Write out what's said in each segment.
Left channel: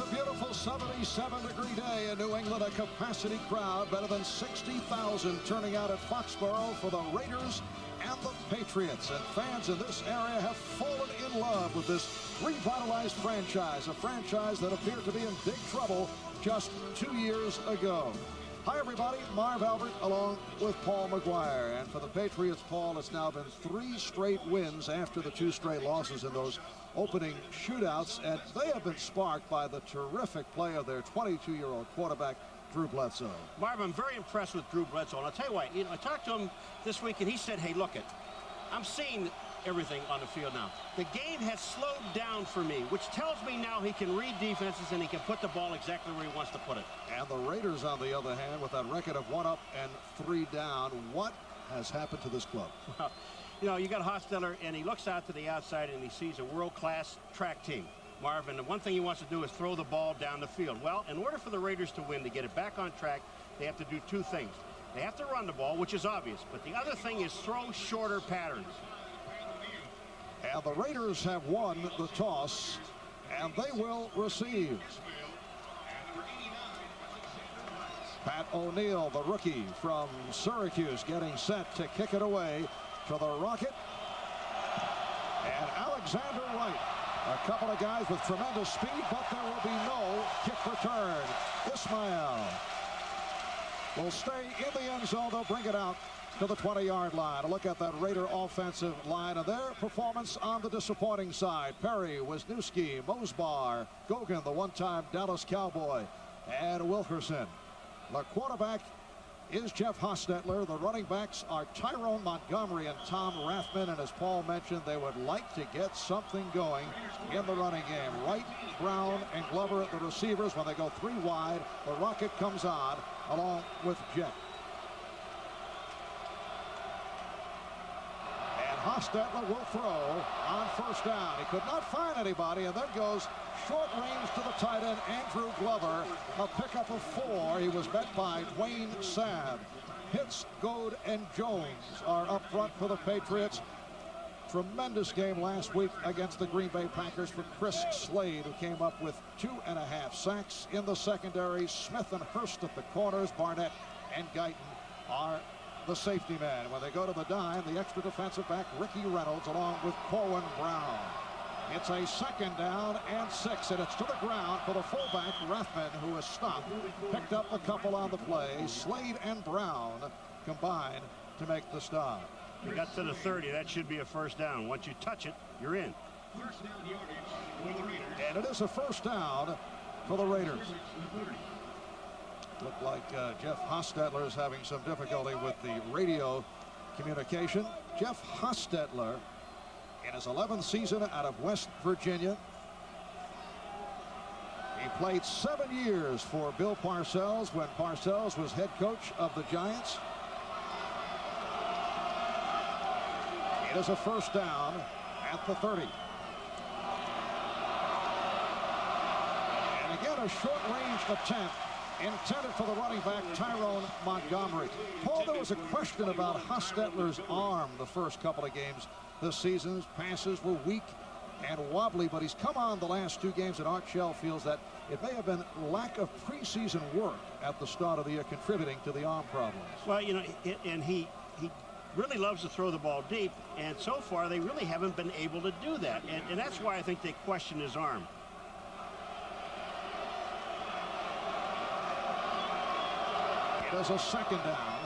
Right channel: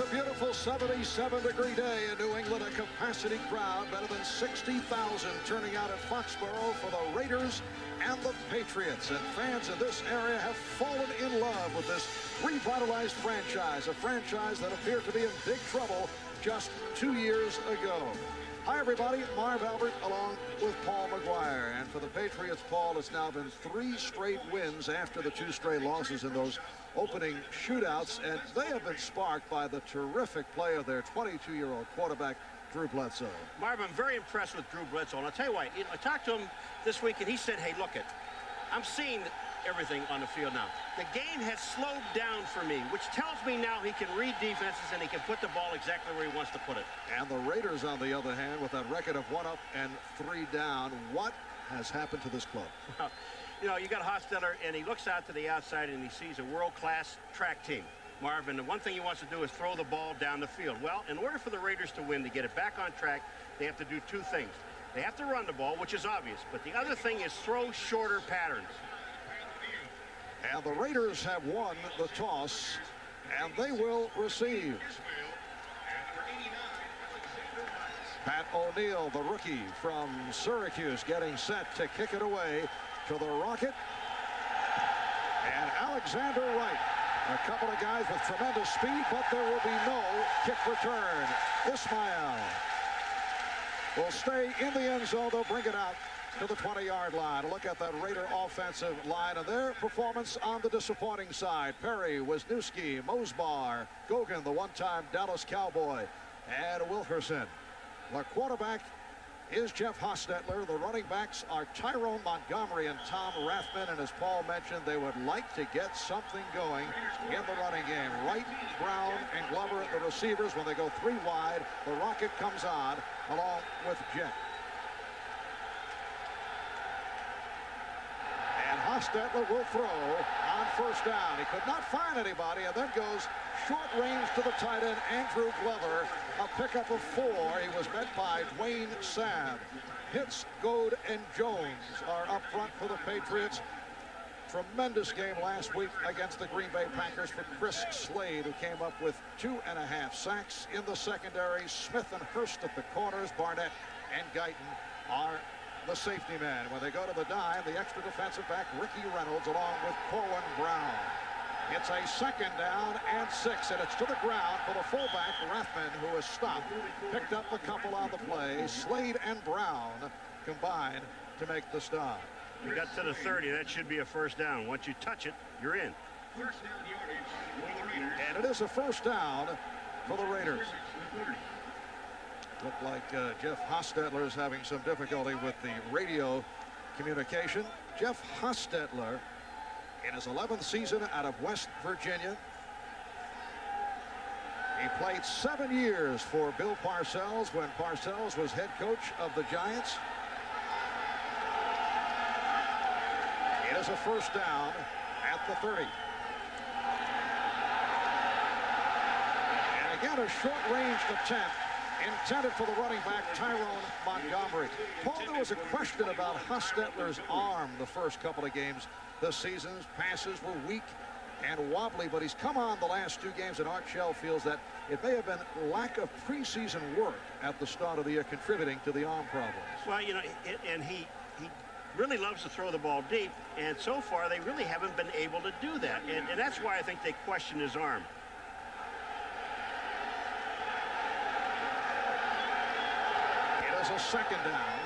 a beautiful 77-degree day in New England. A capacity crowd, better than 60,000 turning out at Foxborough for the Raiders and the Patriots. And fans in this area have fallen in love with this revitalized franchise, a franchise that appeared to be in big trouble just 2 years ago. Hi, everybody. Marv Albert along with Paul McGuire. And for the Patriots, Paul, it's now been 3 straight wins after the 2 straight losses in those opening shootouts, and they have been sparked by the terrific play of their 22-year-old quarterback, Drew Bledsoe. Marv, I'm very impressed with Drew Bledsoe, and I'll tell you what, I talked to him this week, and he said, hey, look it, I'm seeing everything on the field now. The game has slowed down for me, which tells me now he can read defenses and he can put the ball exactly where he wants to put it. And the Raiders, on the other hand, with that record of 1 up and 3 down, what has happened to this club? Well, you know, you got Hostetler, and he looks out to the outside and he sees a world-class track team. Marvin, the one thing he wants to do is throw the ball down the field. Well, in order for the Raiders to win, to get it back on track, they have to do 2 things. They have to run the ball, which is obvious, but the other thing is throw shorter patterns. And the Raiders have won the toss, and they will receive. Pat O'Neill, the rookie from Syracuse, getting set to kick it away to the Rocket. And Alexander Wright, a couple of guys with tremendous speed, but there will be no kick return. Ismail will stay in the end zone. They'll bring it out to the 20-yard line. A look at that Raider offensive line and their performance on the disappointing side. Perry, Wisniewski, Mosbar, Gogan, the one-time Dallas Cowboy, and Wilkerson. The quarterback is Jeff Hostetler. The running backs are Tyrone Montgomery and Tom Rathman. And as Paul mentioned, they would like to get something going in the running game. Wright, Brown, and Glover at the receivers. When they go 3 wide, the Rocket comes on along with Jet. Hostetler will throw on first down. He could not find anybody, and then goes short range to the tight end, Andrew Glover. A pickup of 4. He was met by Dwayne Sabb. Pitts, Goad, and Jones are up front for the Patriots. Tremendous game last week against the Green Bay Packers for Chris Slade, who came up with 2.5 sacks in the secondary. Smith and Hurst at the corners. Barnett and Guyton are the safety man. When they go to the dime, the extra defensive back, Ricky Reynolds, along with Corwin Brown. It's a 2nd down and 6, and it's to the ground for the fullback, Rathman, who is stopped. Picked up a couple on the play. Slade and Brown combined to make the stop. You got to the 30. That should be a first down. Once you touch it, you're in. And it is a first down for the Raiders. Looked like Jeff Hostetler is having some difficulty with the radio communication. Jeff Hostetler, in his 11th season out of West Virginia. He played 7 years for Bill Parcells when Parcells was head coach of the Giants. It is a first down at the 30. And again, a short-range attempt intended for the running back, Tyrone Montgomery. Paul, there was a question about Hostetler's arm the first couple of games this season. His passes were weak and wobbly, but he's come on the last 2 games, and Art Shell feels that it may have been lack of preseason work at the start of the year contributing to the arm problems. Well, you know, and he really loves to throw the ball deep, and so far they really haven't been able to do that, and that's why I think they question his arm. It is a 2nd down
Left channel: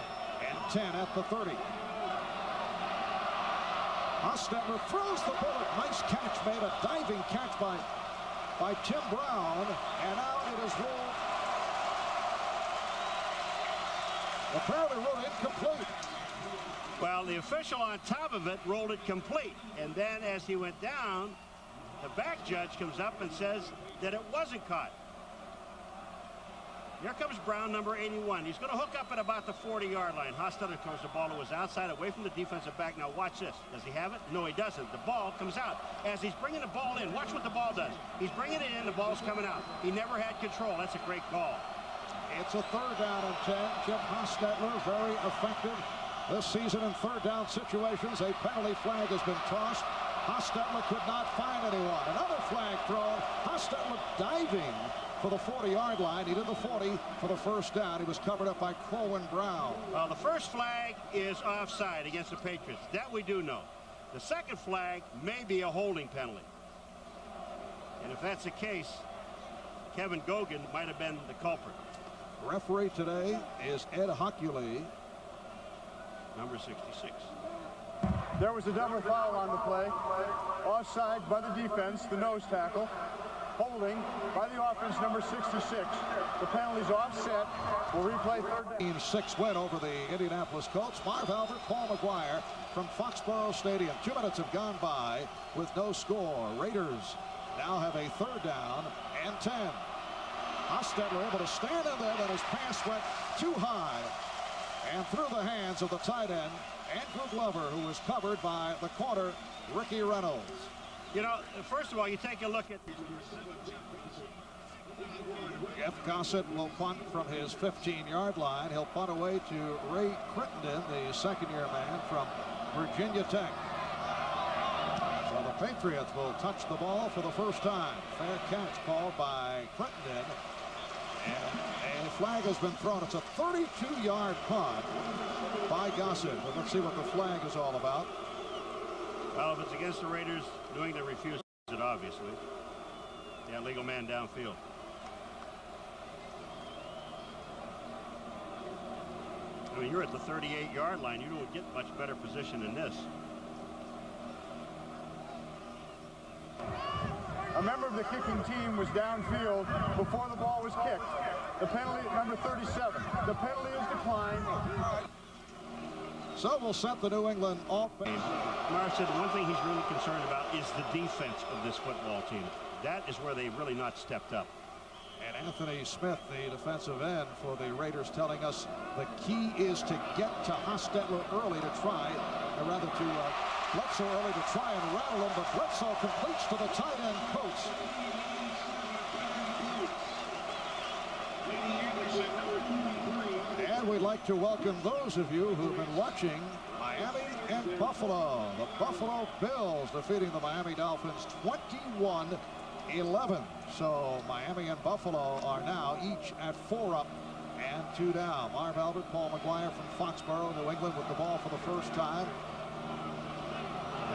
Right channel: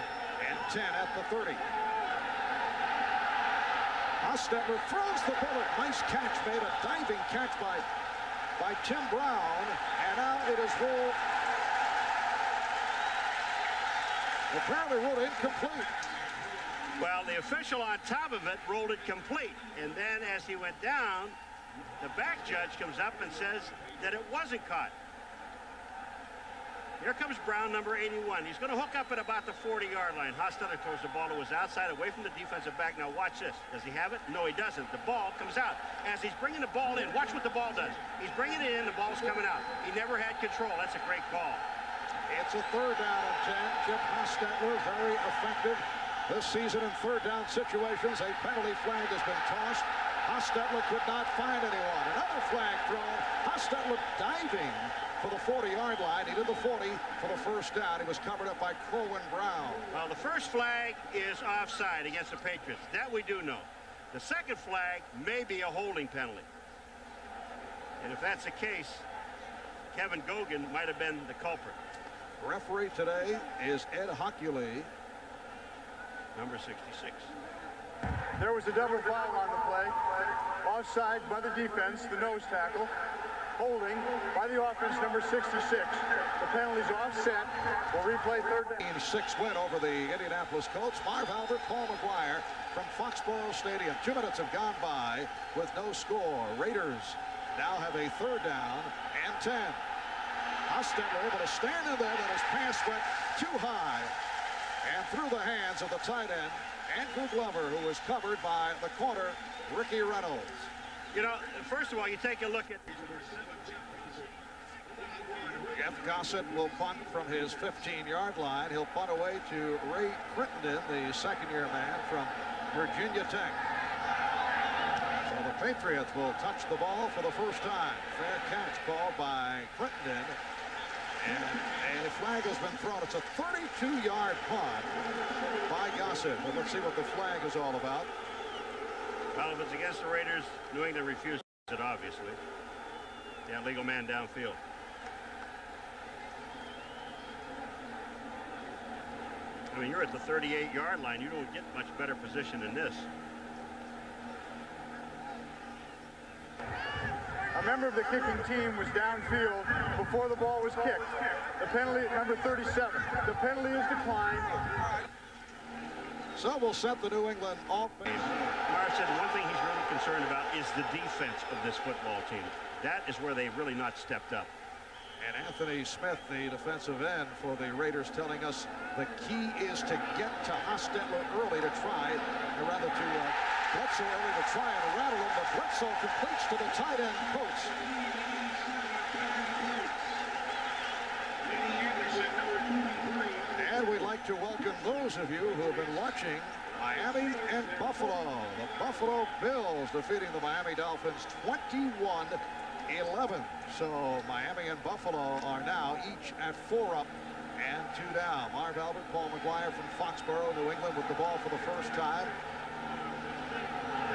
and 10 at the 30. Hostetler throws the bullet. Nice catch, made a diving catch by Tim Brown, and now it is ruled apparently ruled incomplete. Well, the official on top of it rolled it complete, and then as he went down, the back judge comes up and says that it wasn't caught. Here comes Brown, number 81. He's going to hook up at about the 40-yard line. Hostetler throws the ball to his outside, away from the defensive back. Now watch this. Does he have it? No, he doesn't. The ball comes out. As he's bringing the ball in, watch what the ball does. He's bringing it in, the ball's coming out. He never had control. That's a great call. It's a 3rd down and 10. Jeff Hostetler, very effective this season in 3rd down situations. A penalty flag has been tossed. Hostetler could not find anyone. Another flag thrown. Hostetler diving for the 40-yard line. He did the 40 for the first down. He was covered up by Corwin Brown. Well, the first flag is offside against the Patriots. That we do know. The second flag may be a holding penalty. And if that's the case, Kevin Gogan might have been the culprit. Referee today is Ed Hockley, number 66. There was a double foul on the play. Offside by the defense, the nose tackle. Holding by the offense, number 66. The penalty's offset. We'll replay third down. 6 win over the Indianapolis Colts. Marv Albert, Paul McGuire from Foxborough Stadium. 2 minutes have gone by with no score. Raiders now have a third down and 10. Hostetler able to stand in there, but his pass went too high and through the hands of the tight end, Andrew Glover, who was covered by the corner, Ricky Reynolds. You know, first of all, you take a look at... Jeff Gossett will punt from his 15-yard line. He'll punt away to Ray Crittenden, the second-year man from Virginia Tech. So the Patriots will touch the ball for the first time. Fair catch called by Crittenden. And a flag has been thrown. It's a 32-yard punt by Gossett. But let's see what the flag is all about. Well, if it's against the Raiders, New England refuses it, obviously. Yeah, legal man downfield. I mean, you're at the 38-yard line. You don't get much better position than this. A member of the kicking team was downfield before the ball was kicked. The penalty at number 37. The penalty is declined. So we'll set the New England offense. Marv said one thing he's really concerned about is the defense of this football team. That is where they've really not stepped up. And Anthony Smith, the defensive end for the Raiders, telling us the key is to get to Hostetler early to try, or rather to Bledsoe early to try and rattle him, but Bledsoe completes to the tight end, Coates. And we'd like to welcome those of you who have been watching Miami and Buffalo. The Buffalo Bills defeating the Miami Dolphins 21-11. So Miami and Buffalo are now each at 4 up and 2 down. Marv Albert, Paul McGuire from Foxborough, New England with the ball for the first time.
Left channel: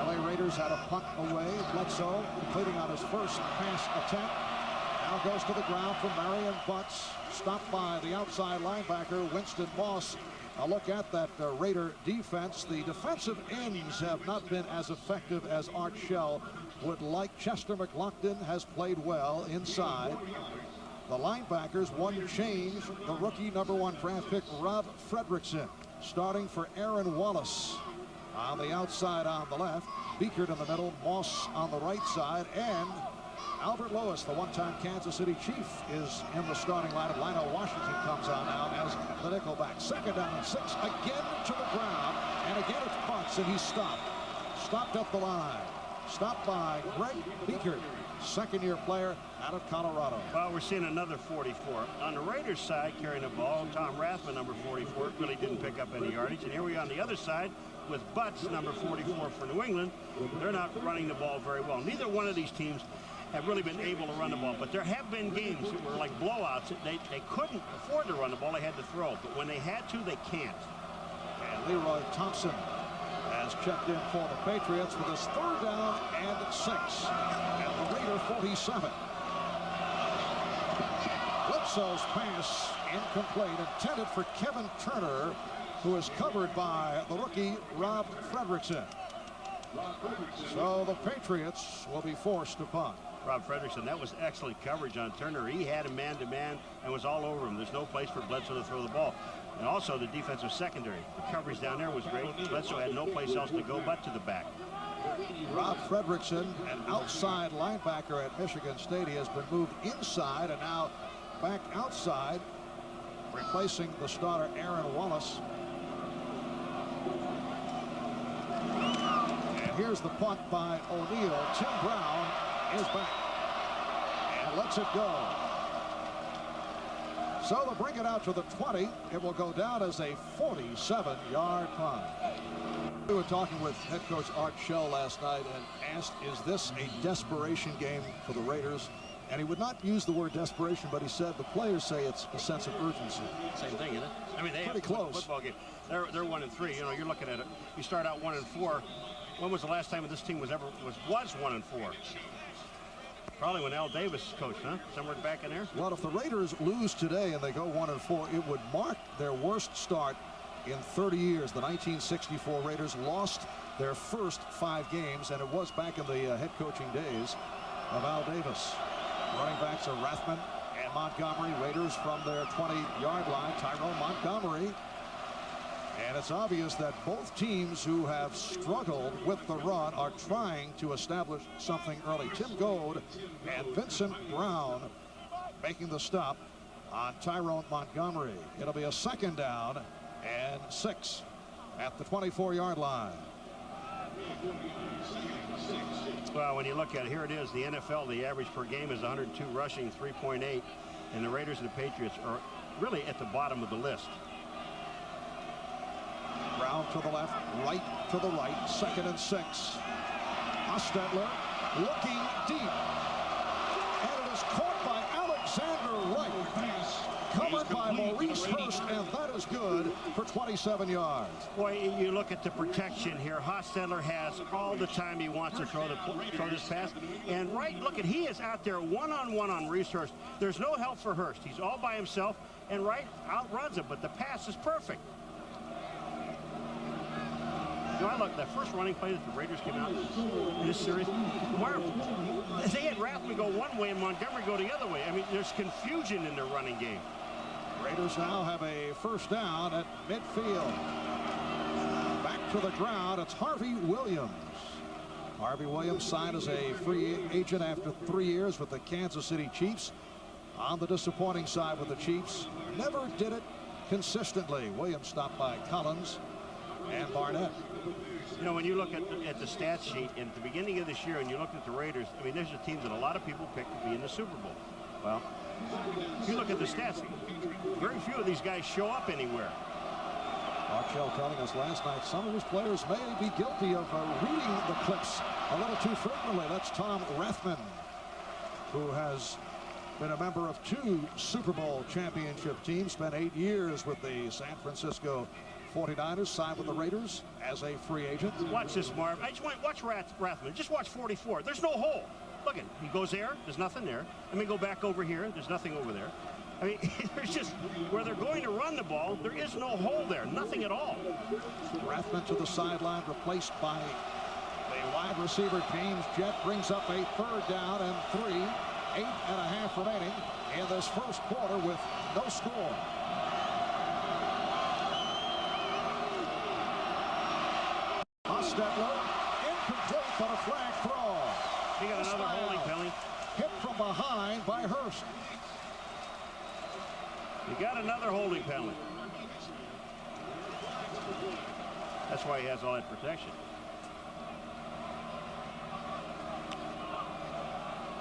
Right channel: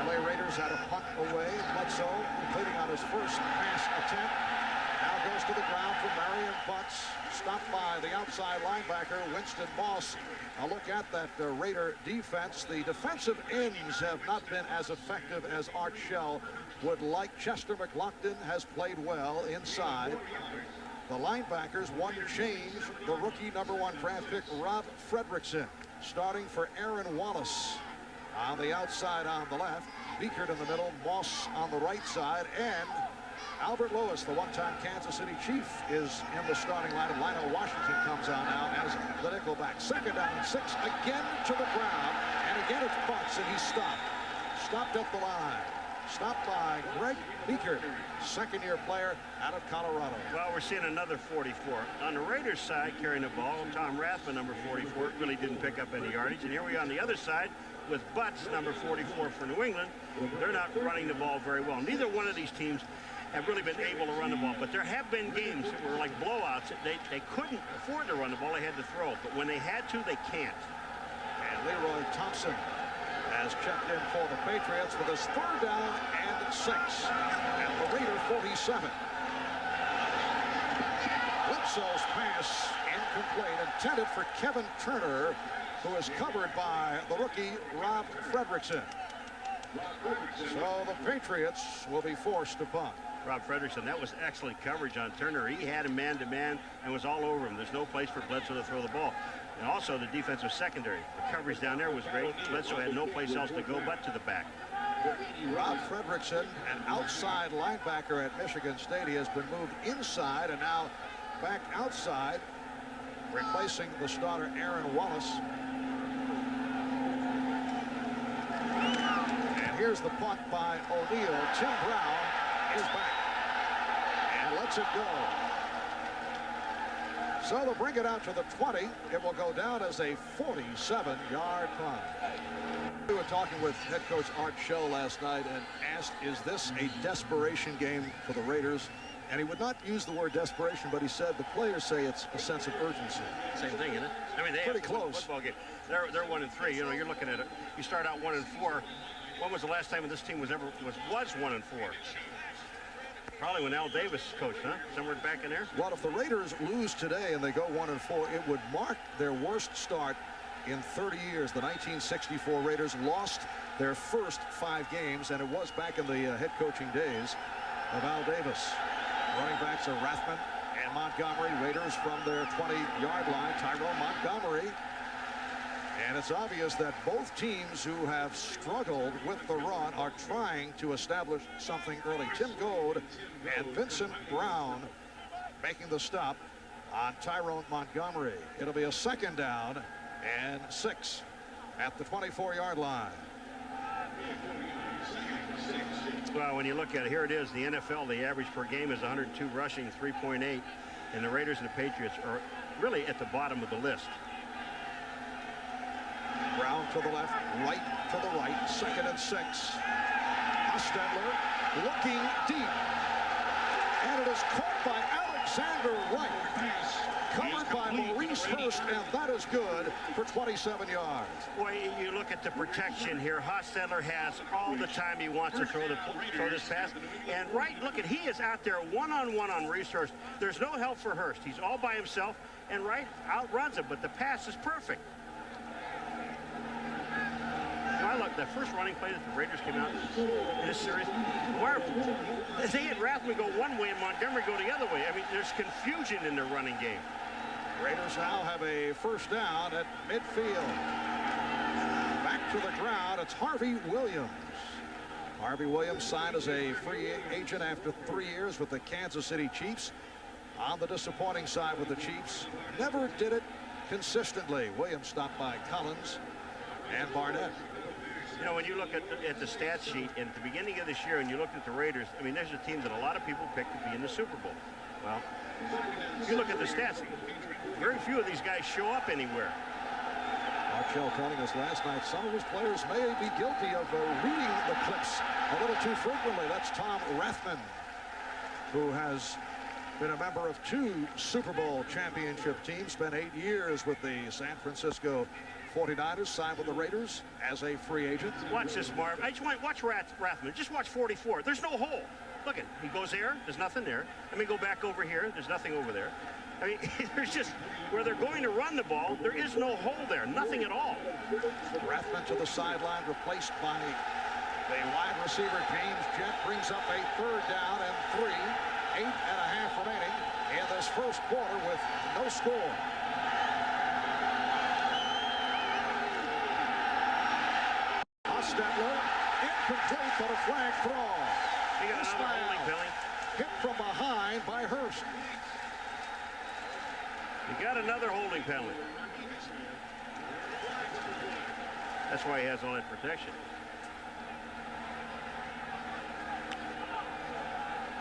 LA Raiders had a punt away. Bledsoe completing on his first pass attempt. Now goes to the ground for Marion Butts. Stopped by the outside linebacker, Winston Moss. A look at that Raider defense. The defensive ends have not been as effective as Art Shell would like. Chester McLaughlin has played well inside. The linebackers, one change. The rookie #1 draft pick, Rob Fredrickson, starting for Aaron Wallace. On the outside on the left, Beekert in the middle, Moss on the right side, and Albert Lewis, the one-time Kansas City Chief, is in the starting lineup. Lionel Washington comes on now as the nickelback. 2nd down and 6, again to the ground, and again it's Butts, and he's stopped. Stopped at the line. Stopped by Greg Beekert, second-year player out of Colorado. Well, we're seeing another 44. On the Raiders side, carrying the ball, Tom Rathman, number 44, really didn't pick up any yardage. And here we are on the other side with Butts, number 44 for New England. They're not running the ball very well. Neither one of these teams have really been able to run the ball. But there have been games that were like blowouts. They couldn't afford to run the ball. They had to throw. But when they had to, they can't. And Leroy Thompson has checked in for the Patriots with his 3rd down and 6 at the Raider 47. Bledsoe's pass incomplete, intended for Kevin Turner, who is covered by the rookie Rob Fredrickson. So the Patriots will be forced to punt. Rob Fredrickson, that was excellent coverage on Turner. He had him man-to-man and was all over him. There's no place for Bledsoe to throw the ball. And also the defensive secondary. The coverage down there was great. Bledsoe had no place else to go but to the back. Rob Fredrickson, an outside linebacker at Michigan State. He has been moved inside and now back outside, replacing the starter Aaron Wallace. And here's the punt by O'Neal. Tim Brown is back and lets it go. So they'll bring it out to the 20. It will go down as a 47-yard punt. We were talking with head coach Art Shell last night and asked, is this a desperation game for the Raiders? And he would not use the word desperation, but he said the players say it's a sense of urgency. Same thing, isn't it? I mean, they pretty have close. Football game. They're 1-3. You know, you're looking at it. You start out 1-4. When was the last time this team was 1-4? Probably when Al Davis coached, huh? Somewhere back in there. Well, if the Raiders lose today and they go 1-4, it would mark their worst start in 30 years. The 1964 Raiders lost their first 5 games, and it was back in the head coaching days of Al Davis. Running backs are Rathman and Montgomery. Raiders from their 20-yard line. Tyrone Montgomery. And it's obvious that both teams who have struggled with the run are trying to establish something early. Tim Gold and Vincent Brown making the stop on Tyrone Montgomery. It'll be a 2nd down and 6 at the 24-yard line. Well, when you look at it, here it is, the NFL, the average per game is 102 rushing, 3.8, and the Raiders and the Patriots are really at the bottom of the list. Brown to the left, right to the right, 2nd and 6. Hostetler looking deep, and it is caught by Alexander Wright. Covered by Maurice Hurst, and that is good for 27 yards. Boy, you look at the protection here. Hostetler has all the time he wants to throw this pass. And Wright, look at, he is out there one-on-one on Maurice Hurst. There's no help for Hurst. He's all by himself, and Wright outruns him, but the pass is perfect. You know, I look, that first running play that the Raiders came out in this series, they had Rathman go one way and Montgomery go the other way. I mean, there's confusion in their running game. Raiders now have a 1st down at midfield. Back to the ground, it's Harvey Williams. Harvey Williams signed as a free agent after 3 years with the Kansas City Chiefs. On the disappointing side with the Chiefs, never did it consistently. Williams stopped by Collins and Barnett. You know, when you look at the stat sheet at the beginning of this year and you look at the Raiders, I mean, there's a team that a lot of people picked to be in the Super Bowl. Well, if you look at the stats, very few of these guys show up anywhere. Archell telling us last night some of his players may be guilty of reading the clips a little too frequently. That's Tom Rathman, who has been a member of 2 Super Bowl championship teams, spent 8 years with the San Francisco 49ers, signed with the Raiders as a free agent. Watch this, Marv. I just want watch Rathman. Just watch 44. There's no hole. Look at, he goes there. There's nothing there. Let me go back over here. There's nothing over there. I mean, there's just where they're going to run the ball. There is no hole there. Nothing at all. Rathman to the sideline, replaced by the wide receiver James Jett. Brings up a 3rd down and 3. 8.5 remaining in this first quarter with no score. Hostetler incomplete, but a flag throw. He got another holding penalty. Hit from behind by Hurst. He got another holding penalty. That's why he has all that protection.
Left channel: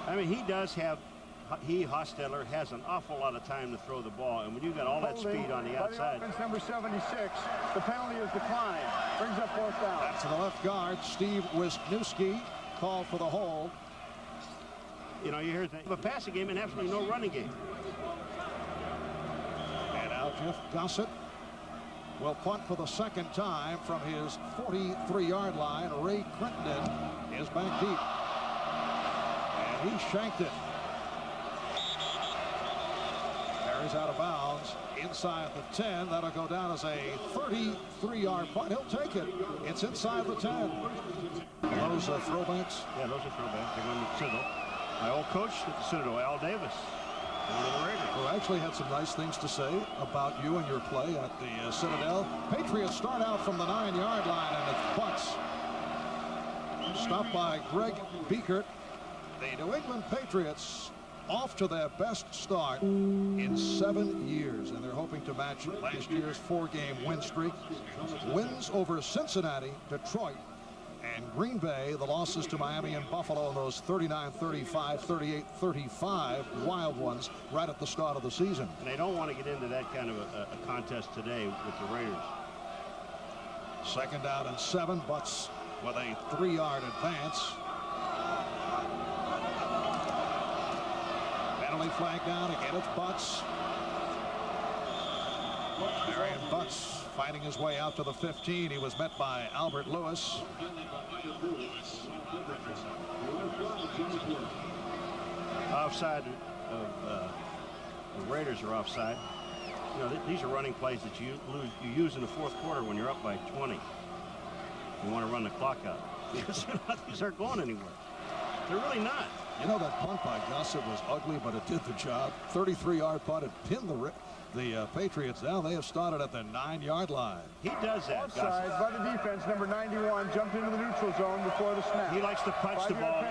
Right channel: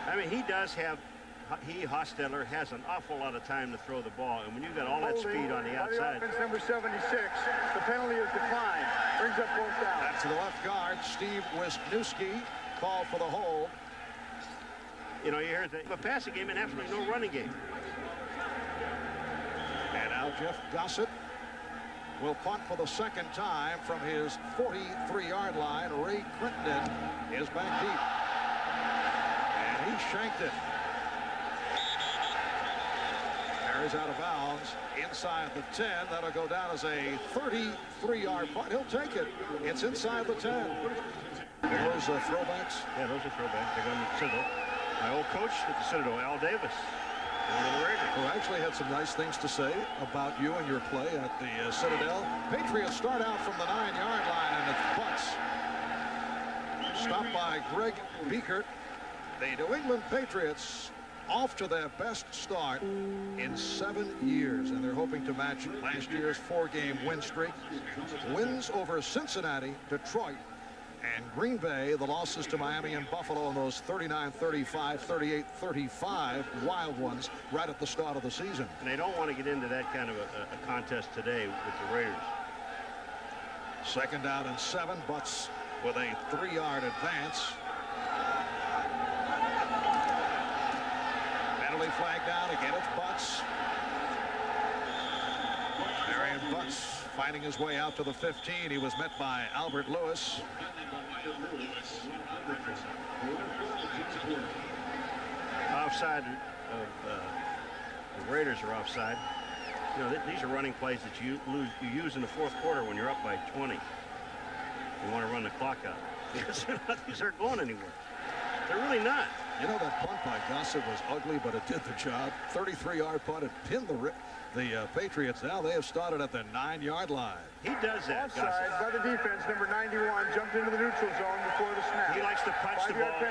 I mean, he does have, Hostetler has an awful lot of time to throw the ball, and when you got all that speed on the outside. By the offense, number 76, the penalty is declined. Brings up 4th down. Back to the left guard, Steve Wisniewski called for the hold. You know, you hear a passing game and absolutely no running game. And now Jeff Gossett will punt for the 2nd time from his 43-yard line. Ray Crittenden is back deep. And he shanked it. Carries out of bounds inside the 10. That'll go down as a 33-yard punt. He'll take it. It's inside the 10. Those are throwbacks. Yeah, those are throwbacks. They're going to the Citadel. My old coach at the Citadel, Al Davis. Who actually had some nice things to say about you and your play at the Citadel. Patriots start out from the 9-yard line, and it's butts. Stopped by Greg Biekert. The New England Patriots off to their best start in 7 years, and they're hoping to match last year's 4-game win streak. Wins over Cincinnati, Detroit, And Green Bay, the losses to Miami and Buffalo in those 39-35, 38-35 wild ones right at the start of the season. And they don't want to get into that kind of a contest today with the Raiders. 2nd down and 7. Butts with a 3-yard advance. Penalty flag down. Again, it's Butts. Marion Butts fighting his way out to the 15. He was met by Albert Lewis. Offside of the Raiders are offside. You know, these are running plays that you use in the 4th quarter when you're up by 20. You want to run the clock out because these aren't going anywhere. They're really not. You know, that punt by Gossett was ugly, but it did the job. 33-yard punt. It pinned the Patriots down. They have started at the 9-yard line. He does that. Offside by the defense. Number 91 jumped into the neutral zone before the snap. He likes to punch the ball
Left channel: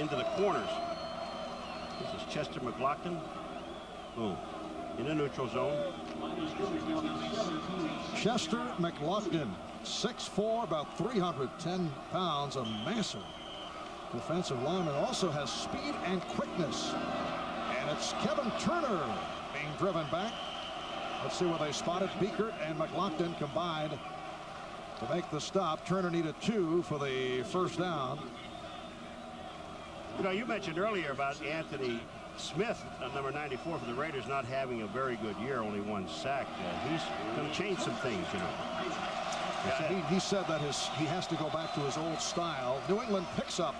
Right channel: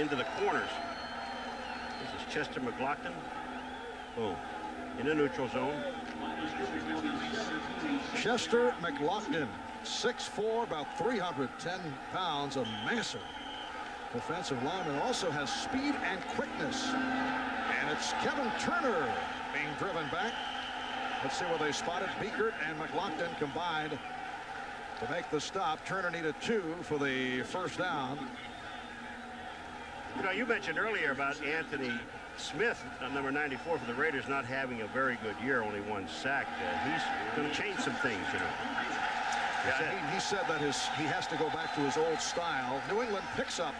into the corners. This is Chester McLaughlin. Boom. In the neutral zone. Chester McLaughlin, 6'4", about 310 pounds, a massive defensive lineman. Also has speed and quickness. And it's Kevin Turner being driven back. Let's see where they spotted. Biekert and McLaughlin combined to make the stop. Turner needed 2 for the 1st down. You know, you mentioned earlier about Anthony Smith, number 94 for the Raiders, not having a very good year, only 1 sack. He's going to change some things, you know. Yeah, he said that he has to go back to his old style. New England picks up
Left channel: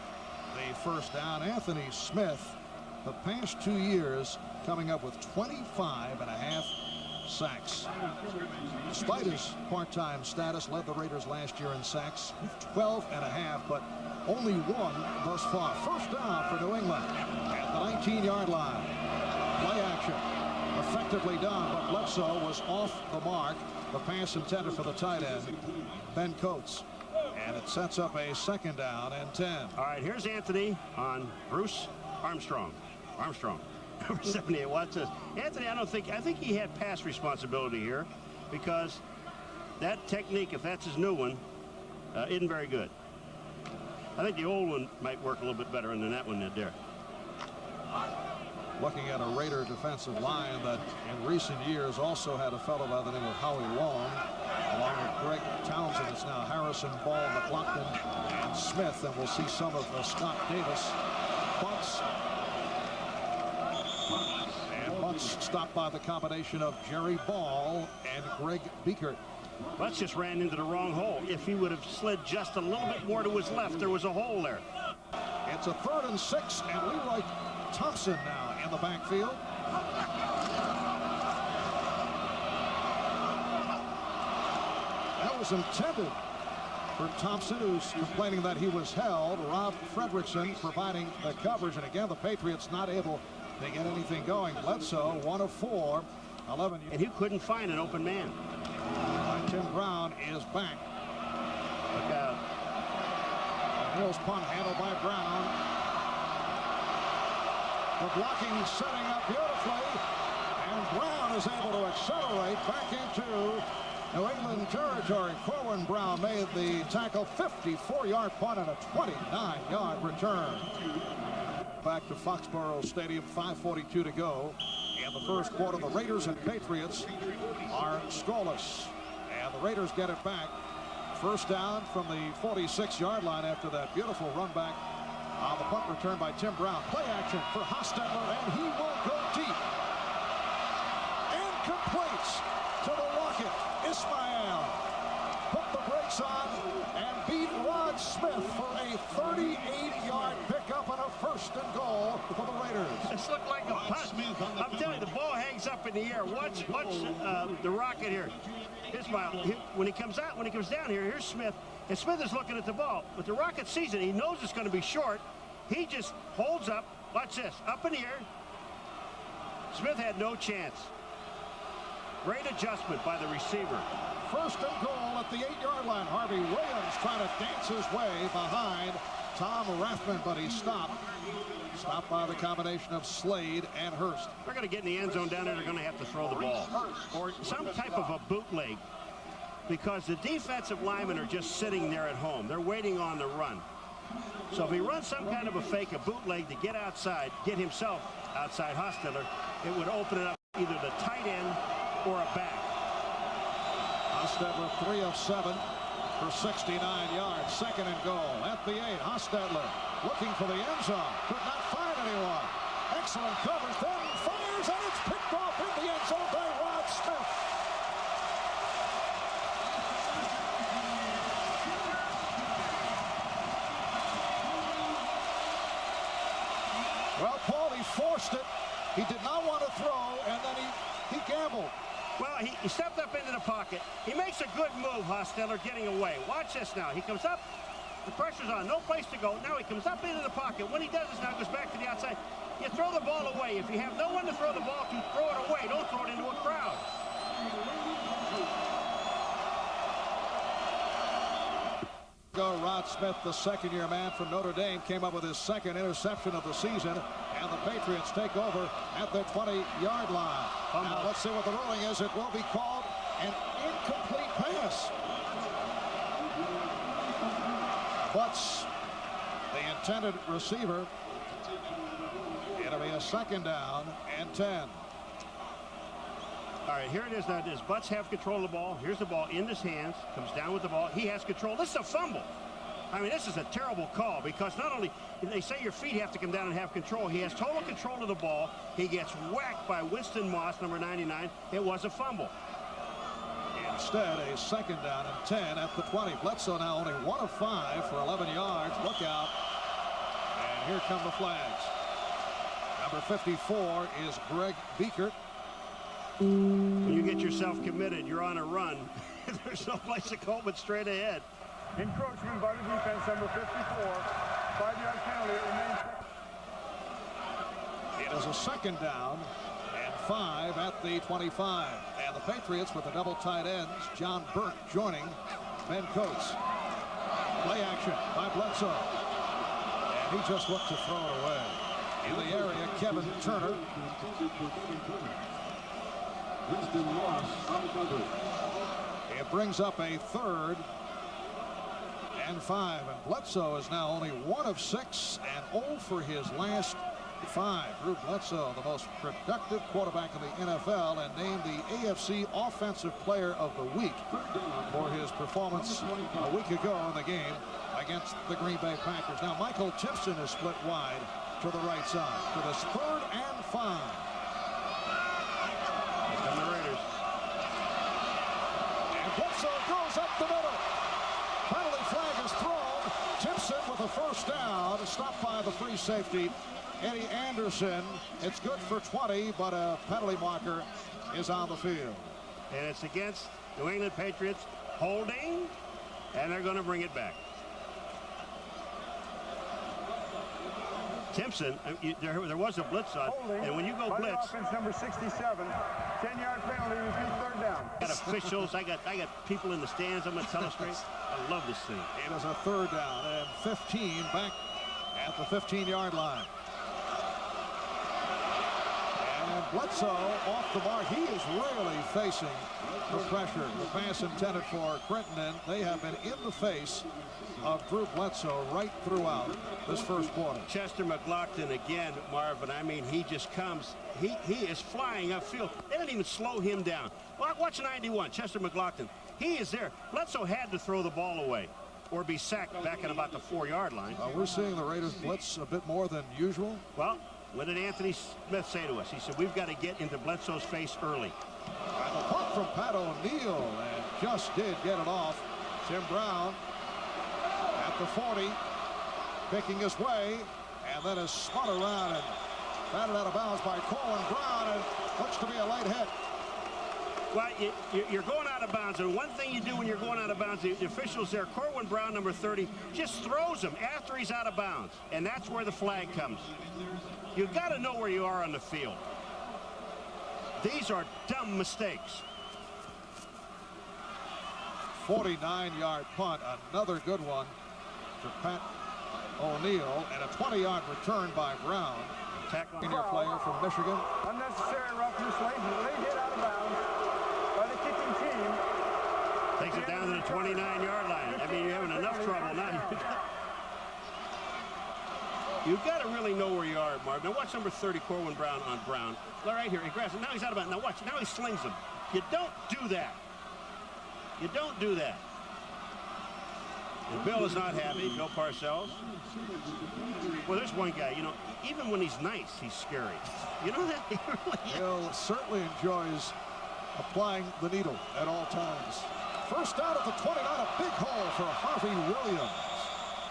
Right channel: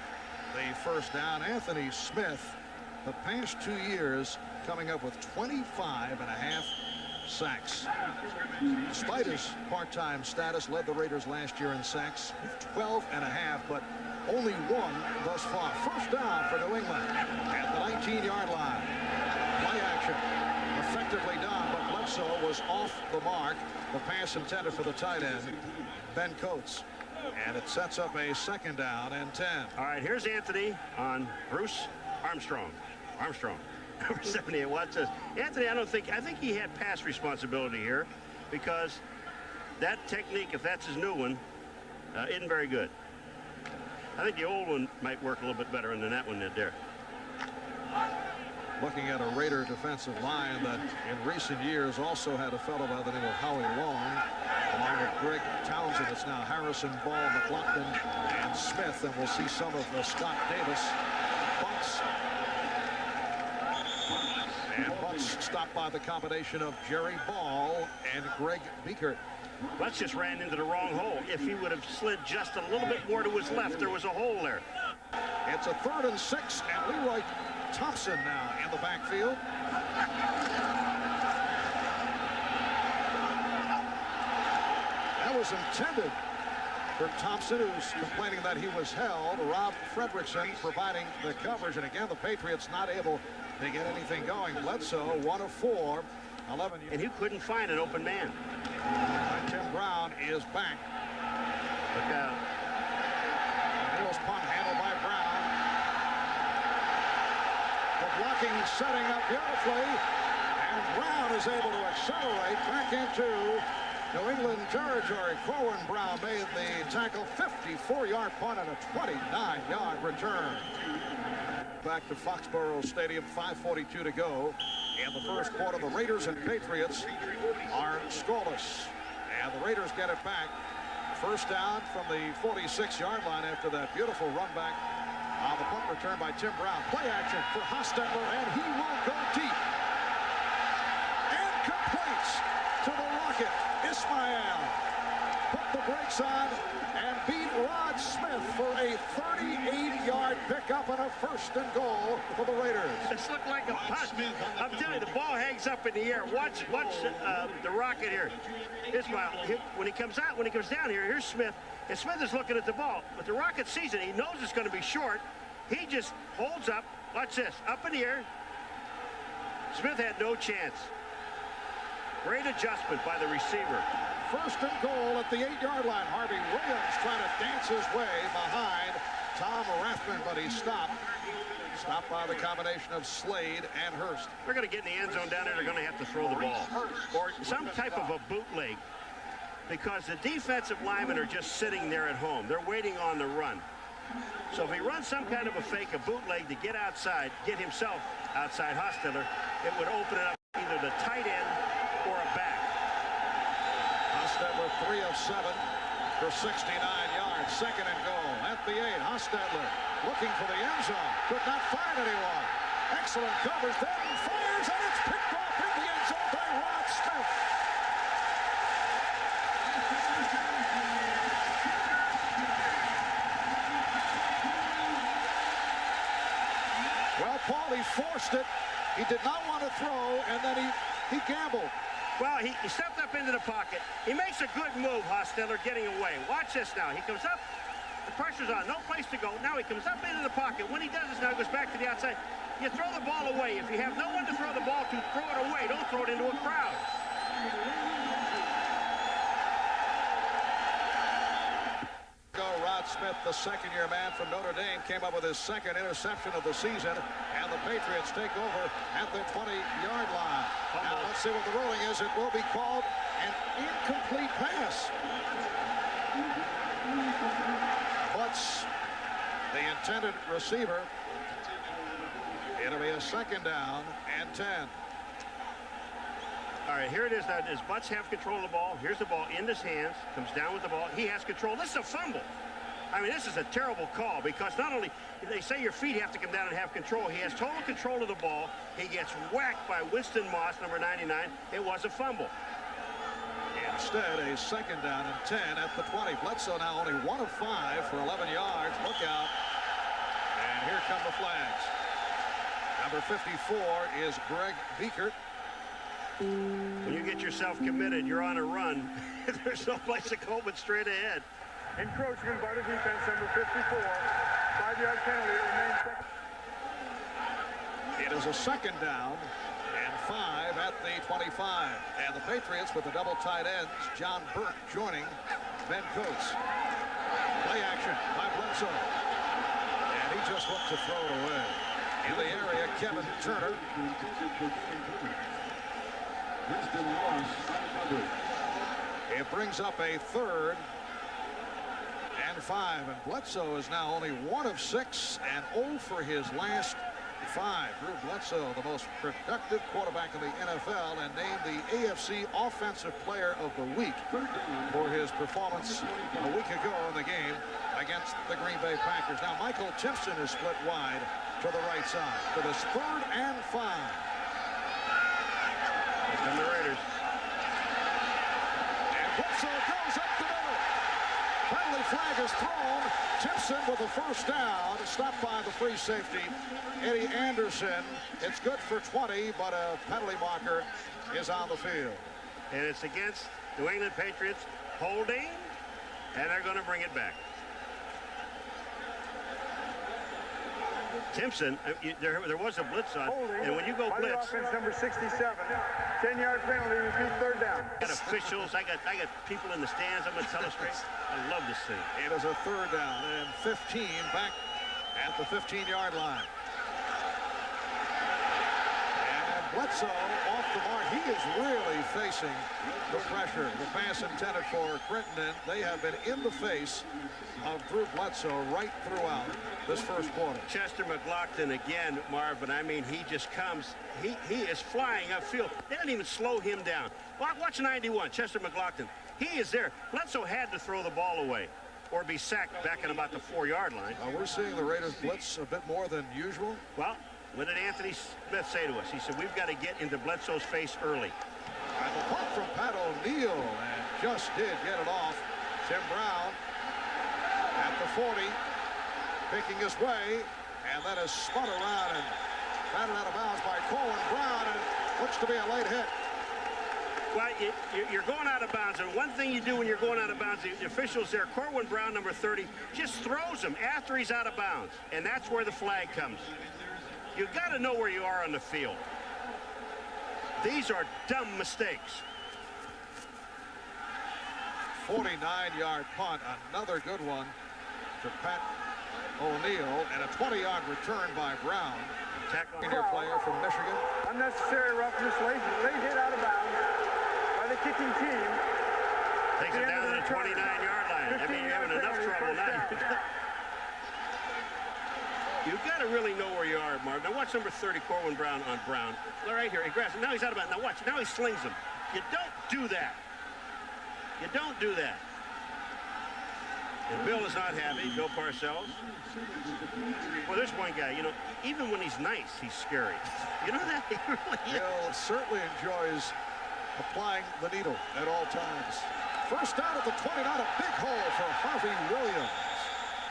the 1st down. Anthony Smith, the past 2 years, coming up with 25.5 sacks. Despite his part-time status, led the Raiders last year in sacks with 12.5, but only 1 thus far. 1st down for New England at the 19-yard line. Play action effectively done, but Bledsoe was off the mark. The pass intended for the tight end, Ben Coates. And it sets up a 2nd down and 10. All right, here's Anthony on Bruce Armstrong. Number 78. Watch this. Anthony, I think he had pass responsibility here because that technique, if that's his new one, isn't very good. I think the old one might work a little bit better than that one did there. Looking at a Raider defensive line that in recent years also had a fellow by the name of Howie Long, along with Greg Townsend. It's now Harrison, Ball, McLaughlin, and Smith, and we'll see some of Scott Davis. Butts. And Butts stopped by the combination of Jerry Ball and Greg Biekert. Butts just ran into the wrong hole. If he would have slid just a little bit more to his left, there was a hole there. It's a 3rd and 6, and Leroy Thompson now in the backfield. That was intended for Thompson, who's complaining that he was held. Rob Fredrickson providing the coverage, and again the Patriots not able to get anything going. Bledsoe 1 of 4, 11. And he couldn't find an open man. Tim Brown is back. Look out. Hill's punt handled by Brown. The blocking setting up beautifully, and Brown is able to accelerate back into New England territory. Corwin Brown made the tackle. 54-yard punt and a 29-yard return. Back to Foxborough Stadium, 5:42 to go in the 1st quarter. The Raiders and Patriots are scoreless, and the Raiders get it back. 1st down from the 46-yard line after that beautiful run back on the punt return by Tim Brown. Play action for Hostetler, and he will go deep and completes to the Rocket. Ismael put the brakes on and beat Rod Smith for a 38-yard pickup and a 1st and goal for the Raiders. This looked like a punt. I'm telling you, the ball hangs up in the air. Watch the Rocket here. Ismael, when he comes down here, here's Smith, and Smith is looking at the ball. But the Rocket sees it. He knows it's going to be short. He just holds up. Watch this. Up in the air. Smith had no chance. Great adjustment by the receiver. 1st and goal at the 8-yard line. Harvey Williams trying to dance his way behind Tom Rathman, but he stopped. Stopped by the combination of Slade and Hurst. They're going to get in the end zone down there. They're going to have to throw the ball. Or some type of a bootleg. because the defensive linemen are just sitting there at home. They're waiting on the run. So if he runs some kind of a fake, a bootleg to get outside, get himself outside Hostetler, it would open it up either the tight end or a back. Hostetler 3 of 7 for 69 yards. Second and goal at the 8. Hostetler looking for the end zone. Could not find anyone. Excellent coverage. Then fires, and it's picked off in the end zone by Rod Smith. Well, Paul, he forced it. He did not want to throw, and then he gambled. Well, he stepped up into the pocket. He makes a good move, Hostetler, getting away. Watch this now. He comes up. The pressure's on. No place to go. Now he comes up into the pocket. When he does this now, he goes back to the outside. You throw the ball away. If you have no one to throw the ball to, throw it away. Don't throw it into a crowd. Rod Smith, the second-year man from Notre Dame, came up with his second interception of the season, and the Patriots take over at the 20-yard line. Now let's see what the ruling is. It will be called an incomplete pass. Butts, the intended receiver. It'll be a second down and 10. All right, here it is now. Does Butts have control of the ball? Here's the ball in his hands. Comes down with the ball. He has control. This is a fumble. I mean, this is a terrible call because not only they say your feet have to come down and have control, he has total control of the ball. He gets whacked by Winston Moss, number 99. It was a fumble. Instead, a second down and 10 at the 20. Bledsoe now only 1 of 5 for 11 yards. Look out. And here come the flags. Number 54 is Greg Biekert. When you get yourself committed, you're on a run. There's no place to go but straight ahead. Encroachment by the defense, number 54. 5-yard penalty. It remains second. It is a second down and 5 at the 25. And the Patriots with the double tight ends. John Burke joining Ben Coates. Play action by Bledsoe. And he just looked to throw it away. In the area, Kevin Turner. It brings up a 3rd and 5. And Bledsoe is now only 1 of 6 and 0 for his last 5. Drew Bledsoe, the most productive quarterback in the NFL, and named the AFC Offensive Player of the Week for his performance a week ago in the game against the Green Bay Packers. Now Michael Timpson is split wide to the right side for this 3rd and 5. And the Raiders. And Bledsoe goes up the middle. Penalty flag is thrown. Timpson with a first down, stopped by the free safety, Eddie Anderson. It's good for 20, but a penalty marker is on the field. And it's against New England Patriots holding, and they're going to bring it back. Timpson, there was a blitz on, and when you go blitz, offense number 67, 10-yard penalty, repeat 3rd down. I got officials, I got people in the stands. I'm going to tell us straight. I love this thing. It is a 3rd down and 15 back at the 15-yard line. And Bledsoe off the mark. He is really facing the pressure. The pass intended for Crittenden. They have been in the face of Drew Bledsoe right throughout this first quarter. Chester McLaughlin again, Marvin. I mean, he just comes. He is flying upfield. They didn't even slow him down. Watch 91, Chester McLaughlin. He is there. Bledsoe had to throw the ball away or be sacked back at about the 4-yard line. We're seeing the Raiders blitz a bit more than usual. Well, what did Anthony Smith say to us? He said, we've got to get into Bledsoe's face early. And the punt from Pat O'Neill, and just did get it off. Tim Brown at the 40, picking his way, and then is spun around and batted out of bounds by Corwin Brown, and looks to be a late hit. Well, you're going out of bounds, and one thing you do when you're going out of bounds, the officials there, Corwin Brown, number 30, just throws him after he's out of bounds, and that's where the flag comes. You've got to know where you are on the field. These are dumb mistakes. 49-yard punt, another good one for Pat O'Neill, and a 20-yard return by Brown. Senior player from Michigan. Unnecessary roughness, late hit out of bounds by the kicking team. Takes it down to the 29-yard line. I mean, you're having enough trouble now. You've got to really know where you are, Marv. Now watch number 30, Corwin Brown on Brown. Right here, he grabs it. Now he's out of bounds. Now watch. Now he slings him. You don't do that. You don't do that. And Bill is not happy. Bill Parcells. Well, there's one guy, you know, even when he's nice, he's scary. You know that? He really is. Bill certainly enjoys applying the needle at all times. First down at the 29, a big hole for Harvey Williams.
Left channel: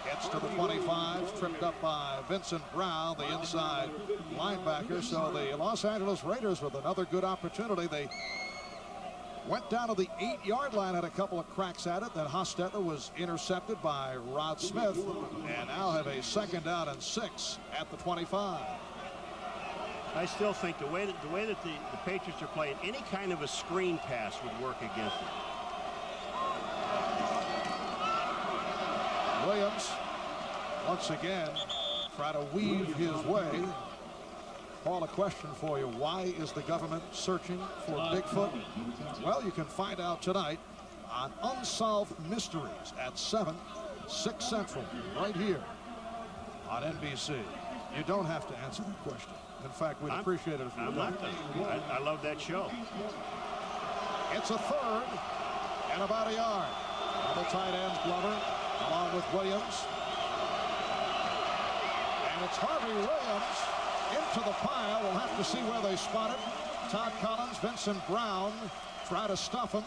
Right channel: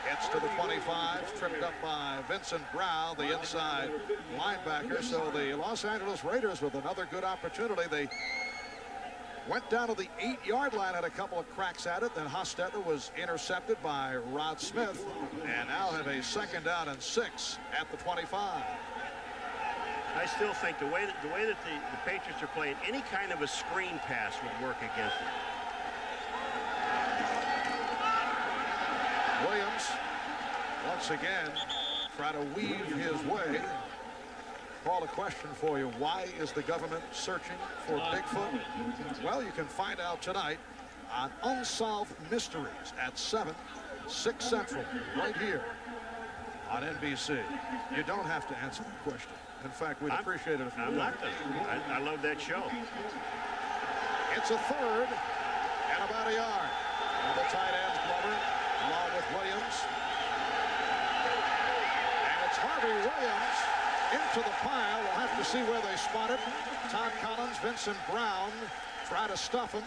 Gets to the 25, tripped up by Vincent Brown, the inside linebacker. So the Los Angeles Raiders with another good opportunity. They went down to the 8-yard line, had a couple of cracks at it. Then Hostetler was intercepted by Rod Smith, and now have a second down and 6 at the 25. I still think the way that the Patriots are playing, any kind of a screen pass would work against them. Williams once again try to weave his way. Paul, a question for you. Why is the government searching for Bigfoot? Well, you can find out tonight on Unsolved Mysteries at 7, 6 Central, right here on NBC. You don't have to answer that question. In fact, we'd appreciate it if you would. I love that show. It's a third and about a yard. The tight ends, Glover, along with Williams. And it's Harvey Williams into the pile. We'll have to see where they spot it. Todd Collins, Vincent Brown try to stuff him.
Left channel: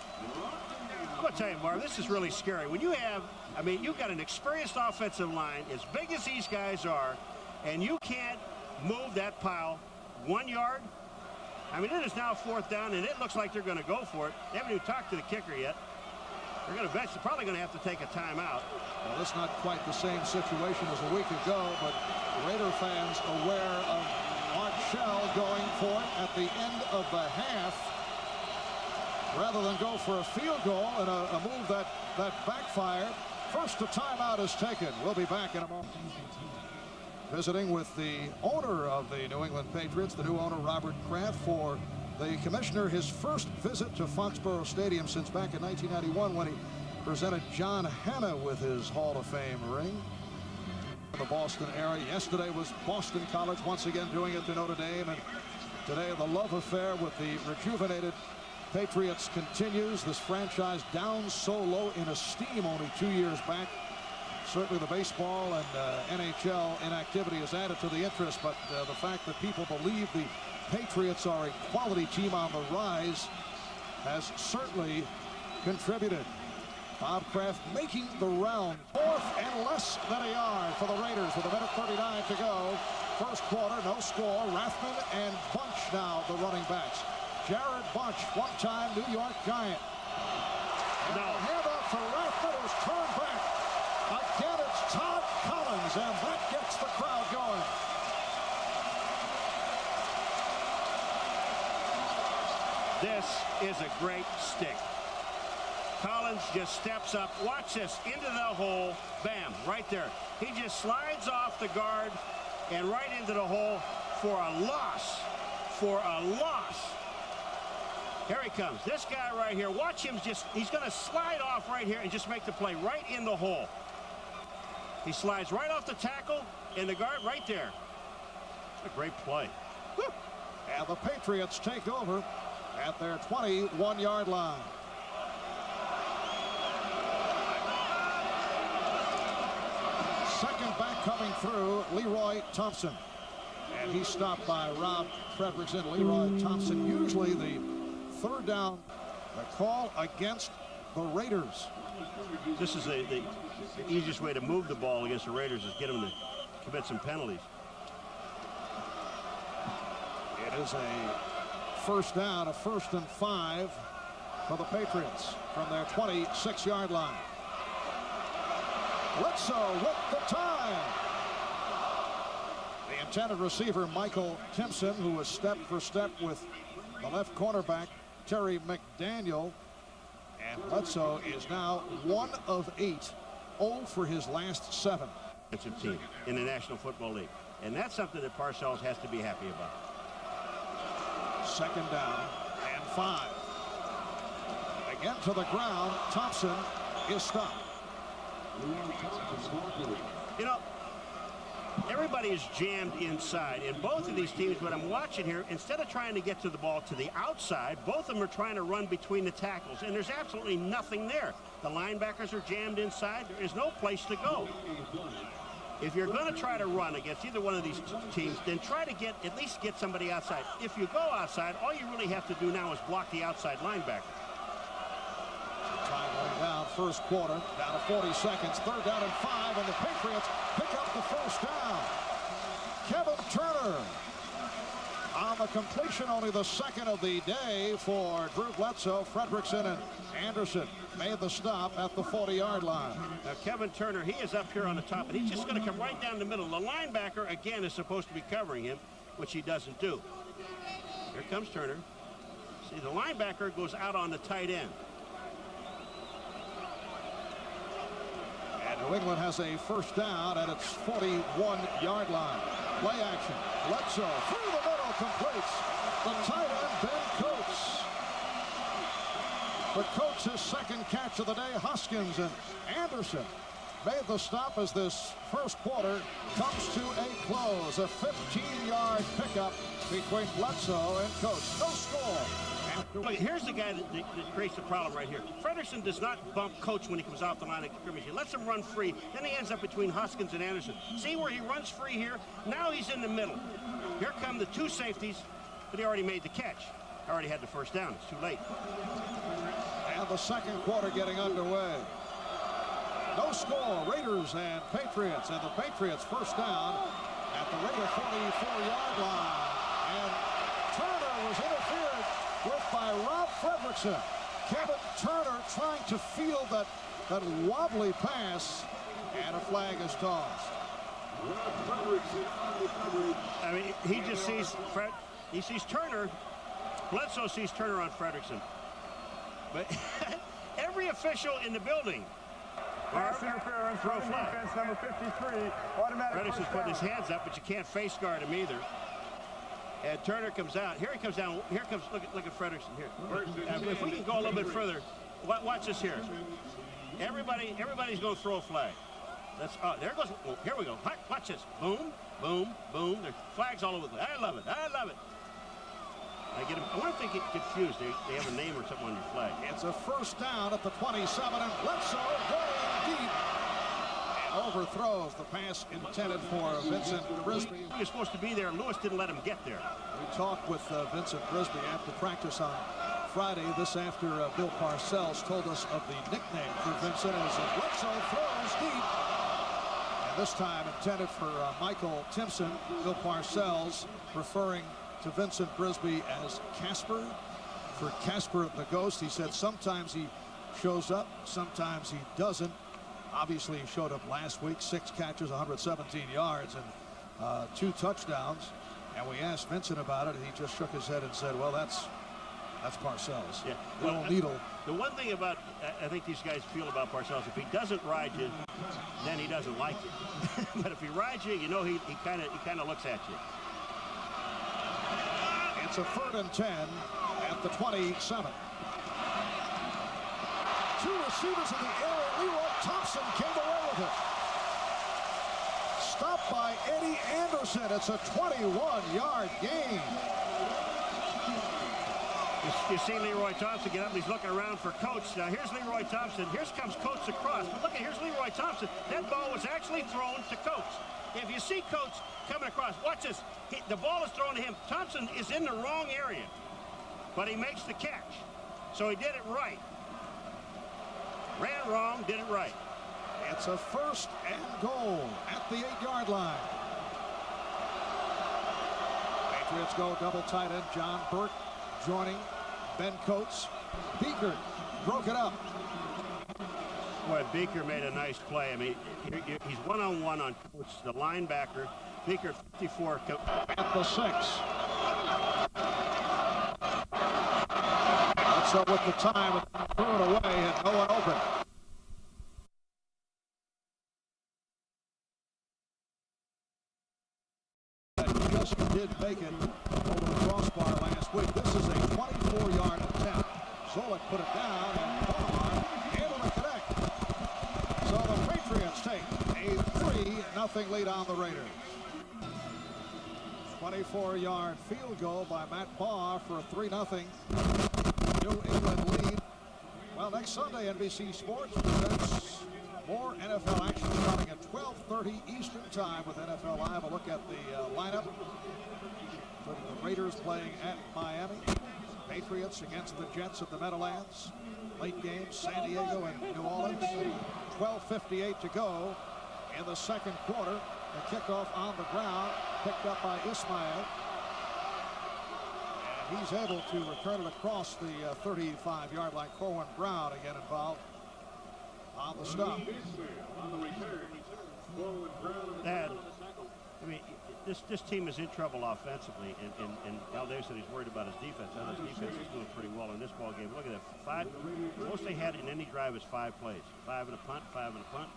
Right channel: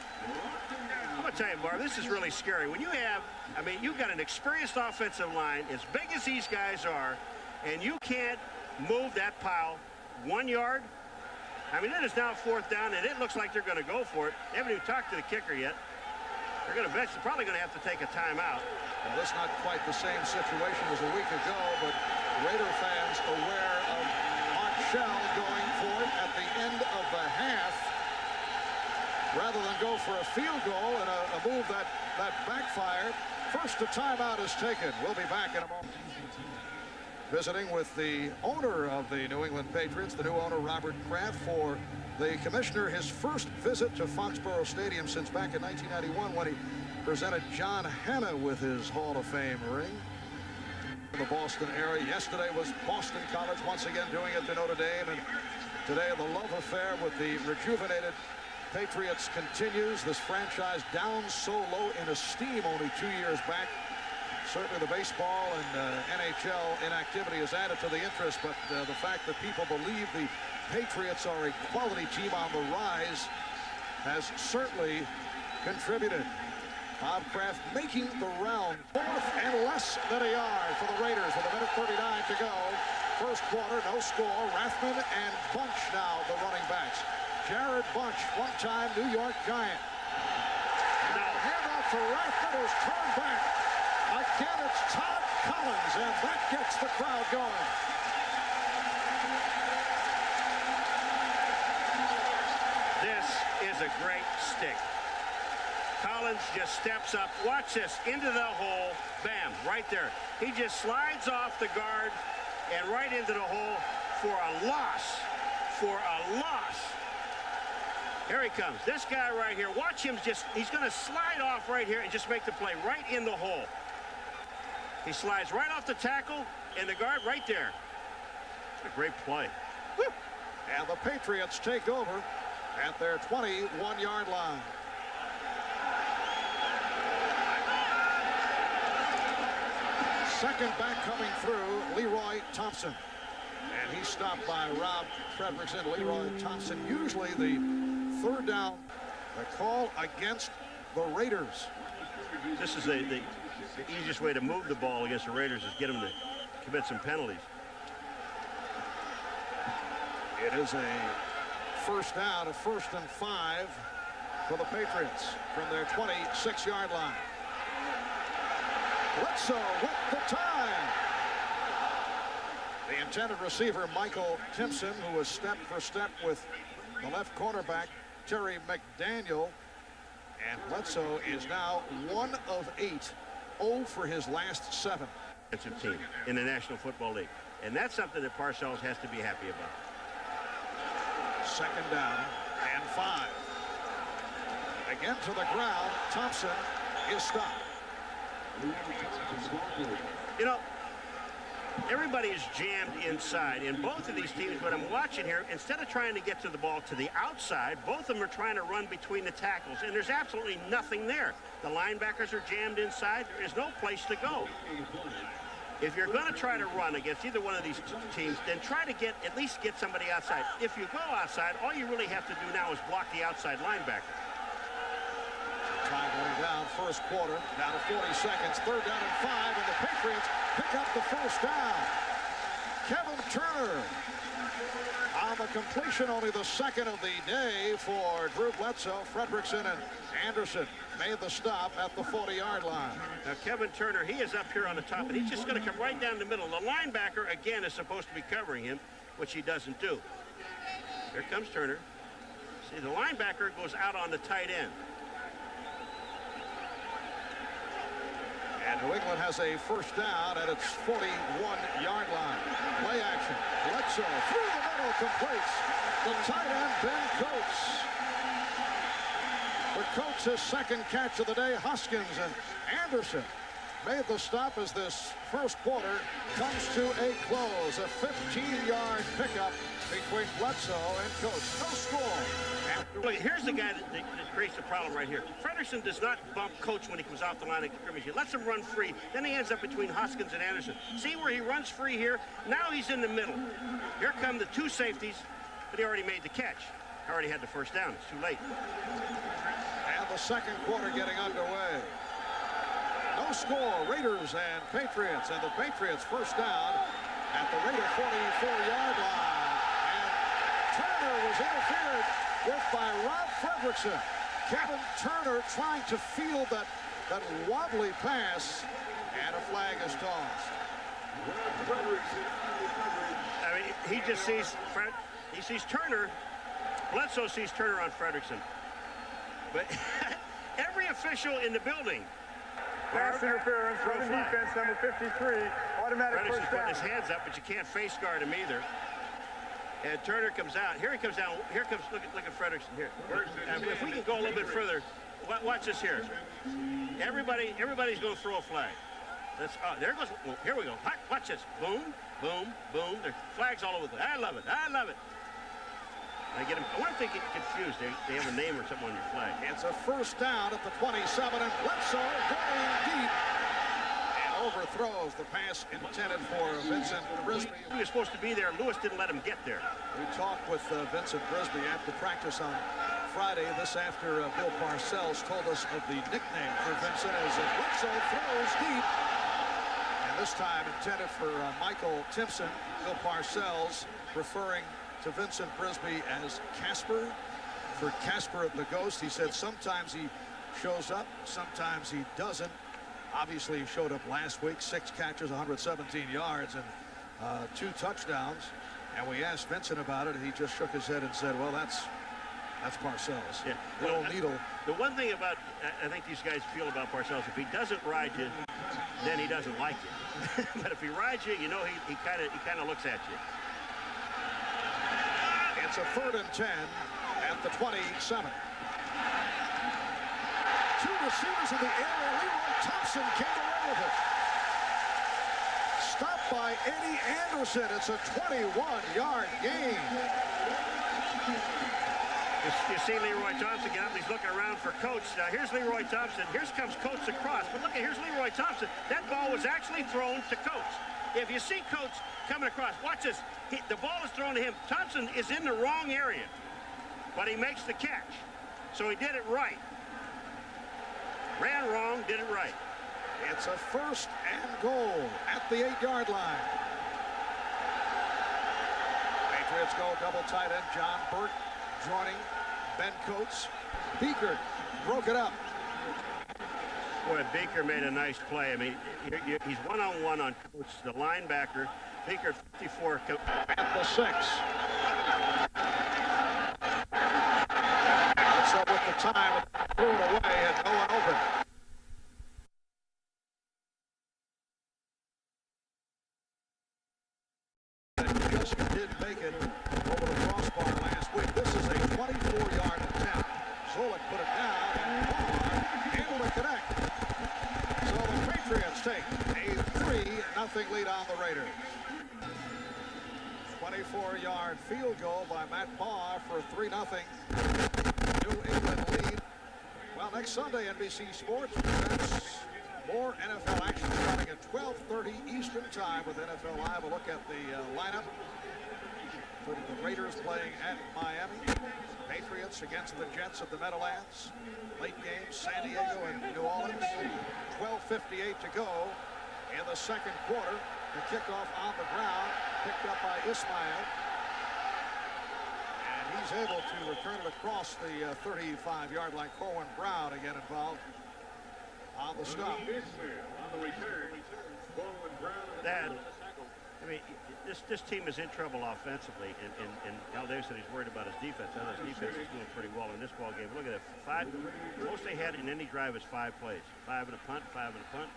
I'm going to tell you, Marv, this is really scary. When you have, I mean, you've got an experienced offensive line as big as these guys are, and you can't move that pile 1 yard. I mean, it is now 4th down, and it looks like they're going to go for it. They haven't even talked to the kicker yet. They're going to probably going to have to take a timeout. Well, that's not quite the same situation as a week ago, but Raider fans aware of Art Shell going for it at the end of the half rather than go for a field goal and a move that backfired. First, a timeout is taken. We'll be back in a moment. Visiting with the owner of the New England Patriots, the new owner, Robert Kraft, for the commissioner, his first visit to Foxborough Stadium since back in 1991 when he presented John Hanna with his Hall of Fame ring. In the Boston area. Yesterday was Boston College once again doing it to Notre Dame, and today the love affair with the rejuvenated Patriots continues. This franchise down so low in esteem only 2 years back. Certainly the baseball and NHL inactivity has added to the interest, but the fact that people believe the Patriots are a quality team on the rise has certainly contributed. Bob Kraft making the round. 4th and less than a yard for the Raiders with 1:39 to go. First quarter, no score. Rathman and Bunch now the running backs. Jared Bunch, one-time New York Giant. And a handoff for Rathman, who's turned back. Again, it's Todd Collins, and that gets the crowd going. This is a great stick. Collins just steps up. Watch this. Into the hole. Bam. Right there. He just slides off the guard and right into the hole for a loss. For a loss. Here he comes. This guy right here. Watch him just. He's going to slide off right here and just make the play right in the hole. He slides right off the tackle and the guard right there. A great play. Woo. And the Patriots take over at their 21-yard line. Second back coming through, Leroy Thompson. And he's stopped by Rob Fredrickson. Leroy Thompson, usually the third down. The call against the Raiders. This is the easiest way to move the ball against the Raiders is get them to commit some penalties. It is a first down, a 1st and 5 for the Patriots from their 26-yard line. Bledsoe with the time. The intended receiver, Michael Timpson, who was step for step with the left cornerback, Terry McDaniel. And Bledsoe is now 1 of 8, 0 for his last 7. It's a team in the National Football League. And that's something that Parcells has to be happy about. Second down and 5. Again to the ground. Thompson is stopped. You know, everybody is jammed inside. In both of these teams, what I'm watching here, instead of trying to get to the ball to the outside, both of them are trying to run between the tackles, and there's absolutely nothing there. The linebackers are jammed inside. There is no place to go. If you're going to try to run against either one of these teams, then try to at least get somebody outside. If you go outside, all you really have to do now is block the outside linebacker. Time going down, first quarter, down to 40 seconds, third down and 5, and the Patriots pick up the first down. Kevin Turner on the completion, only the second of the day for Drew Bledsoe. Fredrickson and Anderson made the stop at the 40-yard line. Now, Kevin Turner, he is up here on the top, and he's just going to come right down the middle. The linebacker, again, is supposed to be covering him, which he doesn't do. Here comes Turner. See, the linebacker goes out on the tight end. And New England has a first down at its 41-yard line. Play action. Bledsoe through the middle, completes. The tight end, Ben Coates. But Coates' second catch of the day. Hoskins and Anderson made the stop as this first quarter comes to a close. A 15-yard pickup between Bledsoe and Coates. No score. Look, here's the guy that creates the problem right here. Fredrickson does not bump Coates when he comes off the line of scrimmage. He lets him run free. Then he ends up between Hoskins and Anderson. See where he runs free here? Now he's in the middle. Here come the two safeties, but he already made the catch. Already had the first down. It's too late. And the second quarter getting underway. No score. Raiders and Patriots. And the Patriots first down at the Raider 44-yard line. And Turner was interfered with by Rob Fredrickson. Kevin Turner trying to field that wobbly pass, and a flag is tossed. I mean, he just sees Turner. Bledsoe sees Turner on Fredrickson. But every official in the building. Pass interference from the defense, number 53. Automatic Fredrickson's first down. putting his hands up, but you can't face guard him either. And Turner comes out. Here he comes down. Here comes, look at Fredrickson here. If we can go a little bit further, watch this here. Everybody's going to throw a flag. There goes, well, here we go. Watch this. Boom, boom, boom. There's flags all over the place. I love it. I love it. I wonder if they get confused. They have a name or something on your flag. It's a first down at the 27, and Bledsoe going deep. Overthrows the pass intended for Vincent Brisby. He was supposed to be there. Lewis didn't let him get there. We talked with Vincent Brisby after practice on Friday. This after Bill Parcells told us of the nickname for Vincent as Bledsoe throws deep. And this time intended for Michael Timpson. Bill Parcells referring to Vincent Brisby as Casper. For Casper the Ghost, he said sometimes he shows up, sometimes he doesn't. Obviously, he showed up last week, 6 catches, 117 yards, and 2 touchdowns. And we asked Vincent about it, and he just shook his head and said, well, that's Parcells. Yeah. The old needle. The one thing about, I think these guys feel about Parcells, if he doesn't ride you, then he doesn't like you. But if he rides you, you know he kind of looks at you. It's a 3rd and 10 at the 27. 2 receivers in the air. Leroy Thompson came away with it. Stopped by Eddie Anderson. It's a 21-yard gain. You see Leroy Thompson get up, and he's looking around for Coates. Now here's Leroy Thompson. Here comes Coates across. But look, here's Leroy Thompson. That ball was actually thrown to Coates. If you see Coates coming across, watch this. The ball is thrown to him. Thompson is in the wrong area, but he makes the catch. So he did it right. Ran wrong, did it right. It's a 1st and goal at the 8-yard line. Patriots go double tight end. John Burke joining Ben Coates. Beaker broke it up. Boy, Beaker made a nice play. I mean, he's one-on-one on Coates, the linebacker. Beaker, 54. At the 6. That's up with the time. Threw it away, had no one open. Just did make it over the crossbar last week. This is a 24-yard attempt. Zolik put it down, and Barr able to connect. So the Patriots take a 3-0 lead on the Raiders. 24-yard field goal by Matt Barr for a 3-0 New England lead. Well, next Sunday, NBC Sports presents more NFL action starting at 12:30 Eastern Time with NFL Live. A look at the lineup, including the Raiders playing at Miami, Patriots against the Jets at the Meadowlands. Late game, San Diego and New Orleans. 12:58 to go in the second quarter. The kickoff on the ground, picked up by Ismail. And he's able to return it across the 35-yard line. Corwin Brown again involved on the stop. That, I mean, this team is in trouble offensively, and Al Davis said he's worried about his defense. His defense is doing pretty well in this ball game. Look at that, most they had in any drive is 5 plays. 5 and a punt, 5 and a punt.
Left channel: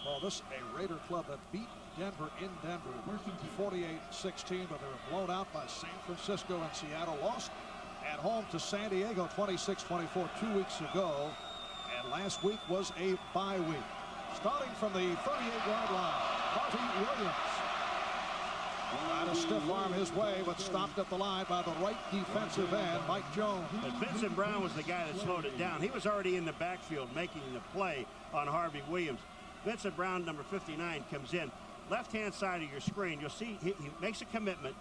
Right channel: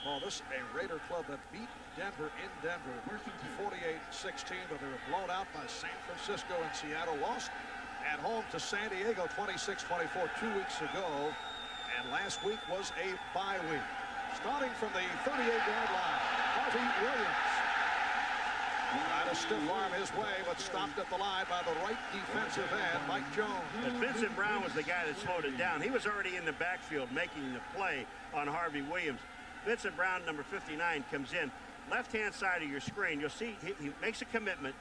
Well, this is a Raider club that beat Denver in Denver 48-16, but they were blown out by San Francisco and Seattle. Lost at home to San Diego 26-24 2 weeks ago, and last week was a bye week. Starting from the 38-yard line, Harvey Williams trying to stiff arm his way, but stopped at the line by the right defensive end, Mike Jones. But Vincent Brown was the guy that slowed it down. He was already in the backfield making the play on Harvey Williams. Vincent Brown, number 59, comes in. Left-hand side of your screen, you'll see he makes a commitment,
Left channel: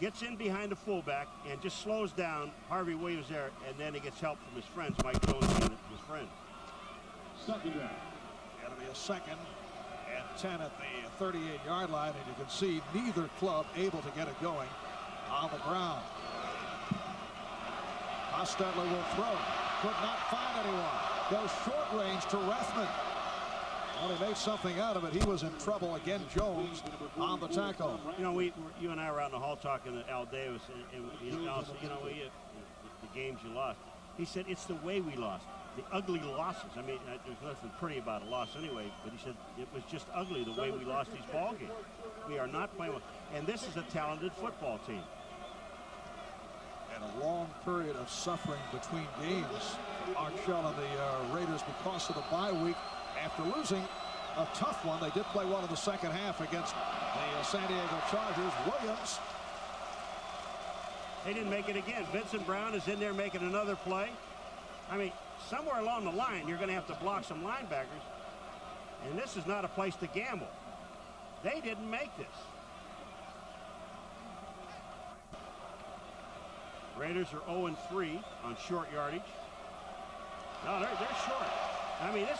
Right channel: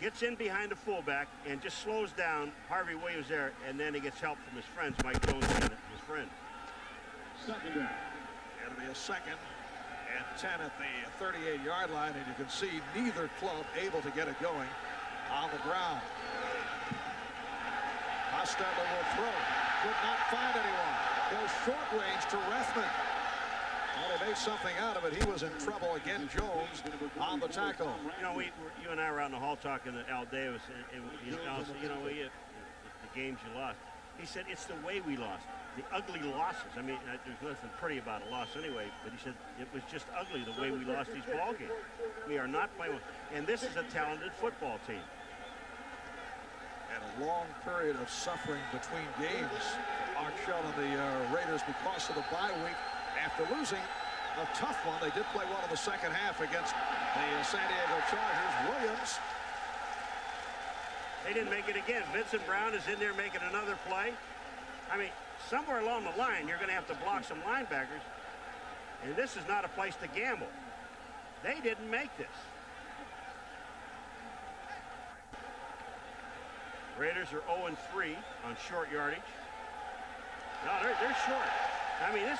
gets in behind the fullback, and just slows down Harvey Williams there, and then he gets help from his friends, Mike Jones being his friend. Second down. It'll be a 2nd and 10 at the 38-yard line, and you can see neither club able to get it going on the ground. Hostetler will throw. Could not find anyone. Goes short range to Rethman. Well, he made something out of it. He was in trouble again. Jones on the tackle. You know, you and I were out in the hall talking to Al Davis, and the games you lost. He said it's the way we lost, the ugly losses. I mean, there's nothing pretty about a loss anyway, but he said it was just ugly the way we lost these ball games. We are not playing well, and this is a talented football team. And a long period of suffering between games for Art Shell and the Raiders because of the bye week. After losing a tough one, they did play well in the second half against the San Diego Chargers. Williams. They didn't make it again. Vincent Brown is in there making another play. I mean, somewhere along the line, you're going to have to block some linebackers. And this is not a place to gamble. They didn't make this. Raiders are 0-3 on short yardage. No, they're short. I mean, this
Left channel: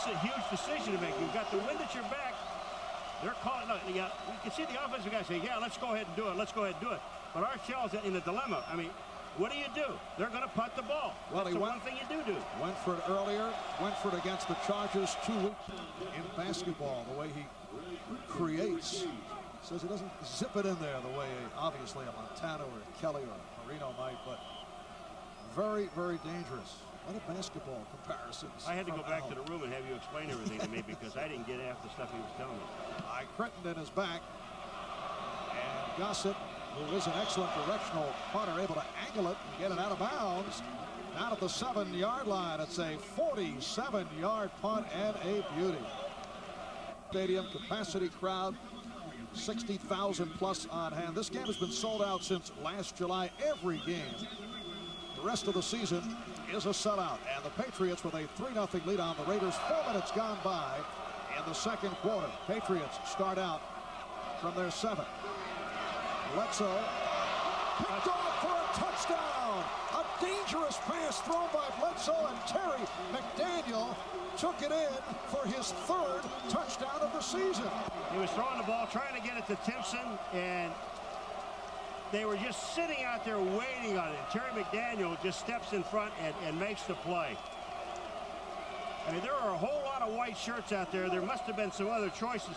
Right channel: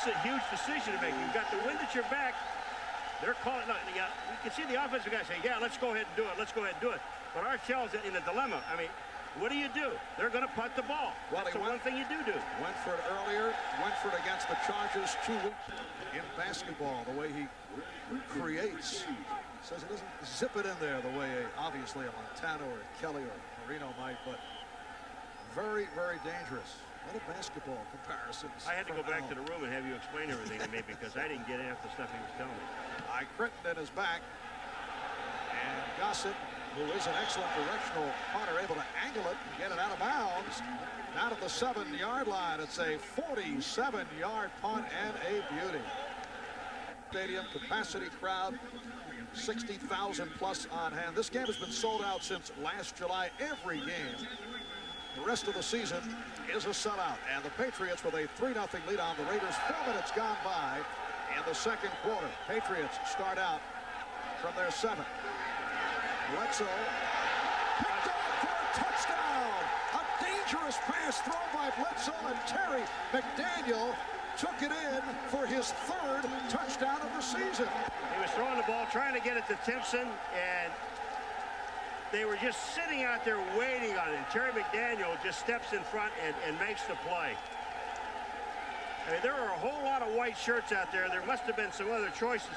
is a huge decision to make. You've got the wind at your back. They're calling. Look, you can see the offensive guy say, yeah, let's go ahead and do it. Let's go ahead and do it. But Art Shell's in a dilemma. I mean, what do you do? They're going to punt the ball. Well, that's the one thing you do. Went for it earlier. Went for it against the Chargers 2 weeks in basketball. The way he creates. Says he doesn't zip it in there the way, obviously, a Montano or a Kelly or a Marino might. But very, very dangerous. A lot of basketball comparisons. I had to go back to the room and have you explain everything to me because I didn't get half the stuff he was telling me. Ike Crittenden is back. And Gossett, who is an excellent directional punter, able to angle it and get it out of bounds. Down at the 7-yard line. It's a 47-yard punt and a beauty. Stadium capacity crowd, 60,000 plus on hand. This game has been sold out since last July. Every game. The rest of the season is a sellout, and the Patriots with a 3-0 lead on the Raiders. 4 minutes gone by in the second quarter. Patriots start out from their 7. Bledsoe picked off for a touchdown. A dangerous pass thrown by Bledsoe, and Terry McDaniel took it in for his 3rd touchdown of the season. He was throwing the ball, trying to get it to Timpson, and they were just sitting out there waiting on it. And Terry McDaniel just steps in front and makes the play. I mean, there are a whole lot of white shirts out there. There must have been some other choices.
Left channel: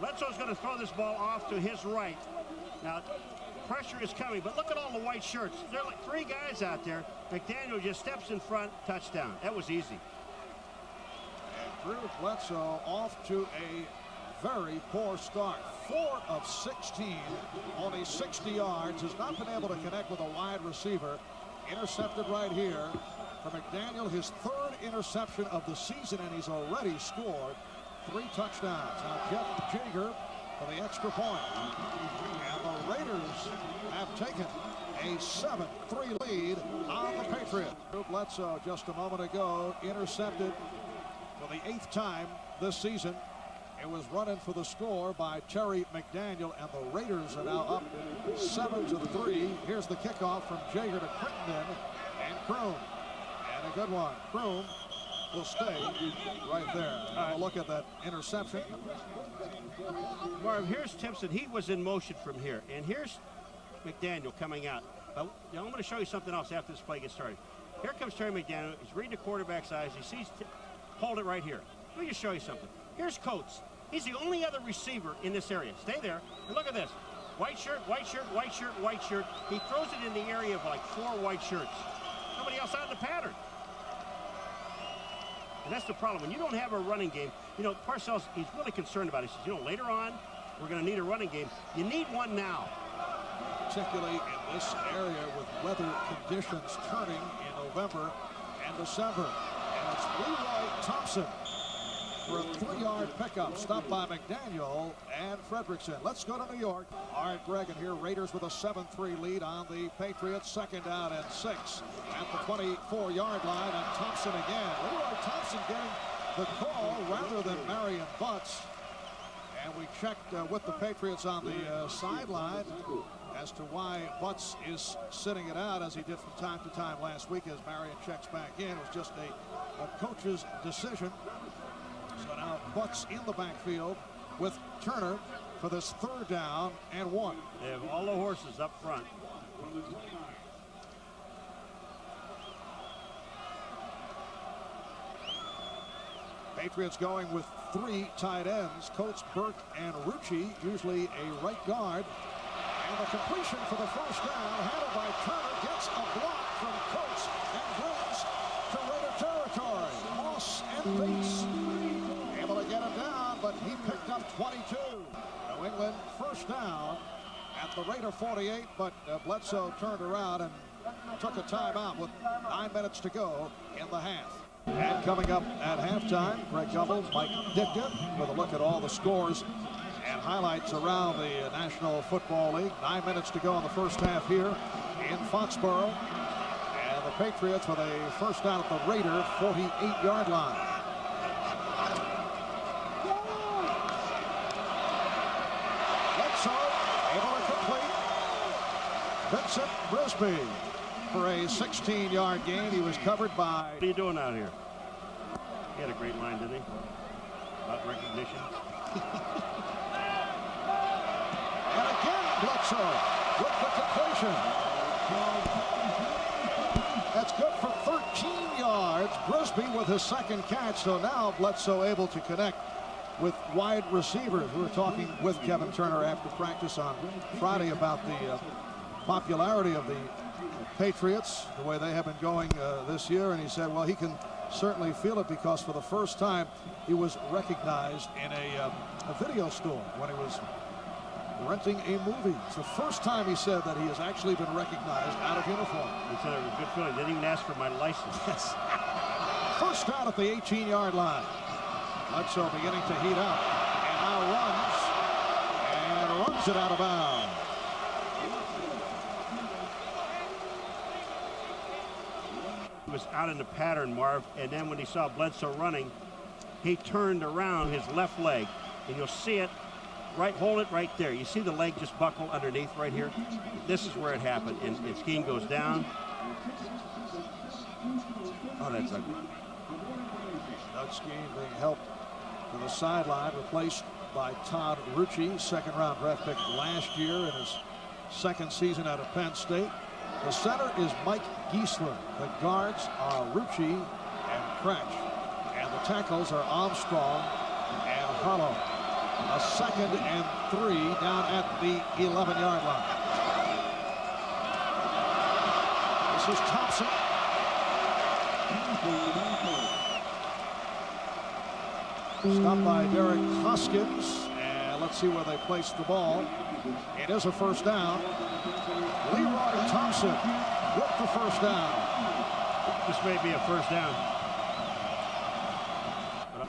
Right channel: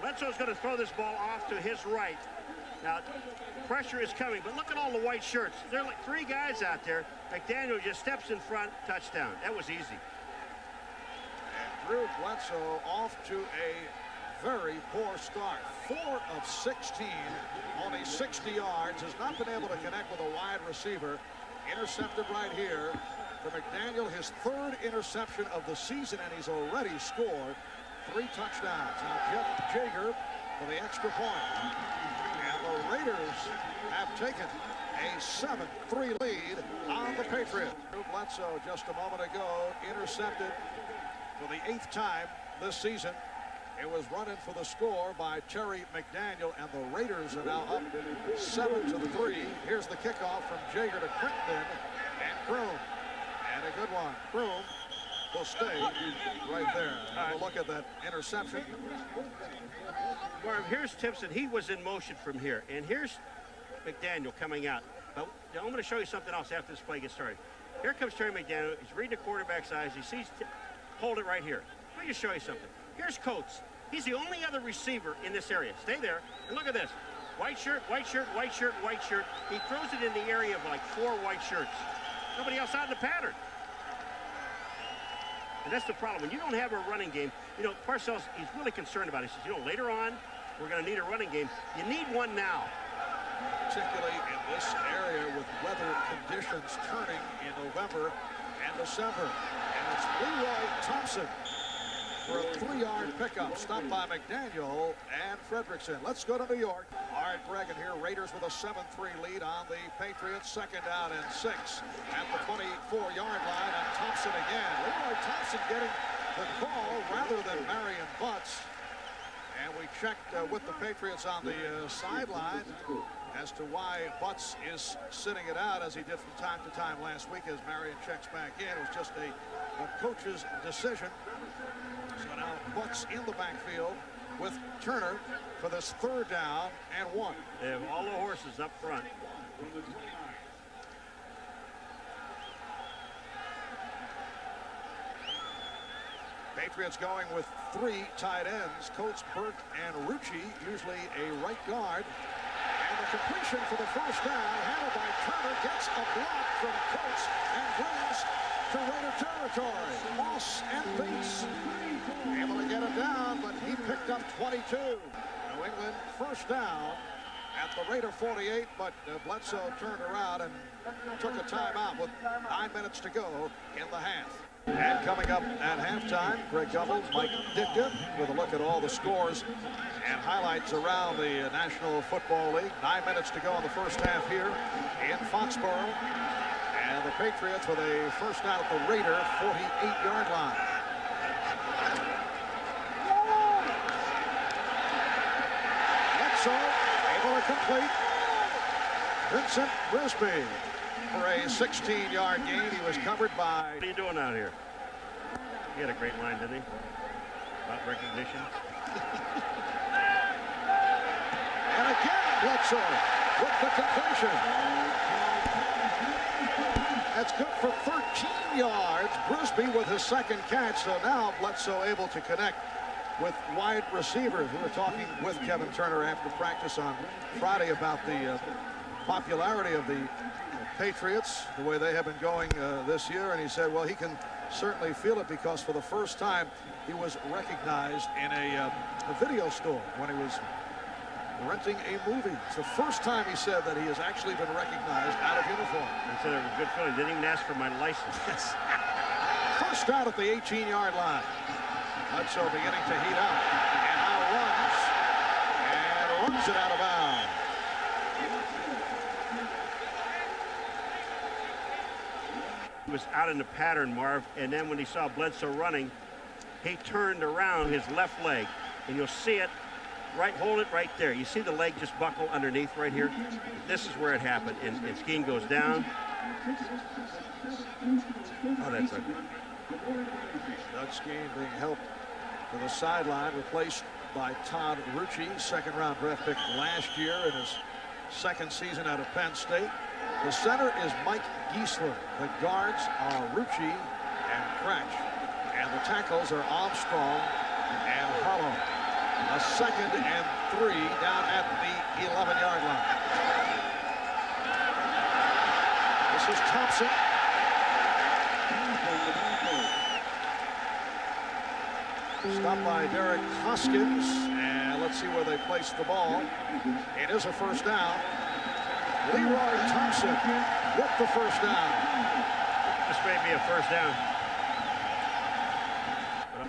Bledsoe's going to throw this ball off to his right. Now, pressure is coming, but look at all the white shirts. There are like 3 guys out there. McDaniel just steps in front, touchdown. That was easy. And Drew Bledsoe off to a very poor start. 4 of 16, only 60 yards, has not been able to connect with a wide receiver. Intercepted right here for McDaniel, his third interception of the season, and he's already scored 3 touchdowns. Now Jeff Jager for the extra point. And the Raiders have taken a 7-3 lead on the Patriots. Bledsoe just a moment ago intercepted for the 8th time this season. It was running for the score by Terry McDaniel, and the Raiders are now up 7-3. Here's the kickoff from Jager to Crittenden and Kroom. And a good one. Kroom will stay right there. Have a look at that interception. Marv, here's Timpson. He was in motion from here. And here's McDaniel coming out. But I'm going to show you something else after this play gets started. Here comes Terry McDaniel. He's reading the quarterback's eyes. He sees, hold it right here. Let me just show you something. Here's Coates. He's the only other receiver in this area. Stay there. And look at this. White shirt, white shirt, white shirt, white shirt. He throws it in the area of like 4 white shirts. Nobody else out in the pattern. And that's the problem. When you don't have a running game, you know, Parcells, he's really concerned about it. He says, you know, later on, we're going to need a running game. You need one now. Particularly in this area with weather conditions turning in November and December. And it's Leroy Thompson for a 3-yard pickup. Stopped by McDaniel and Fredrickson. Let's go to New York. All right, Greg, and here Raiders with a 7-3 lead on the Patriots. 2nd down and 6 at the 24-yard line. And Thompson again. Leroy Thompson getting the call rather than Marion Butts. And we checked with the Patriots on the sideline as to why Butts is sitting it out, as he did from time to time last week as Marion checks back in. It was just a coach's decision. So now Butts in the backfield with Turner for this 3rd down and 1. They have all the horses up front. Patriots going with 3 tight ends, Coates, Burke, and Rucci, usually a right guard. And the completion for the 1st down, handled by Turner, gets a block from Coates and brings to Raider territory. Moss and Bates able to get him down, but he picked up 22. New England 1st down at the Raider 48, but Bledsoe turned around and took a timeout with 9 minutes to go in the half. And coming up at halftime, Greg Gumbel, Mike Ditka with a look at all the scores and highlights around the National Football League. 9 minutes to go in the 1st half here in Foxborough. And the Patriots with a 1st down at the Raider 48-yard line. Bledsoe able to complete. Vincent Brisby for a 16-yard gain. He was covered by... What are you doing out here? He had a great line, didn't he? About recognition. And again, Bledsoe with the completion. That's good for 13 yards. Brisby with his 2nd catch. So now Bledsoe able to connect with wide receivers. We were talking with Kevin Turner after practice on Friday about the popularity of the Patriots, the way they have been going this year, and he said, well, he can certainly feel it because for the 1st time he was recognized in a video store when he was renting a movie. It's the 1st time, he said, that he has actually been recognized out of uniform. He said it was a good feeling. Didn't even ask for my license. Yes. 1st down at the 18-yard line. Bledsoe beginning to heat up, and now runs it out of bounds. He was out in the pattern, Marv, and then when he saw Bledsoe running, he turned around his left leg, and you'll see it right, hold it right there. You see the leg just buckle underneath right here? This is where it happened, and Skeen goes down. Oh, that's ugly. Doug Skeen being helped to the sideline, replaced by Todd Rucci, 2nd-round draft pick last year in his 2nd season out of Penn State. The center is Mike Giesler. The guards are Rucci and Cratch. And the tackles are Armstrong and Harlow. A 2nd and 3 down at the 11-yard line. This is Thompson. Stopped by Derek Hoskins. And Let's see where they place the ball. It is a first down. Leroy Thompson with the first down. This may be a first down.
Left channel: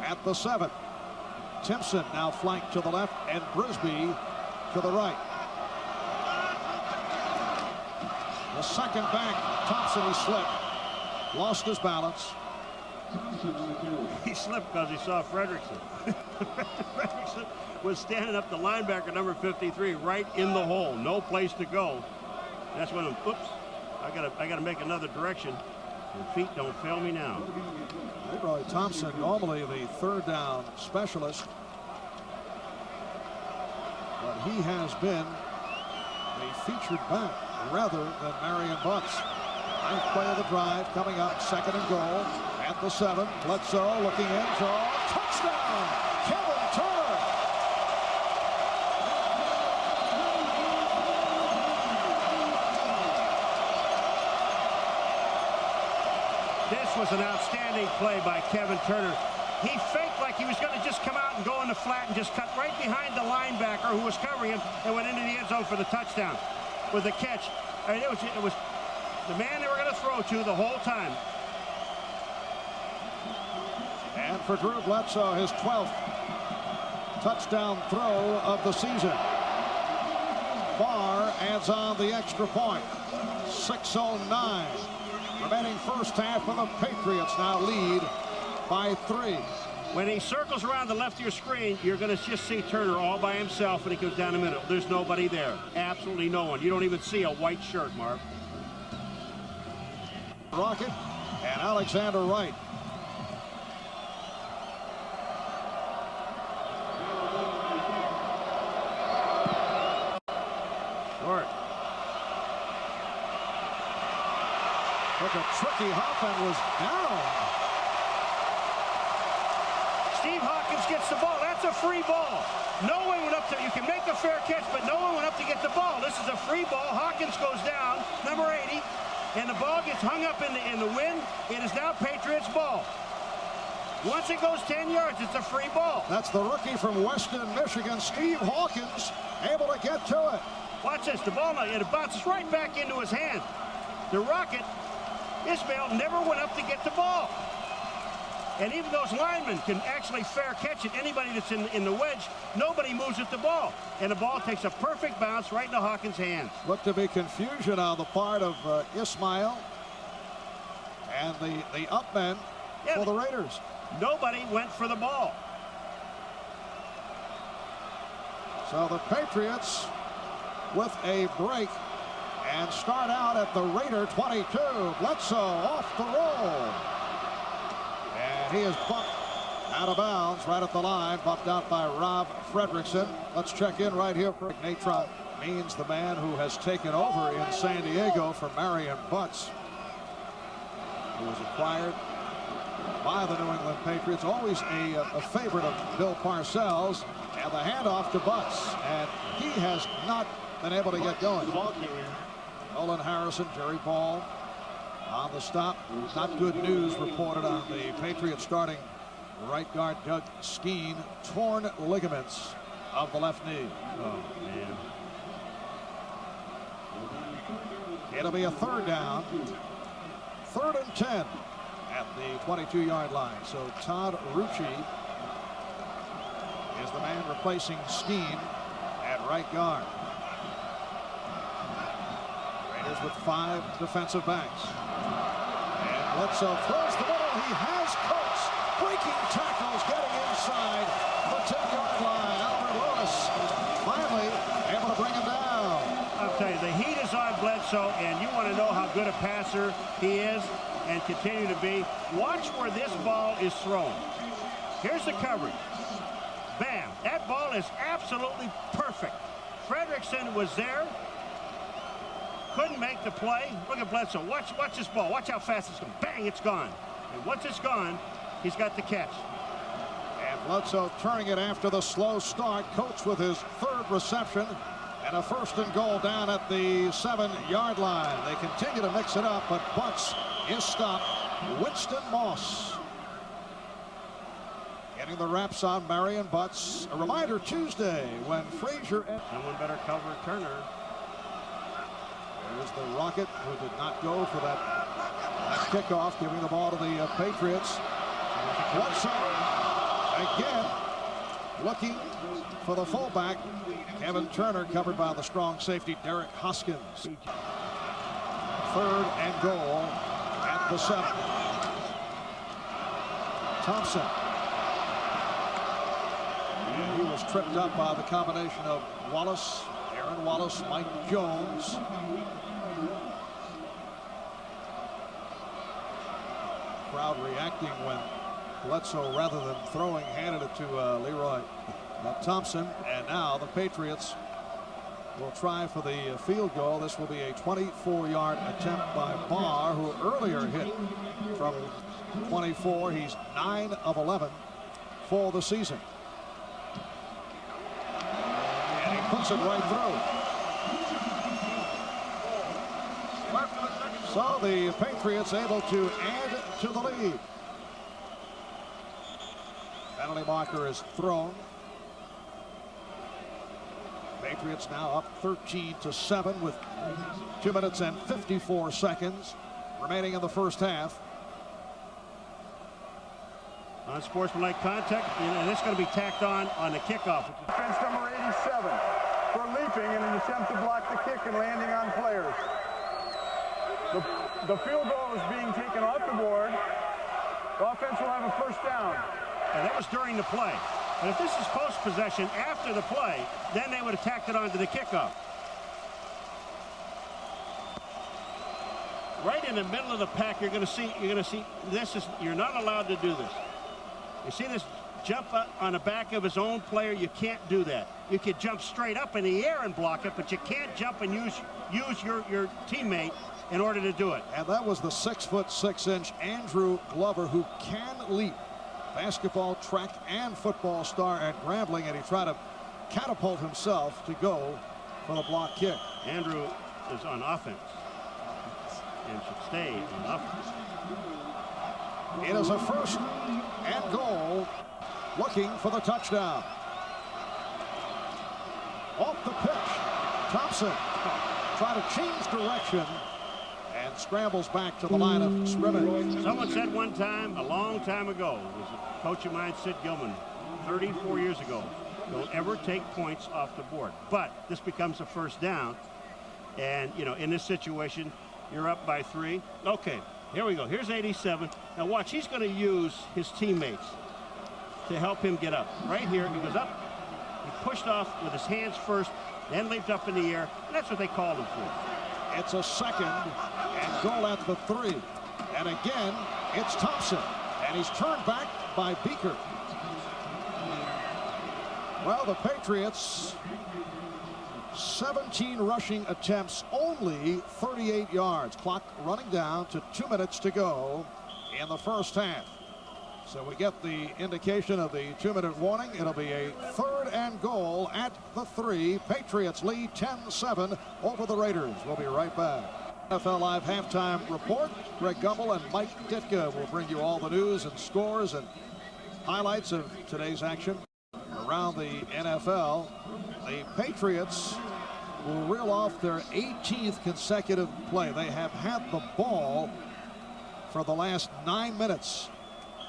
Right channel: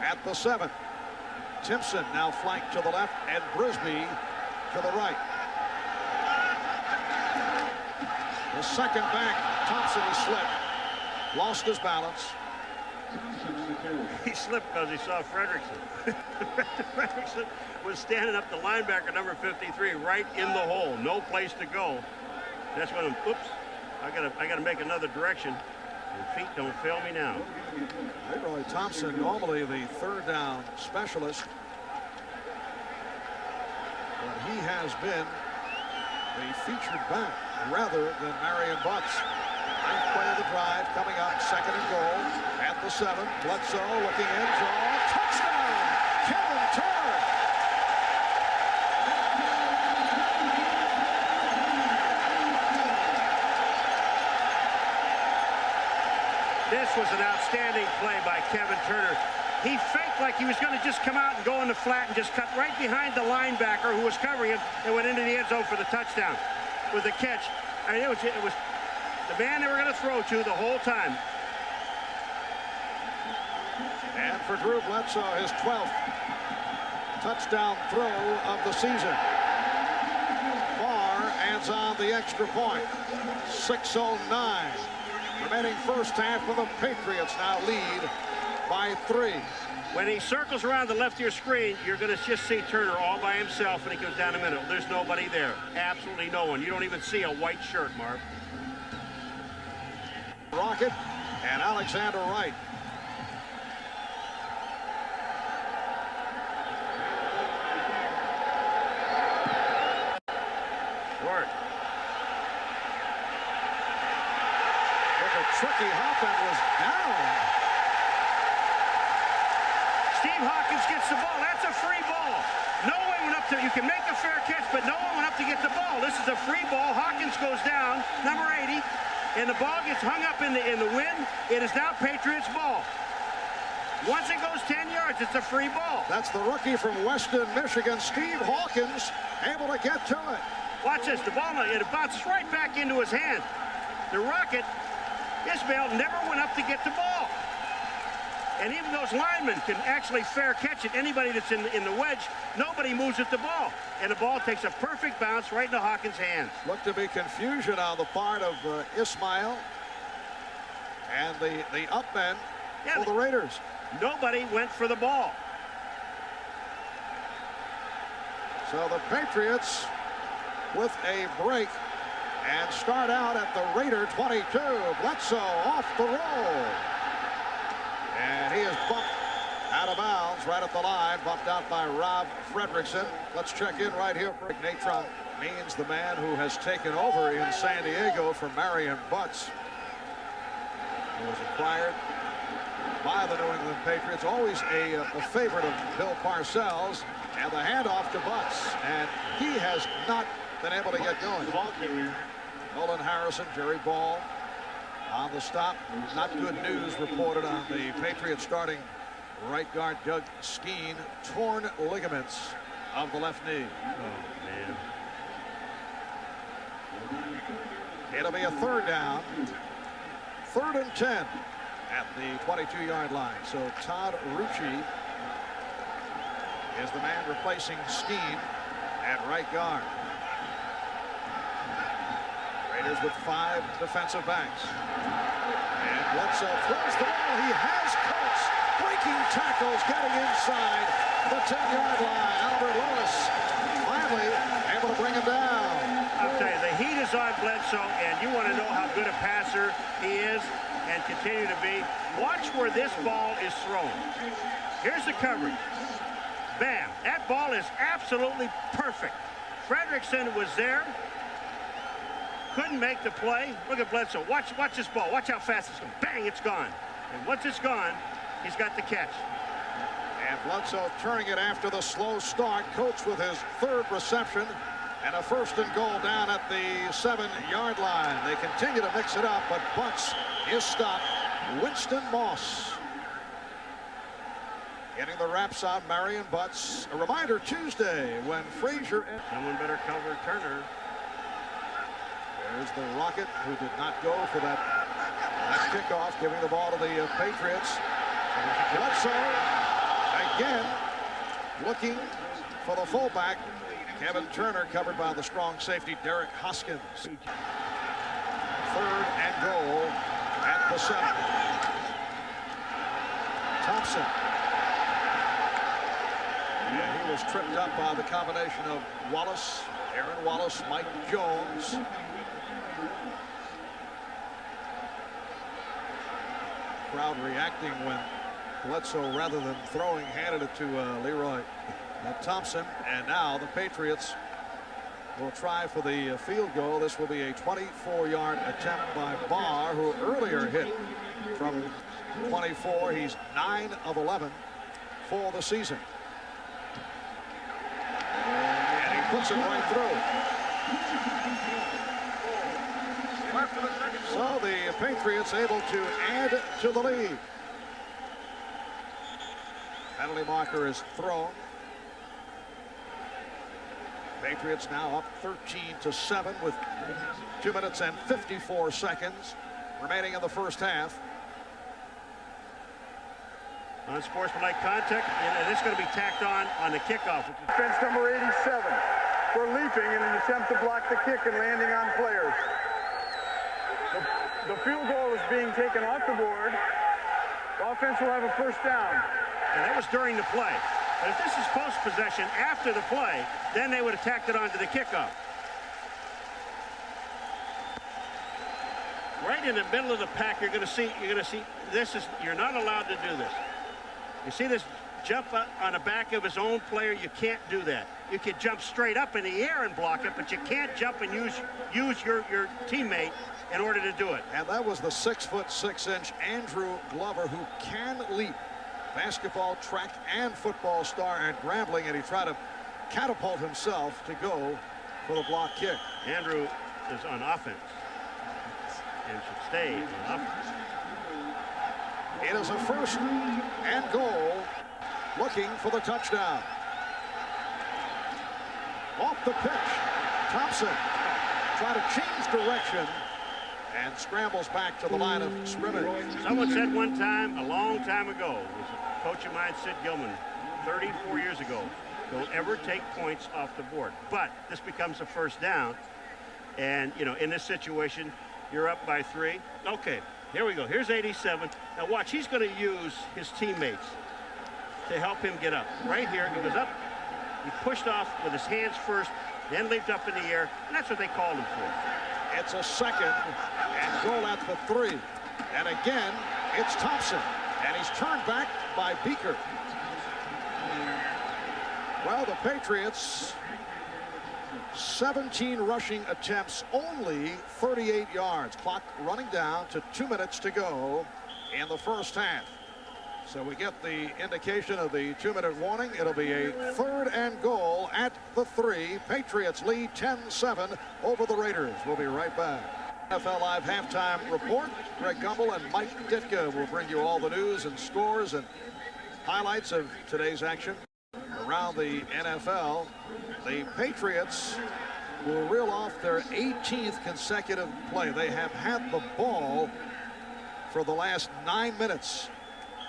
At the 7. Timpson now flanked to the left and Brisby to the right. The second back, Thompson, he slipped. Lost his balance. He slipped because he saw Frederickson. Frederickson was standing up the linebacker number 53 right in the hole. No place to go. That's when, oops, I gotta make another direction. And feet don't fail me now. Leroy Thompson, normally the third down specialist, but he has been the featured back rather than Marion Butts. Ninth play of the drive coming up, 2nd and goal at the 7. Bledsoe looking in, draw, touchdown, Kevin Turner. This was an outstanding play by Kevin Turner. He faked like he was going to just come out and go in the flat and just cut right behind the linebacker who was covering him and went into the end zone for the touchdown with the catch. I mean, it was the man they were going to throw to the whole time. And for Drew Bledsoe, his 12th touchdown throw of the season. Barr adds on the extra point. 6:09 remaining first half, of the Patriots now lead by 3. When he circles around the left of your screen, you're going to just see Turner all by himself when he goes down the middle. There's nobody there. Absolutely no one. You don't even see a white shirt, Marv. Rocket and Alexander Wright. Short. Look at tricky. Hoffman was down. Steve Hawkins gets the ball. That's a free ball. No one went up to, you can make a fair catch, but no one went up to get the ball. This is a free ball. Hawkins goes down, number 80, and the ball gets hung up in the wind. It is now Patriots ball. Once it goes 10 yards, it's a free ball. That's the rookie from Weston, Michigan, Steve Hawkins, able to get to it. Watch this. The ball, it bounces right back into his hand. The Rocket, Ismail, never went up to get the ball. And even those linemen can actually fair catch it. Anybody that's in the wedge, nobody moves at the ball. And the ball takes a perfect bounce right into Hawkins' hands. Looked to be confusion on the part of Ismail and the up men for the Raiders. Nobody went for the ball. So the Patriots with a break and start out at the Raider 22. Bledsoe off the roll. And he is bumped out of bounds right at the line, bumped out by Rob Frederickson. Let's check in right here. Natron means the man who has taken over in San Diego for Marion Butts, who was acquired by the New England Patriots. Always a favorite of Bill Parcells. And the handoff to Butts. And he has not been able to get going. Nolan Harrison, Jerry Ball on the stop. Not good news reported on the Patriots starting right guard Doug Skeen. Torn ligaments of the left knee. Oh, man. It'll be a third down. 3rd and 10 at the 22-yard line. So Todd Rucci is the man replacing Skeen at right guard. Raiders with 5 defensive backs. And Bledsoe throws the ball. He has Coates breaking tackles, getting inside the 10-yard line. Albert Lewis finally able to bring him down. I'll tell you, the heat is on Bledsoe, and you want to know how good a passer he is and continue to be. Watch where this ball is thrown. Here's the coverage. Bam. That ball is absolutely perfect. Frederickson was there. Couldn't make the play. Look at Bledsoe. Watch this ball. Watch how fast it's going. Bang, it's gone. And once it's gone, he's got the catch. And Bledsoe turning it after the slow start. Coates with his 3rd reception. And a 1st and goal down at the 7-yard line. They continue to mix it up, but Butts is stopped. Winston Moss. Getting the wraps on Marion Butts. A reminder Tuesday when Frazier. Someone better cover Turner. There's the Rocket, who did not go for that kickoff, giving the ball to the Patriots. Bledsoe again looking for the fullback. Kevin Turner covered by the strong safety Derek Hoskins. 3rd and goal at the 7. Thompson. And he was tripped up by the combination of Wallace, Aaron Wallace, Mike Jones. Crowd reacting when Bledsoe, rather than throwing, handed it to Leroy Thompson. And now the Patriots will try for the field goal. This will be a 24-yard attempt by Barr, who earlier hit from 24. He's 9 of 11 for the season. And he puts it right through. So the Patriots able to add to the lead. Penalty marker is thrown. Patriots now up 13-7 with 2 minutes and 54 seconds remaining in the first half. Unsportsmanlike contact, and it's going to be tacked on the kickoff. Defense number 87 for leaping in an attempt to block the kick and landing on players. The field goal is being taken off the board. The offense will have a first down. And that was during the play. But if this is post-possession after the play, then they would have tacked it onto the kickoff. Right in the middle of the pack, you're going to see this is, you're not allowed to do this. You see this jump up on the back of his own player? You can't do that. You could jump straight up in the air and block it, but you can't jump and use your teammate in order to do it. And that was the 6'6" Andrew Glover, who can leap. Basketball, track, and football star at Grambling, and he tried to catapult himself to go for the block kick. Andrew is on offense and should stay on offense. It is a 1st and goal, looking for the touchdown. Off the pitch, Thompson trying to change direction and scrambles back to the line of scrimmage. Someone said one time, a long time ago, it was a coach of mine, Sid Gilman, 34 years ago, don't ever take points off the board. But this becomes a first down, and you know, in this situation, you're up by 3. Okay, here we go. Here's 87. Now watch, he's going to use his teammates to help him get up. Right here, he goes up, he pushed off with his hands first, then leaped up in the air, and that's what they called him for. It's a 2nd and goal at the 3. And again, it's Thompson. And he's turned back by Beaker. Well, the Patriots, 17 rushing attempts, only 38 yards. Clock running down to 2 minutes to go in the first half. So we get the indication of the 2-minute warning. It'll be a 3rd and goal at the 3. Patriots lead 10-7 over the Raiders. We'll be right back. NFL Live halftime report. Greg Gumbel and Mike Ditka will bring you all the news and scores and highlights of today's action around the NFL. The Patriots will reel off their 18th consecutive play. They have had the ball for the last 9 minutes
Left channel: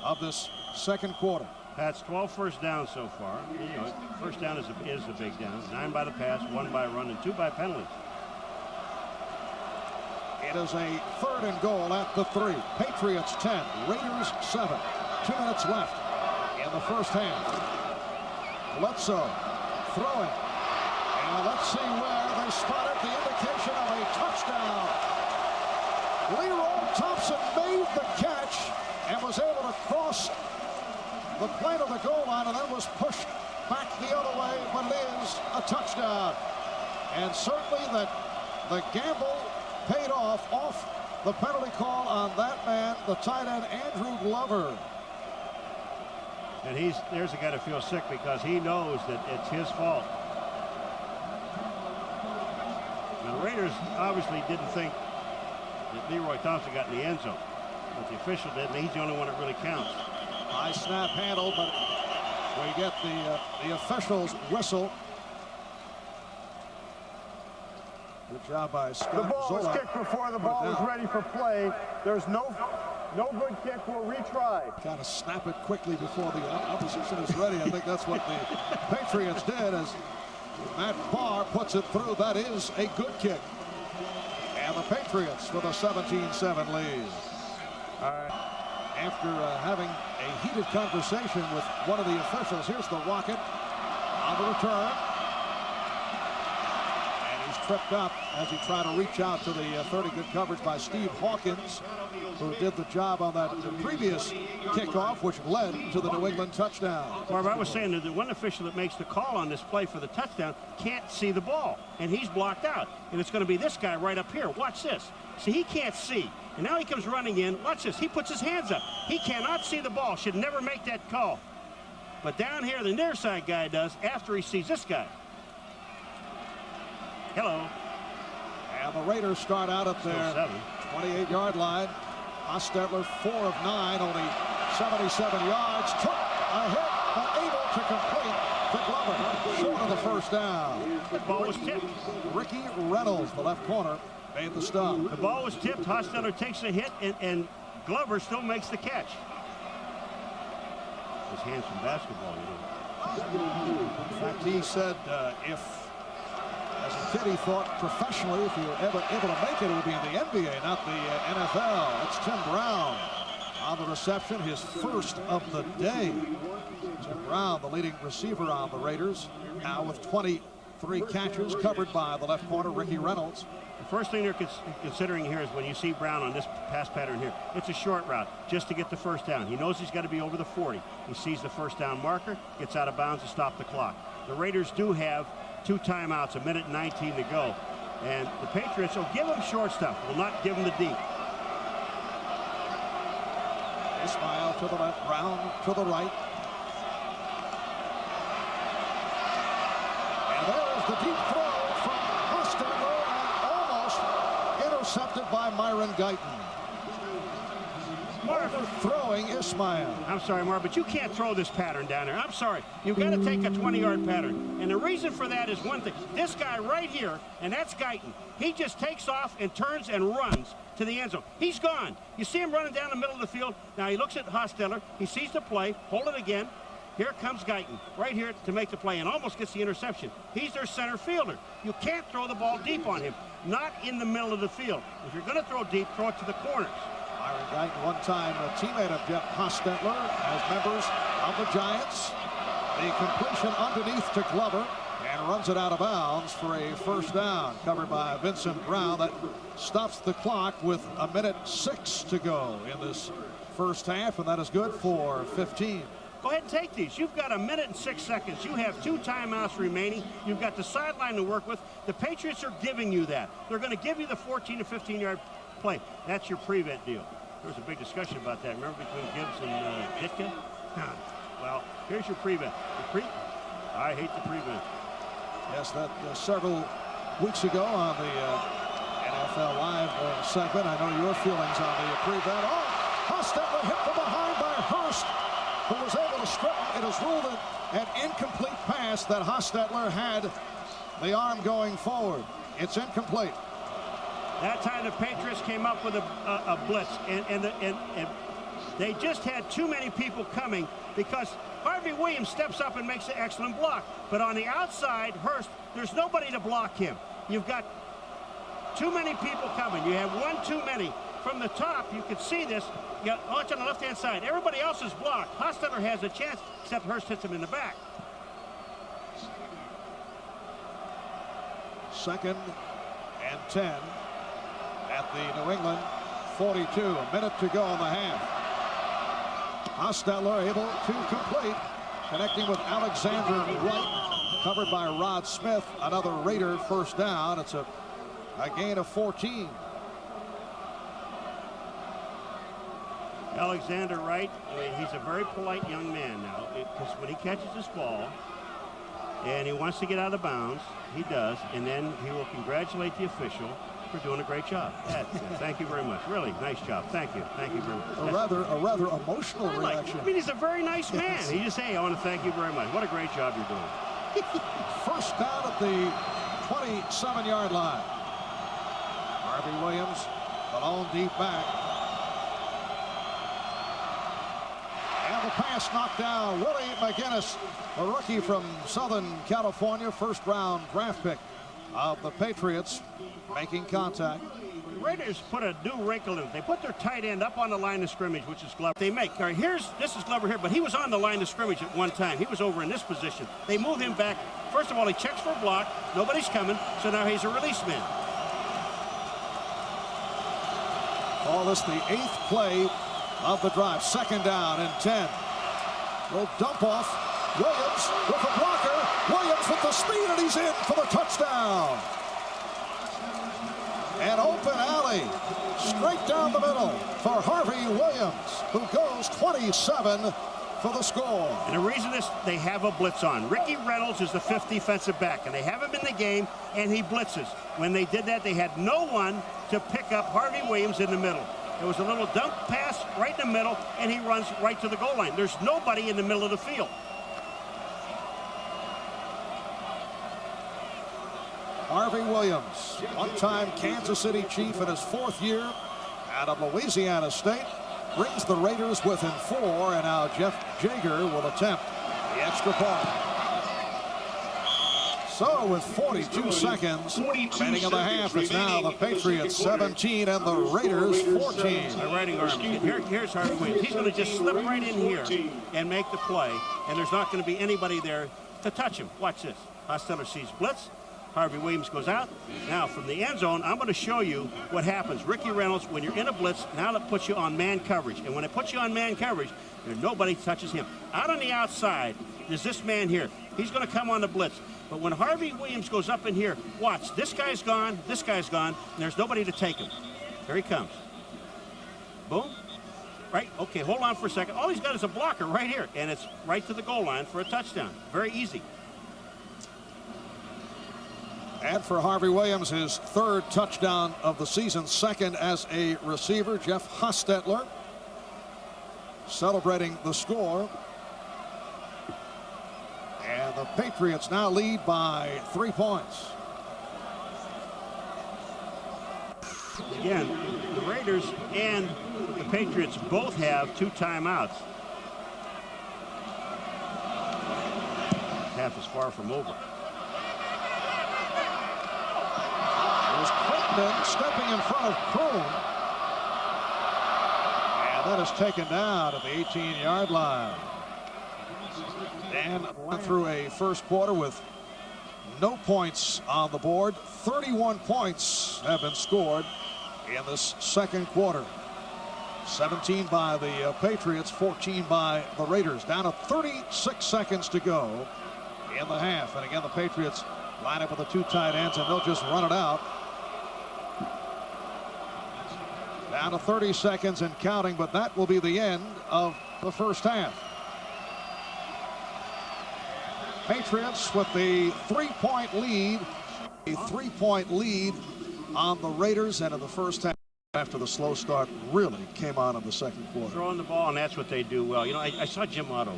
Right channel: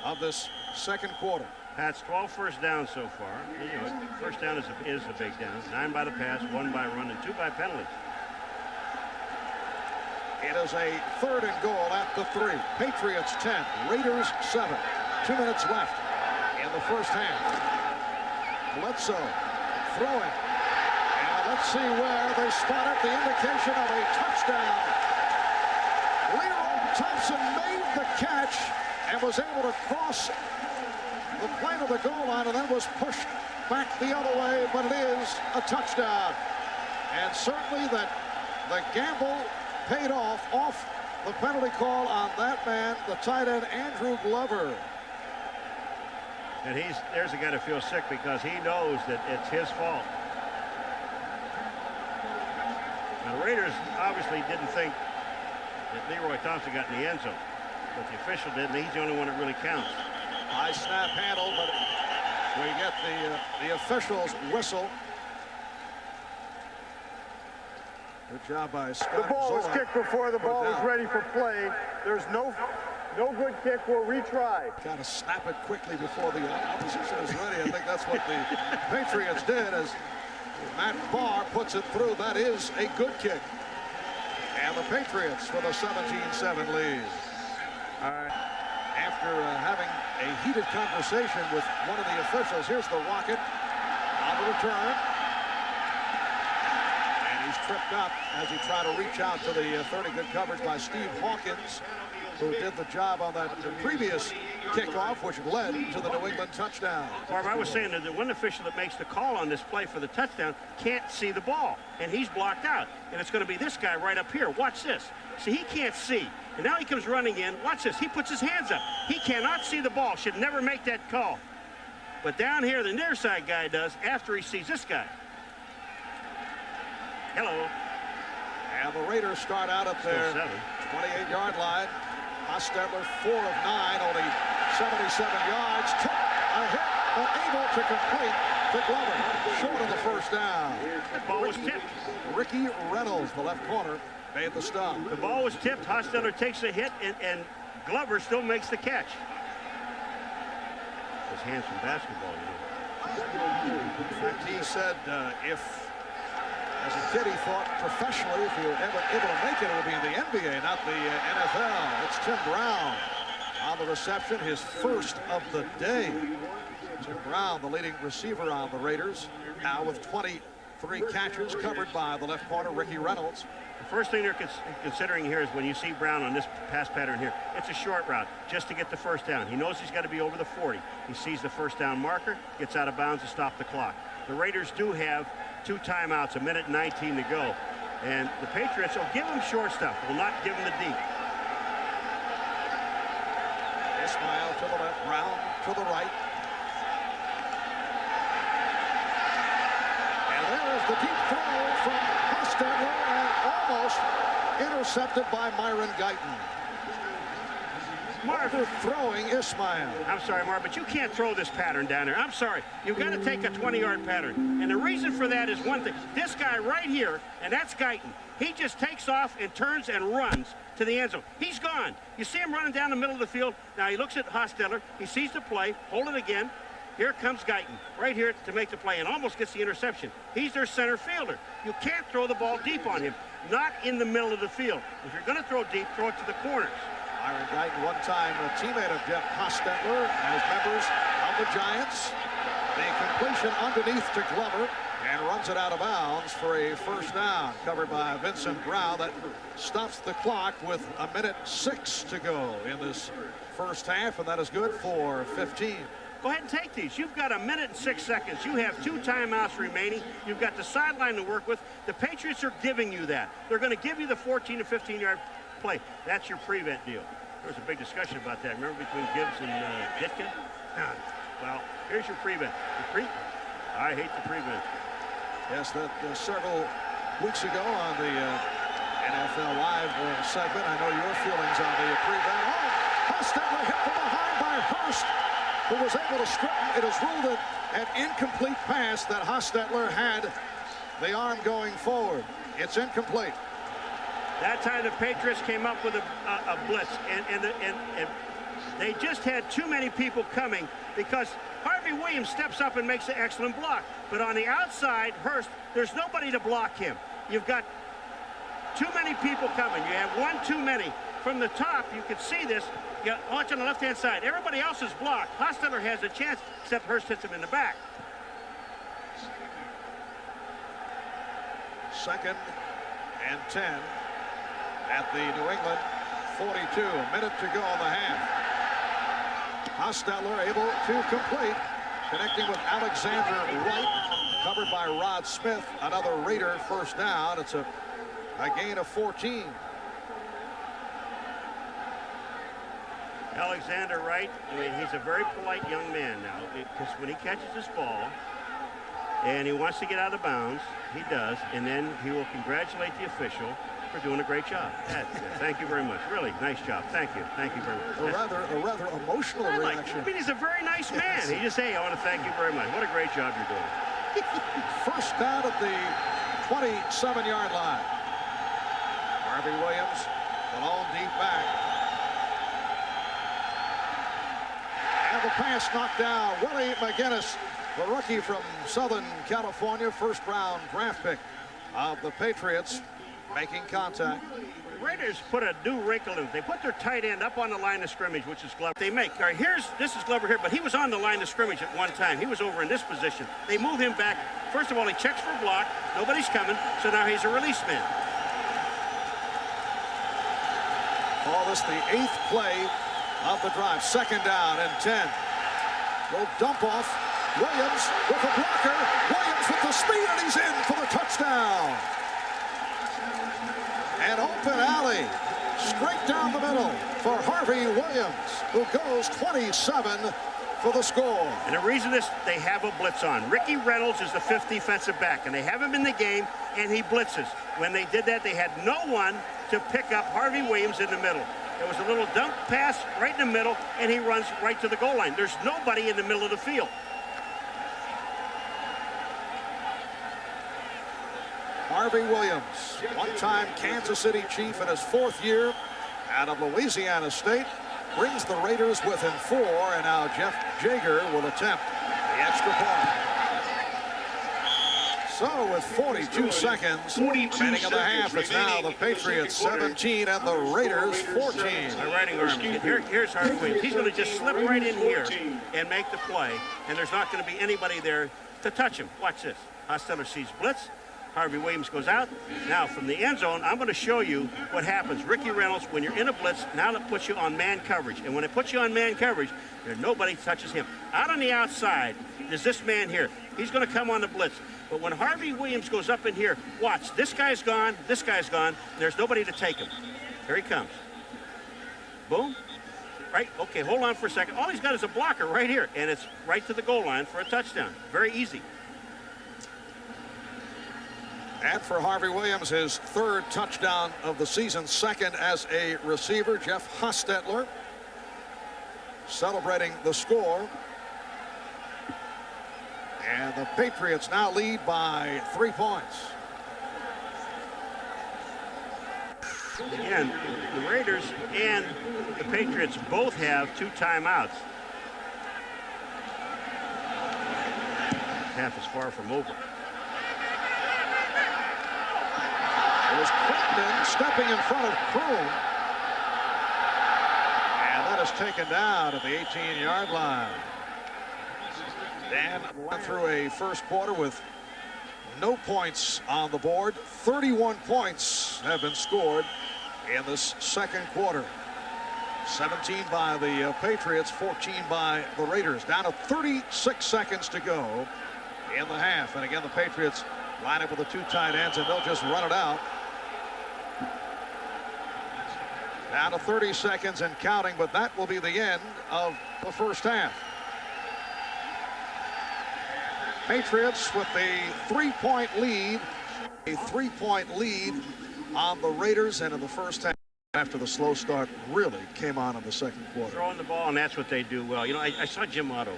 of this second quarter. Pat's 12 first downs so far. You know, first down is the big down. 9 by the pass, 1 by run, and 2 by penalties. It is a 3rd and goal at the 3. Patriots 10, Raiders 7. 2 minutes left in the first half. Bledsoe throwing. And let's see where they spot it. The indication of a touchdown. Leroy Thompson made the catch and was able to cross the plane of the goal line and then was pushed back the other way, but it is a touchdown. And certainly that the gamble paid off the penalty call on that man, the tight end Andrew Glover. And there's a guy to feel sick because he knows that it's his fault. Now, the Raiders obviously didn't think that Leroy Thompson got in the end zone, but the official did, and he's the only one that really counts. High snap handle, but We get the official's whistle. Good job by Scott. The ball was Zola. kicked before the ball was ready for play. There's no good kick. We'll retry. Got to snap it quickly before the opposition is ready. I think that's what the Patriots did as Matt Barr puts it through. That is a good kick. And the Patriots with a 17-7 lead. All right. After having a heated conversation with one of the officials, here's the Rocket on the return. And he's tripped up as he tried to reach out to the 30. Good coverage by Steve Hawkins, who did the job on that previous kickoff, which led to the New England touchdown. Barb, I was saying that the one official that makes the call on this play for the touchdown can't see the ball, and he's blocked out. And it's going to be this guy right up here. Watch this. See, he can't see. And now he comes running in. Watch this. He puts his hands up. He cannot see the ball. Should never make that call. But down here, the near side guy does after he sees this guy. Hello. And the Raiders start out at their 28-yard line. Hostetler 4 of 9, only 77 yards. Took a hit, but able to complete to Glover. Short of the first down. The ball was tipped. Ricky Reynolds, the left corner, made the stop. The ball was tipped. Hostetler takes a hit, and Glover still makes the catch. Those hands from basketball, you know. In fact, he said if, as a kid, he thought professionally, if he were ever able to make it, it would be in the NBA, not the NFL. It's Tim Brown on the reception, his first of the day. Tim Brown, the leading receiver on the Raiders, now with 23 catches, covered by the left corner, Ricky Reynolds. The first thing they're considering here is when you see Brown on this pass pattern here, it's a short route just to get the first down. He knows he's got to be over the 40. He sees the first down marker, gets out of bounds to stop the clock. The Raiders do have 2 timeouts, 1:19 to go. And the Patriots will give them short stuff, will not give them the deep. Ismail to the left, Brown to the right. And there is the deep throw from Hostetler and almost intercepted by Myron Guyton. Overthrowing Ismail. I'm sorry, Marv, but you can't throw this pattern down there. I'm sorry. You've got to take a 20-yard pattern. And the reason for that is one thing. This guy right here, and that's Guyton, he just takes off and turns and runs to the end zone. He's gone. You see him running down the middle of the field. Now he looks at Hostetler. He sees the play. Hold it again. Here comes Guyton right here to make the play and almost gets the interception. He's their center fielder. You can't throw the ball deep on him. Not in the middle of the field. If you're going to throw deep, throw it to the corners. Myron Guyton, one-time teammate of Jeff Hostetler as members of the Giants. The completion underneath to Glover and runs it out of bounds for a first down. Covered by Vincent Brown. That stops the clock with 1:06 to go in this first half, and that is good for 15. Go ahead and take these. You've got 1:06. You have 2 timeouts remaining. You've got the sideline to work with. The Patriots are giving you that. They're going to give you the 14 to 15-yard play. That's your prevent deal. There was a big discussion about that. Remember between Gibbs and Ditka? Well, here's your prevent. I hate the prevent. Yes, that several weeks ago on the NFL Live segment. I know your feelings on the prevent. Oh, Hostetler hit from behind by Hurst, who was able to strip him. It is ruled an incomplete pass that Hostetler had the arm going forward. It's incomplete. That time the Patriots came up with a blitz, and they just had too many people coming because Harvey Williams steps up and makes an excellent block. But on the outside, Hurst, there's nobody to block him. You've got too many people coming. You have one too many. From the top, you can see this. You watch on the left-hand side. Everybody else is blocked. Hostetler has a chance, except Hurst hits him in the back. 2nd and 10 at the New England 42. A minute to go in the half. Hostetler able to complete, connecting with Alexander Wright, covered by Rod Smith. Another Raider first down. It's a gain of 14. Alexander Wright, I mean, he's a very polite young man now, because when he catches this ball and he wants to get out of bounds, he does, and then he will congratulate the official, We're doing a great job. Thank you very much. Really nice job. Thank you. Thank you very much. A rather emotional reaction. I mean, he's a very nice man. He just say, I want to thank you very much. What a great job you're doing. First down at the 27-yard line. Harvey Williams, the lone deep back. And the pass knocked down. Willie McGinnis, the rookie from Southern California, first-round draft pick of the Patriots, making contact. The Raiders put a new wrinkle in it. They put their tight end up on the line of scrimmage, which is Glover. They make. All right, this is Glover here, but he was on the line of scrimmage at one time. He was over in this position. They move him back. First of all, he checks for a block. Nobody's coming, so now he's a release man. All this the 8th play of the drive. Second down and 10. Little dump off. Williams with a blocker. Williams with the speed, and he's in for the touchdown. An open alley straight down the middle for Harvey Williams, who goes 27 for the score. And the reason they have a blitz on. Ricky Reynolds is the 5th defensive back, and they have him in the game, and he blitzes. When they did that, they had no one to pick up Harvey Williams in the middle. There was a little dunk pass right in the middle, and he runs right to the goal line. There's nobody in the middle of the field. Harvey Williams, one-time Kansas City Chief in his 4th year out of Louisiana State, brings the Raiders within 4, and now Jeff Jager will attempt the extra point. So with 42 seconds remaining in the half, it's now the Patriots 17 and the Raiders 14. My writing arm. Here's Harvey Williams. He's going to just slip right in here and make the play, and there's not going to be anybody there to touch him. Watch this. Hostetler sees blitz. Harvey Williams goes out. Now from the end zone, I'm going to show you what happens. Ricky Reynolds, when you're in a blitz, now it puts you on man coverage. And when it puts you on man coverage, nobody touches him. Out on the outside, there's this man here. He's going to come on the blitz. But when Harvey Williams goes up in here, watch. This guy's gone. And there's nobody to take him. Here he comes. Boom. Right? Okay, hold on for a second. All he's got is a blocker right here. And it's right to the goal line for a touchdown. Very easy. And for Harvey Williams, his 3rd touchdown of the season, 2nd as a receiver. Jeff Hostetler celebrating the score. And the Patriots now lead by 3 points. Again, the Raiders and the Patriots both have 2 timeouts. Half is far from over. It was Crittenden stepping in front of Kroon. And that is taken down at the 18-yard line. Dan went through a first quarter with no points on the board. 31 points have been scored in this second quarter. 17 by the Patriots, 14 by the Raiders. Down to 36 seconds to go in the half. And again, the Patriots line up with the 2 tight ends, and they'll just run it out. Down to 30 seconds and counting, but that will be the end of the first half. Patriots with the 3-point lead. A 3-point lead on the Raiders, and in the first half, after the slow start, really came on in the second quarter. Throwing the ball, and that's what they do well. You know, I saw Jim Otto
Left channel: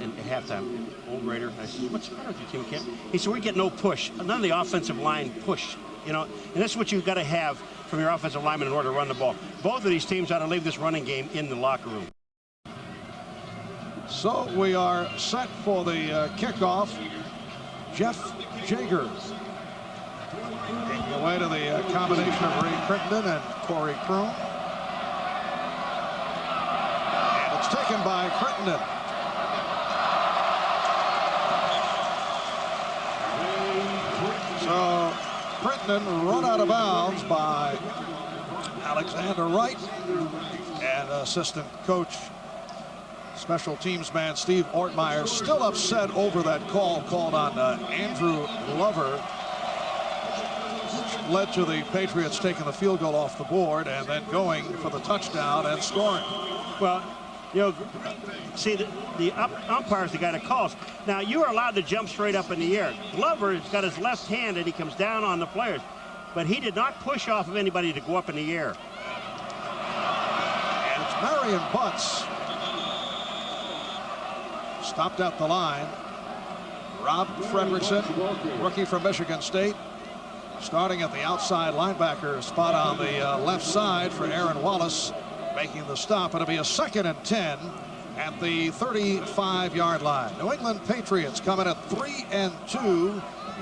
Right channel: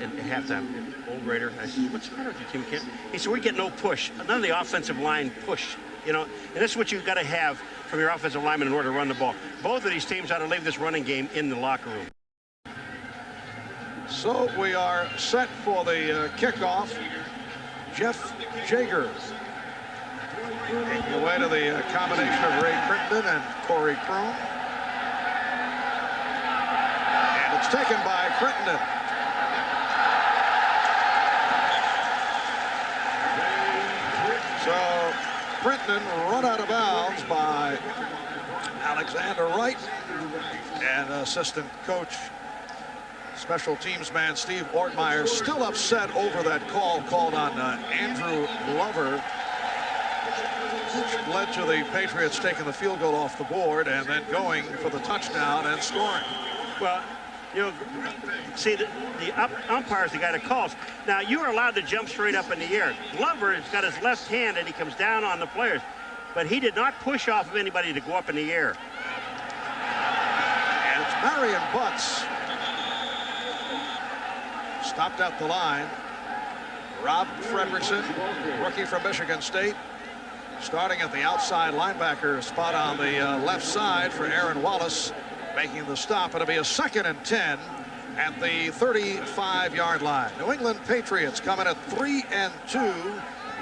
at halftime, old Raider. I said, what's the matter with your team, Kent? He said, we get no push. None of the offensive line push. You know, and that's what you've got to have from your offensive lineman in order to run the ball. Both of these teams ought to leave this running game in the locker room. So we are set for the kickoff. Jeff Jager taking away to the combination of Ray Crittenden and Corey Kroon. And it's taken by Crittenden. So Crittenden run out of bounds by Alexander Wright, and assistant coach, special teams man Steve Ortmeyer, still upset over that call called on Andrew Glover, which led to the Patriots taking the field goal off the board and then going for the touchdown and scoring. Well, you know, see, the umpire is the guy that calls. Now, you are allowed to jump straight up in the air. Glover has got his left hand, and he comes down on the players. but he did not push off of anybody to go up in the air. And it's Marion Butts. Stopped at the line. Rob Fredrickson, rookie from Michigan State, starting at the outside linebacker spot on the left side for Aaron Wallace, making the stop. It'll be a 2nd and 10 at the 35-yard line. New England Patriots coming at 3-2,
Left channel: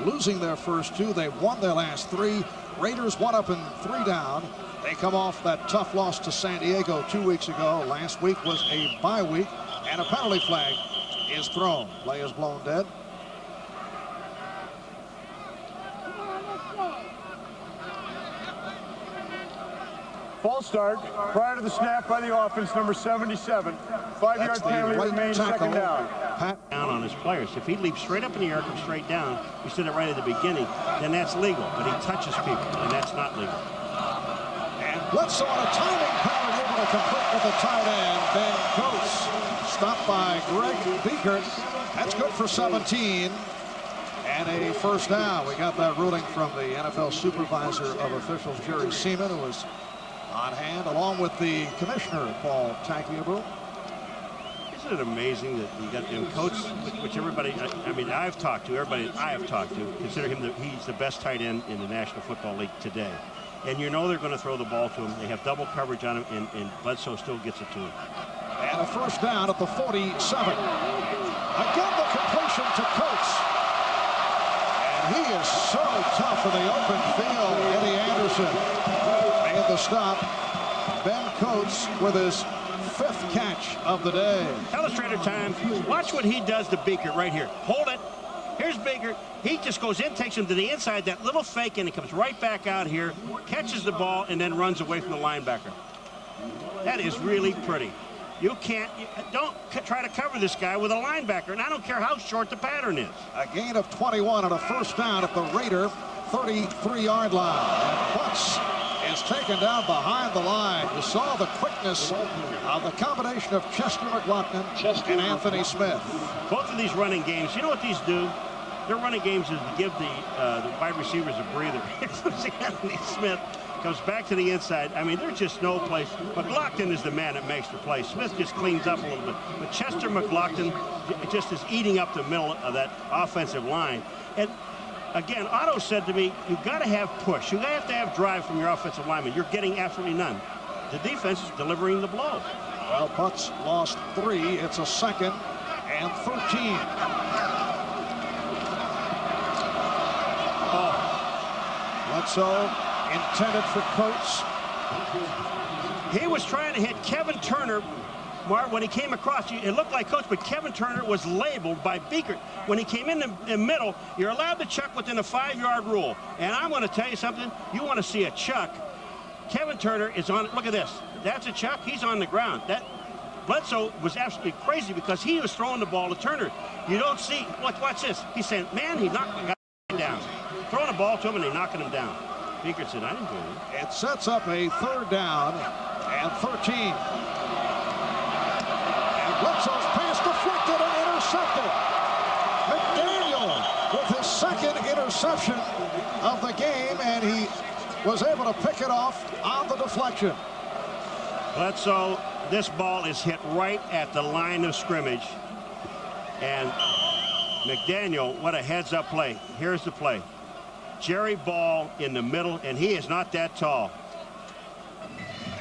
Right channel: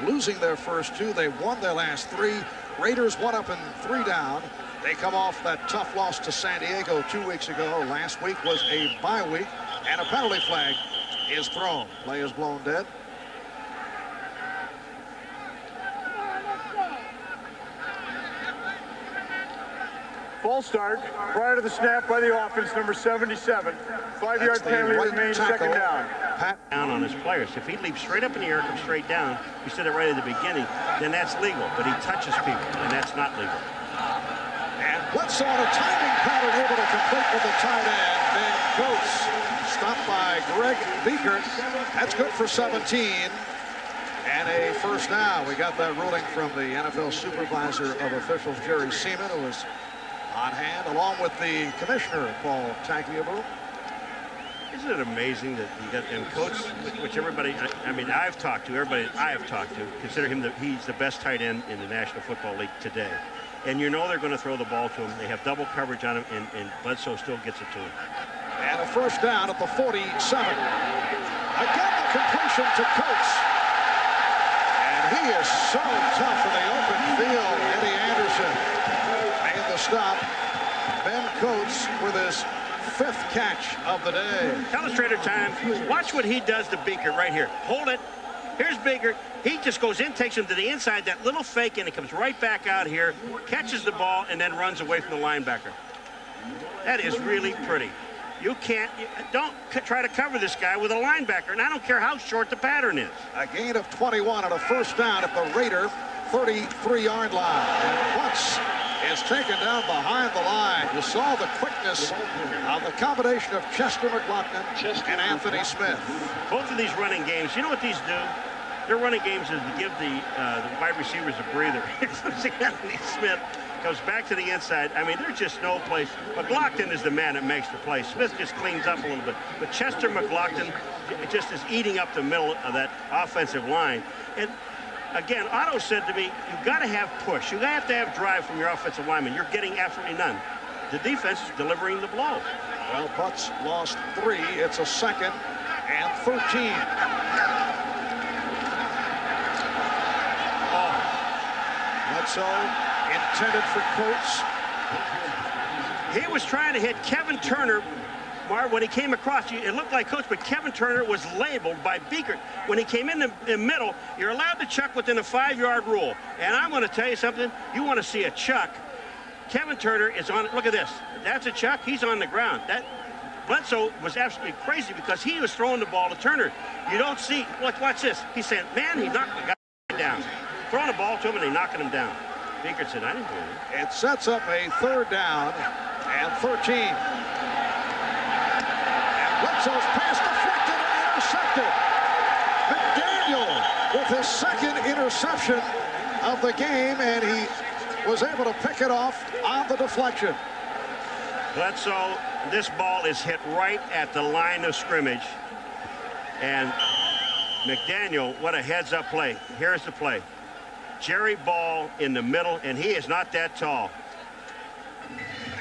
losing their first 2. They won their last 3. Raiders 1 up and 3 down. They come off that tough loss to San Diego 2 weeks ago. Last week was a bye week, and a penalty flag is thrown. Play is blown dead. False start prior to the snap by the offense, number 77. 5-yard penalty remains, second down. Down on his players. If he leaps straight up in the air, comes straight down, we said it right at the beginning, then that's legal. But he touches people, and that's not legal. And Bledsoe on a timing pattern, able to complete with the tight end. Ben Coates stopped by Greg Beekert. That's good for 17. And a first down. We got that ruling from the NFL supervisor of officials, Jerry Seaman, who was on hand, along with the commissioner, Paul Tagliabue. Isn't it amazing that you got him, Coates, which everybody, I mean, I've talked to, everybody I have talked to, consider him he's the best tight end in the National Football League today. And you know they're going to throw the ball to him. They have double coverage on him, and Bledsoe still gets it to him. And a first down at the 47. Again, the completion to Coates. And he is so tough in the open field. Eddie Anderson made the stop. Ben Coates with his 5th catch of the day. Illustrator time. Watch what he does to Beekert right here. Hold it. Here's Beekert. He just goes in, takes him to the inside, that little fake, and he comes right back out here, catches the ball, and then runs away from the linebacker. That is really pretty. You don't try to cover this guy with a linebacker, and I don't care how short the pattern is. A gain of 21 and a first down at the Raider 33-yard line. And Butts is taken down behind the line. You saw the quickness of the combination of Chester McLaughlin and Anthony Smith. Both of these running games, you know what these do? Their running games is to give the wide receivers a breather. Anthony Smith goes back to the inside. I mean, there's just no place. McLaughlin is the man that makes the play. Smith just cleans up a little bit. But Chester McLaughlin just is eating up the middle of that offensive line. And again, Otto said to me, you've got to have push. You have to have drive from your offensive lineman. You're getting absolutely none. The defense is delivering the blow. Well, Butts lost 3. It's a 2nd and 13. Bledsoe intended for Coates. He was trying to hit Kevin Turner. Marv, when he came across, it looked like Coates, but Kevin Turner was labeled by Beekert. When he came in the middle, you're allowed to chuck within a 5-yard rule. And I'm going to tell you something. You want to see a chuck. Kevin Turner is on. Look at this. That's a chuck. He's on the ground. That Bledsoe was absolutely crazy because he was throwing the ball to Turner. You don't see. Look, watch this. He's saying, man, he knocked the guy down. Throwing the ball to him and they knocking him down. Beekert said, I didn't do anything. It sets up a 3rd down and 13. And Bledsoe's pass deflected and intercepted. McDaniel with his 2nd interception of the game, and he was able to pick it off on the deflection. Bledsoe, this ball is hit right at the line of scrimmage. And McDaniel, what a heads-up play. Here's the play. Jerry Ball in the middle, and he is not that tall.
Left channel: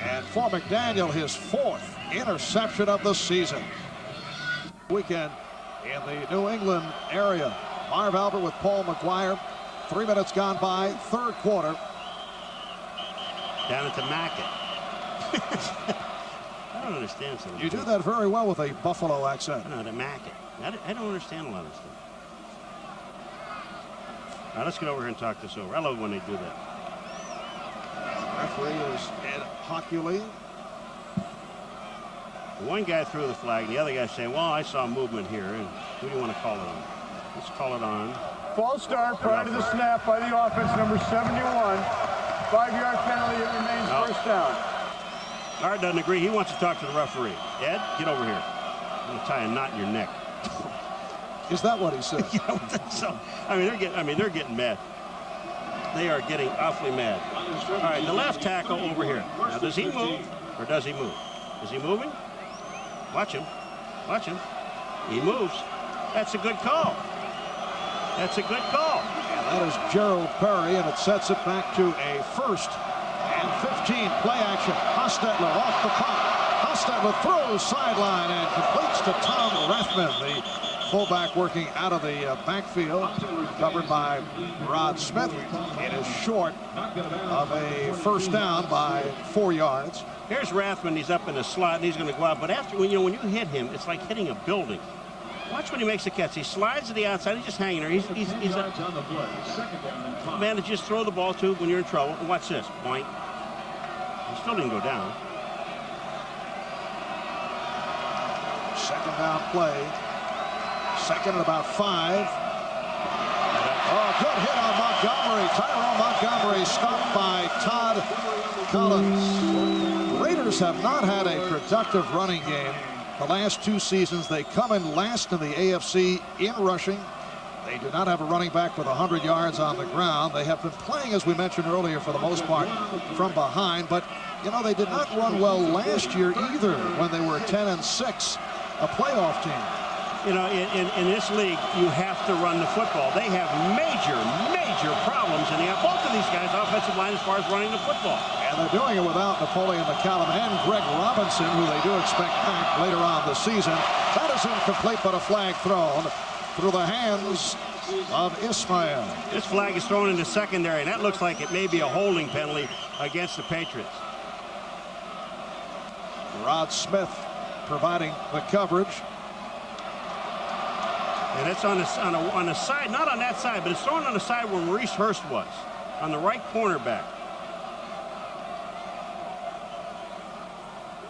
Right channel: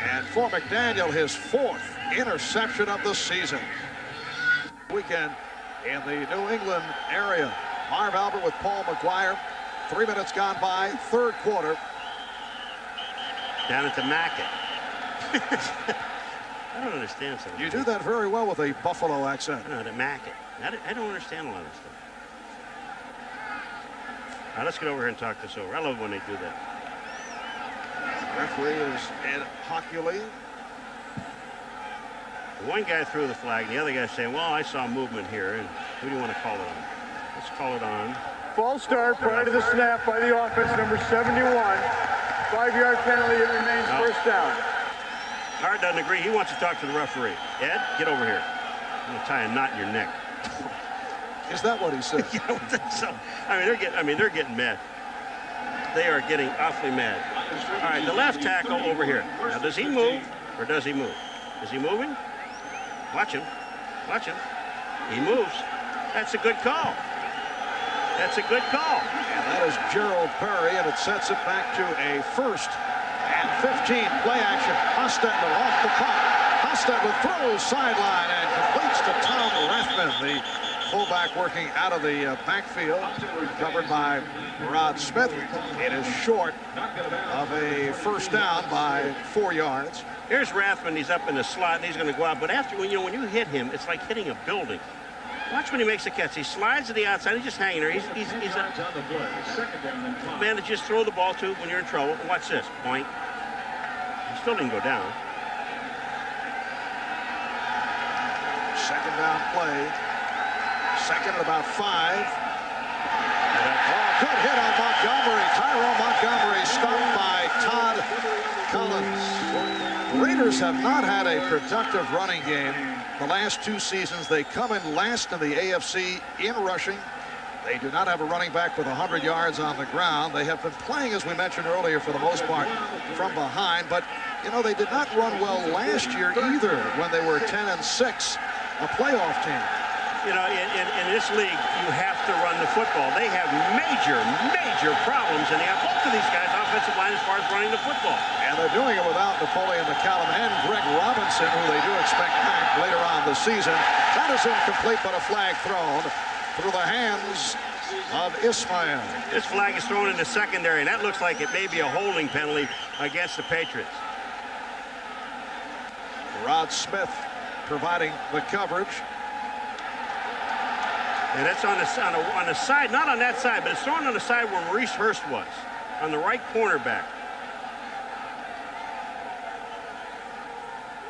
And for McDaniel, his 4th interception of the season. Weekend in the New England area. Marv Albert with Paul McGuire. 3 minutes gone by, 3rd quarter. Down at the Mackett. I don't understand something. You do that very well with a Buffalo accent. I know, the Mackett. I don't understand a lot of stuff. Now let's get over here and talk this over. I love when they do that. Referee is Ed Hockley. One guy threw the flag, and the other guy saying, well, I saw movement here, and who do you want to call it on? Let's call it on. False start prior to the snap by the offense, number 71. 5-yard penalty, it remains first down. Art doesn't agree. He wants to talk to the referee. Ed, get over here. I'm going to tie a knot in your neck. Is that what he said? Yeah, I think so. I mean, they're getting mad. they are getting awfully mad. All right, the left tackle over here. Now, does he move or does he move? Is he moving? Watch him. Watch him. He moves. That's a good call. That's a good call. And that is Gerald Perry, and it sets it back to a 1st and 15. Play action. Hostetler off the pop. Hostetler throws sideline and completes to Tom Rathman, the fullback working out of the backfield, covered by Rod Smith. It is short of a 1st down by 4 yards. Here's Rathman. He's up in the slot, and he's going to go out. But after, when you hit him, it's like hitting a building. Watch when he makes the catch. He slides to the outside. He's just hanging there. He's a man to just throw the ball to when you're in trouble. And watch this. Point. He still didn't go down. 2nd down play. 2nd and about 5. Oh, good hit on Montgomery. Tyrone Montgomery stopped by Todd Collins. The Raiders have not had a productive running game the last 2 seasons. They come in last in the AFC in rushing. They do not have a running back with 100 yards on the ground. They have been playing, as we mentioned earlier, for the most part from behind. But, you know, they did not run well last year either when they were 10-6, a playoff team. You know, in this league, you have to run the football. They have major problems in both of these guys' offensive line as far as running the football. And they're doing it without Napoleon McCallum and Greg Robinson, who they do expect back later on this season. That is incomplete, but a flag thrown through the hands of Ismail. This flag is thrown in the secondary, and that looks like it may be a holding penalty against the Patriots. Rod Smith providing the coverage. And it's on the side, not on that side, but it's thrown on the side where Maurice Hurst was, on the right cornerback.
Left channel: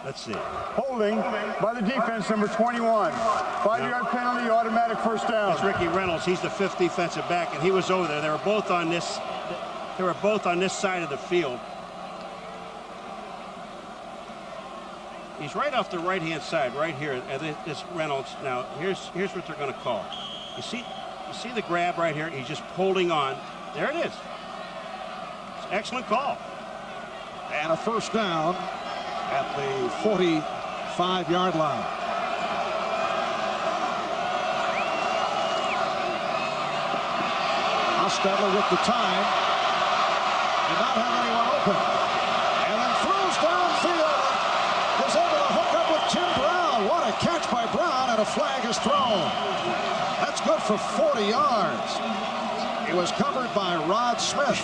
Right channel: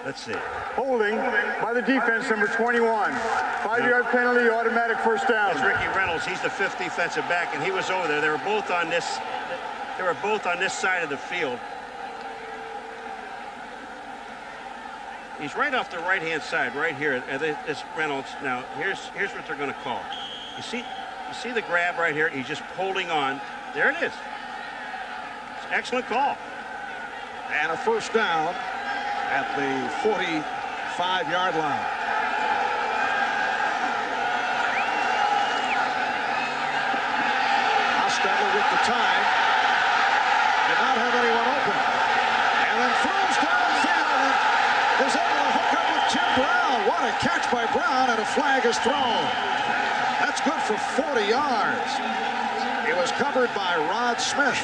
Let's see. Holding by the defense, number 21. 5-yard penalty, automatic 1st down. That's Ricky Reynolds. He's the 5th defensive back, and he was over there. They were both on this. They were both on this side of the field. He's right off the right-hand side, right here. This Reynolds. Now, here's what they're going to call. You see the grab right here. He's just holding on. There it is. It's an excellent call. And a 1st down at the 45-yard line. Hostetler with the time. Did not have anyone open. And then throws downfield. Is able to hook up with Tim Brown. What a catch by Brown, and a flag is thrown. That's good for 40 yards. It was covered by Rod Smith.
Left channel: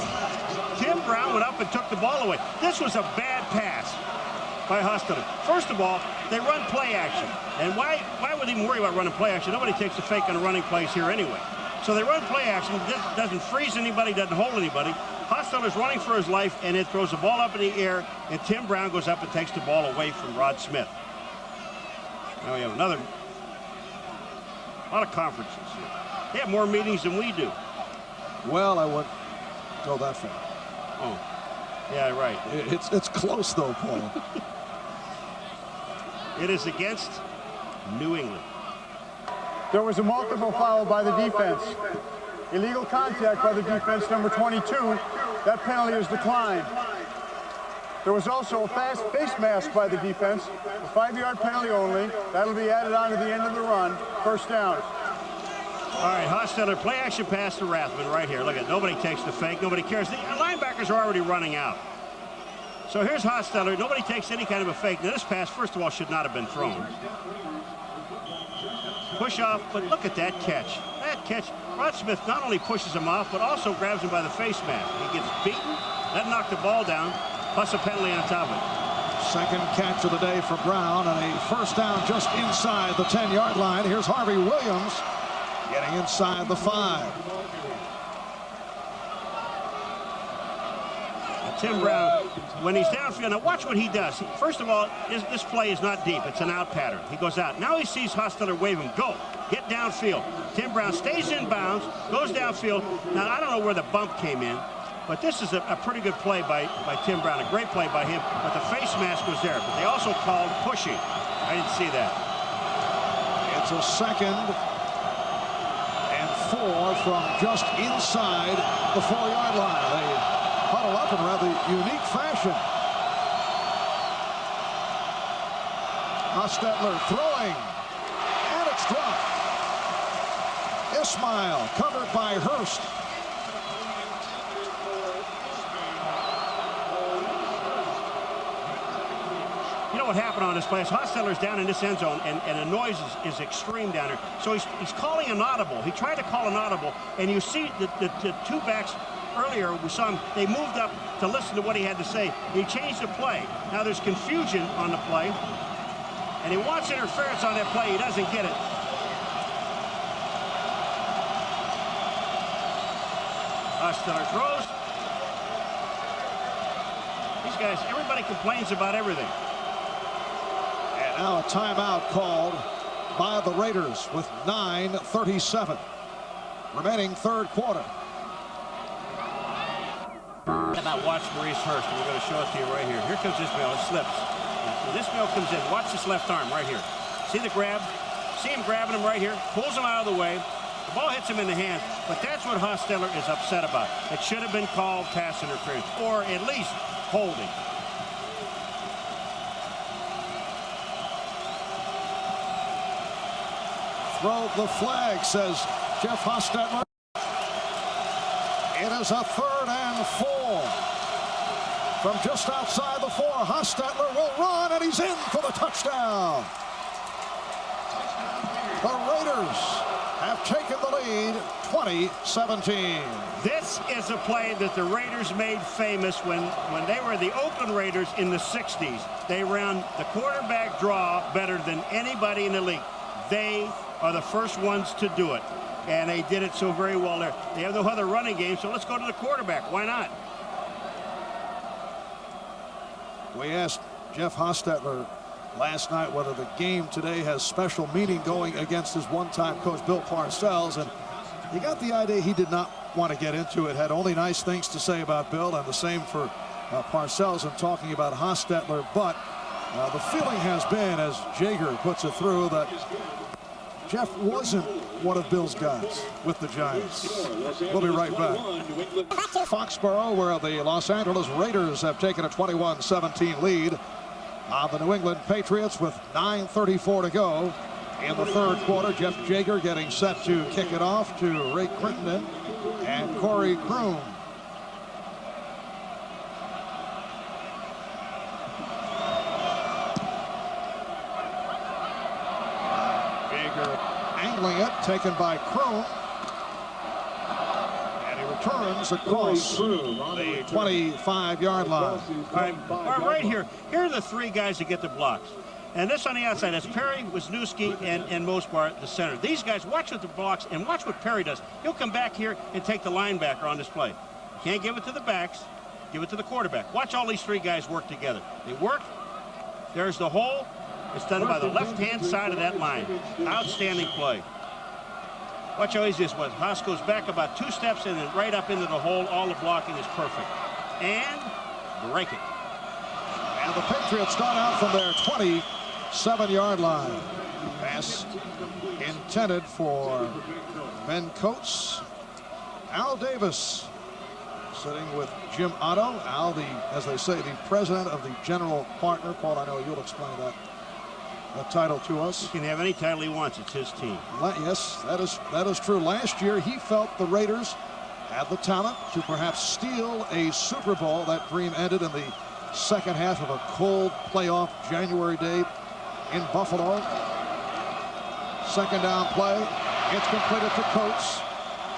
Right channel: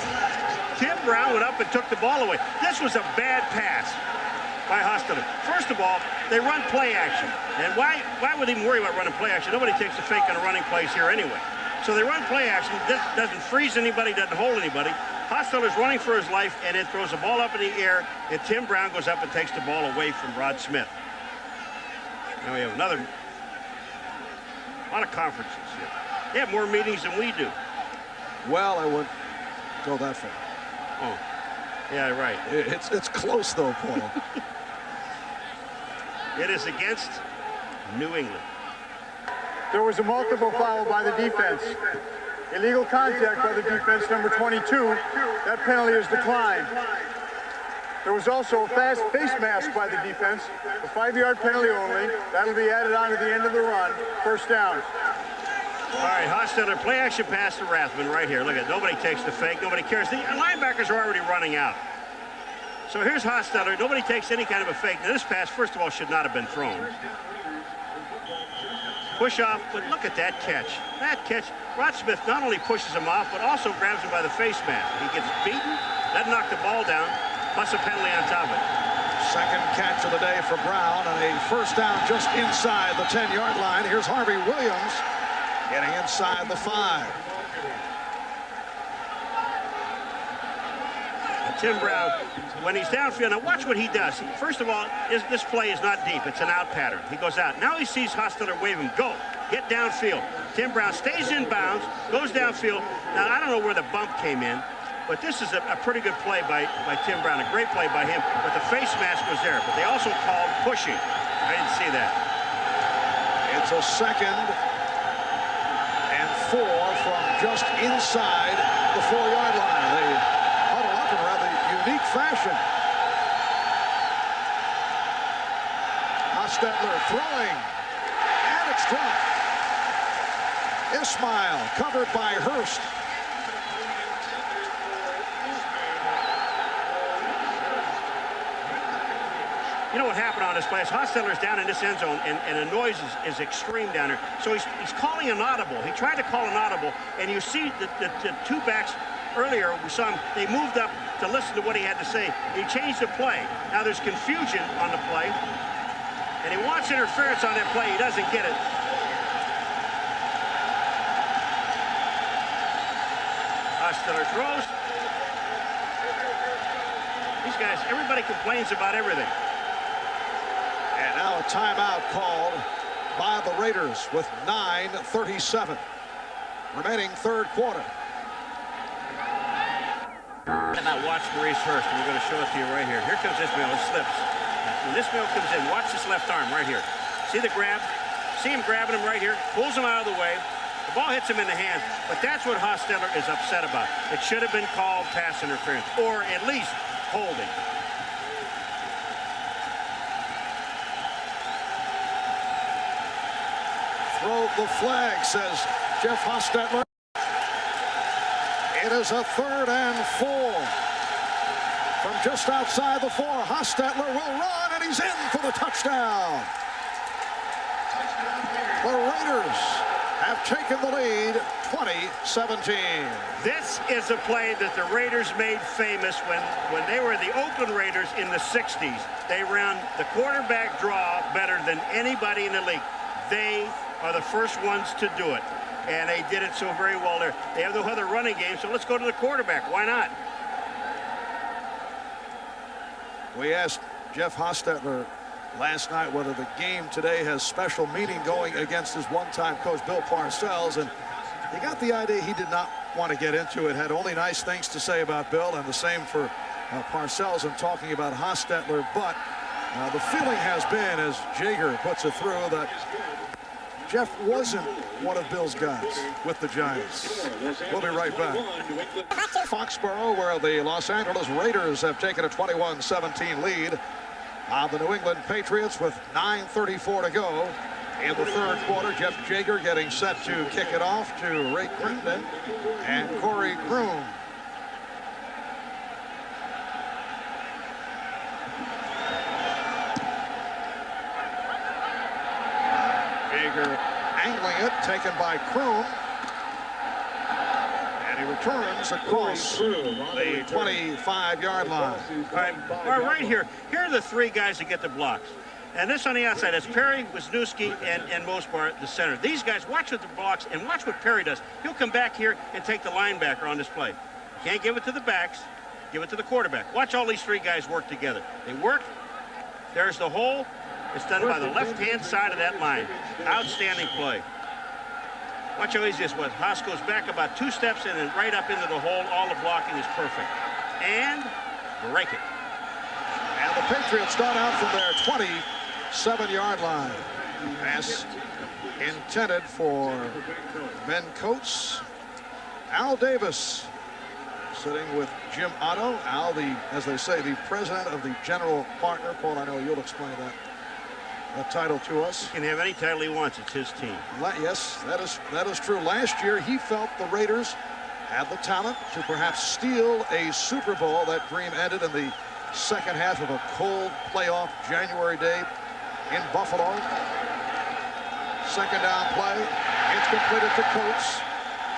Tim Brown went up and took the ball away. This was a bad pass by Hostetler. First of all, they run play action. And why would they even worry about running play action? Nobody takes a fake on the running plays here anyway. So they run play action. Doesn't freeze anybody, doesn't hold anybody. Hostetler's running for his life, and it throws the ball up in the air, and Tim Brown goes up and takes the ball away from Rod Smith. Now we have a lot of conferences here. They have more meetings than we do. Well, I wouldn't go that far. Oh, yeah, right. It's close, though, Paul. It is against New England. There was a multiple foul by the defense. Illegal contact by the defense, number 22. That penalty is declined. There was also a face mask by the defense. A 5-yard penalty only. That'll be added on to the end of the run. 1st down. All right, Hostetler, play action pass to Rathman right here. Look at, nobody takes the fake. Nobody cares. The linebackers are already running out. So here's Hostetler. Nobody takes any kind of a fake. Now, this pass, first of all, should not have been thrown. Push off, but look at that catch. That catch, Rod Smith not only pushes him off, but also grabs him by the face mask. He gets beaten, doesn't knock the ball down, plus a penalty on top of it. 2nd catch of the day for Brown, and a 1st down just inside the 10-yard line. Here's Harvey Williams getting inside the 5. Tim Brown, when he's downfield, now watch what he does. First of all, this play is not deep. It's an out pattern. He goes out. Now he sees Hostetler wave him. Go. Get downfield. Tim Brown stays in bounds, goes downfield. Now, I don't know where the bump came in, but this is a pretty good play by Tim Brown. A great play by him, but the face mask was there. But they also called pushing. I didn't see that. It's a 2nd and 4 from just inside the 4-yard line. They huddle up in rather unique fashion. Hostetler throwing, and it's dropped. Ismail covered by Hurst. You know what happened on this play? Hostetler's down in this end zone, and the noise is extreme down there. So he's calling an audible. He tried to call an audible, and you see the two backs earlier, we saw him, they moved up to listen to what he had to say. He changed the play. Now there's confusion on the play, and he wants interference on that play. He doesn't get it. Hostetler throws. These guys, everybody complains about everything. And now a timeout called by the Raiders with 9:37 remaining third quarter. About watch Maurice Hurst. We're going to show it to you right here. Here comes Ismail. It slips. When Ismail comes in, watch this left arm right here. See the grab? See him grabbing him right here. Pulls him out of the way. The ball hits him in the hands. But that's what Hostetler is upset about. It should have been called pass interference, or at least holding. Throw the flag, says Jeff Hostetler. It is a 3rd and 4. From just outside the 4, Hostetler will run, and he's in for the touchdown. The Raiders have taken the lead, 20-17. This is a play that the Raiders made famous when they were the Oakland Raiders in the 60s. They ran the quarterback draw better than anybody in the league. They are the first ones to do it, and they did it so very well there. They have no other running game, so let's go to the quarterback. Why not? We asked Jeff Hostetler last night whether the game today has special meaning going against his one-time coach Bill Parcells, and he got the idea he did not want to get into it. Had only nice things to say about Bill, and the same for Parcells in talking about Hostetler. But the feeling has been, as Jaeger puts it through, that Jeff wasn't one of Bill's guys with the Giants. We'll be right back. Foxborough, where the Los Angeles Raiders have taken a 21-17 lead on the New England Patriots with 9:34 to go in the third quarter. Jeff Jaeger getting set to kick it off to Ray Crittenden and Corey Kroom. Jaeger angling it, taken by Kroom. And he returns across the 25-yard line. All right here. Here are the three guys that get the blocks. And this on the outside, that's Perry, Wisniewski, and Mosbar, the center. These guys, watch what the blocks, and watch what Perry does. He'll come back here and take the linebacker on this play. Can't give it to the backs, give it to the quarterback. Watch all these three guys work together. They work. There's the hole. It's done by the left-hand side of that line. Outstanding play. Watch how easy this was. Haas goes back about 2 steps and then right up into the hole. All the blocking is perfect. And break it. And the Patriots start out from their 27-yard line. Pass intended for Ben Coates. Al Davis sitting with Jim Otto. Al, as they say, the president of the general partner. Paul, I know you'll explain that title to us. He can have any title he wants. It's his team. Yes, that is true. Last year, he felt the Raiders had the talent to perhaps steal a Super Bowl. That dream ended in the second half of a cold playoff January day in Buffalo. Second down play. It's completed to Coates.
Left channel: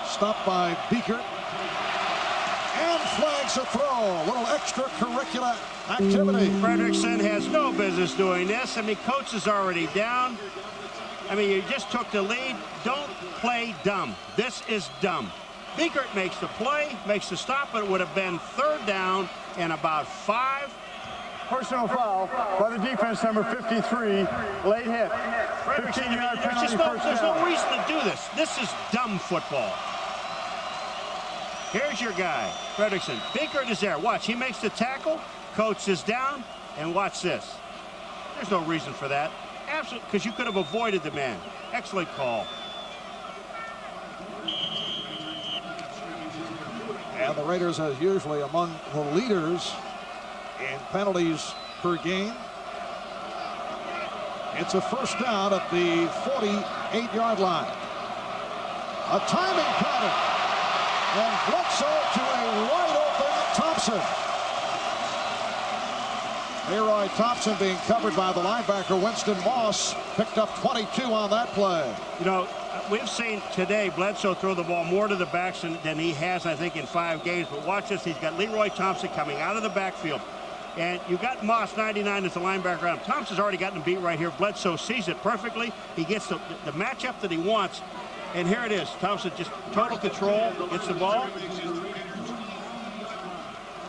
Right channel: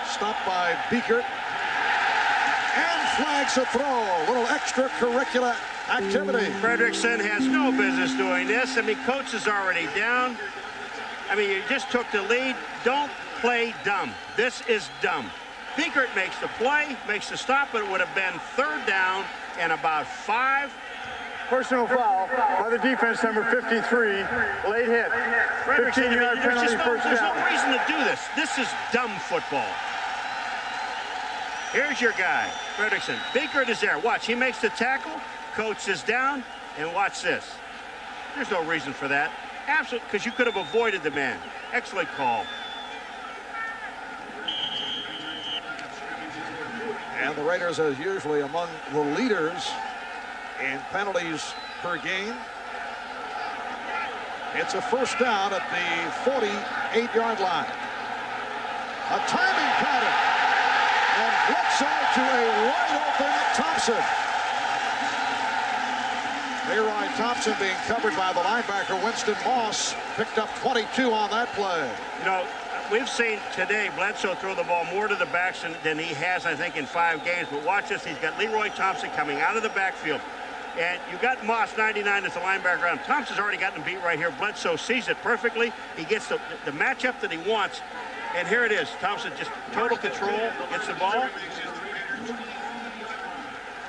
Stopped by Beekert. And flags a throw. A little extracurricular activity. Fredrickson has no business doing this. I mean, Coates is already down. I mean, you just took the lead. Don't play dumb. This is dumb. Beekert makes the play, makes the stop, but it would have been 3rd down and about 5. Personal foul by the defense, number 53. Late hit. 15-yard penalty, first there's down. no reason to do this. This is dumb football. Here's your guy, Fredrickson. Beekert is there. Watch, he makes the tackle. Coates is down, and watch this. There's no reason for that. Absolutely, because you could have avoided the man. Excellent call. And the Raiders, as usually, among the leaders in penalties per game. It's a first down at the 48-yard line. A timing pattern. And Bledsoe to a wide-open Thompson. Leroy Thompson being covered by the linebacker Winston Moss. Picked up 22 on that play. You know, we've seen today Bledsoe throw the ball more to the backs than he has, I think, in 5 games. But watch this. He's got Leroy Thompson coming out of the backfield. And you've got Moss, 99, as the linebacker on him. Thompson's already gotten him beat right here. Bledsoe sees it perfectly. He gets the matchup that he wants. And here it is. Thompson just total control. Gets the ball.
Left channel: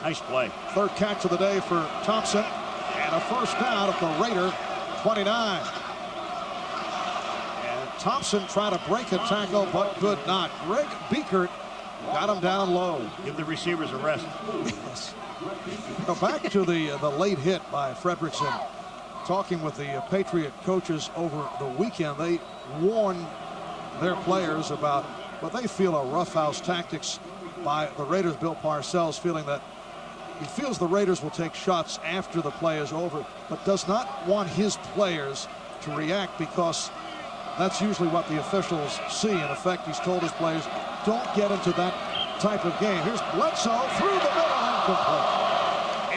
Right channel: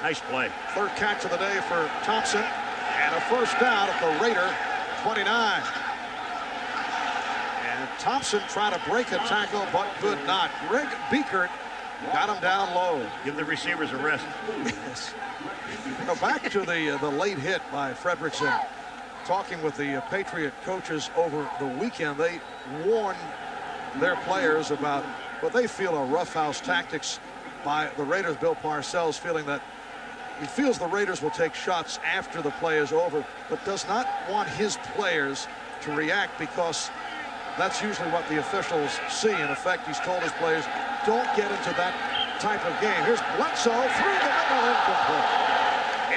Nice play. Third catch of the day for Thompson. And a first down at the Raider 29. And Thompson tried to break a tackle, but could not. Greg Biekert got him down low. Give the receivers a rest. Yes. Now back to the late hit by Fredrickson. Talking with the Patriot coaches over the weekend, they warned their players about what they feel are roughhouse tactics by the Raiders. Bill Parcells feeling that he feels the Raiders will take shots after the play is over, but does not want his players to react because that's usually what the officials see. In effect, he's told his players, don't get into that type of game. Here's Bledsoe through the middle, incomplete.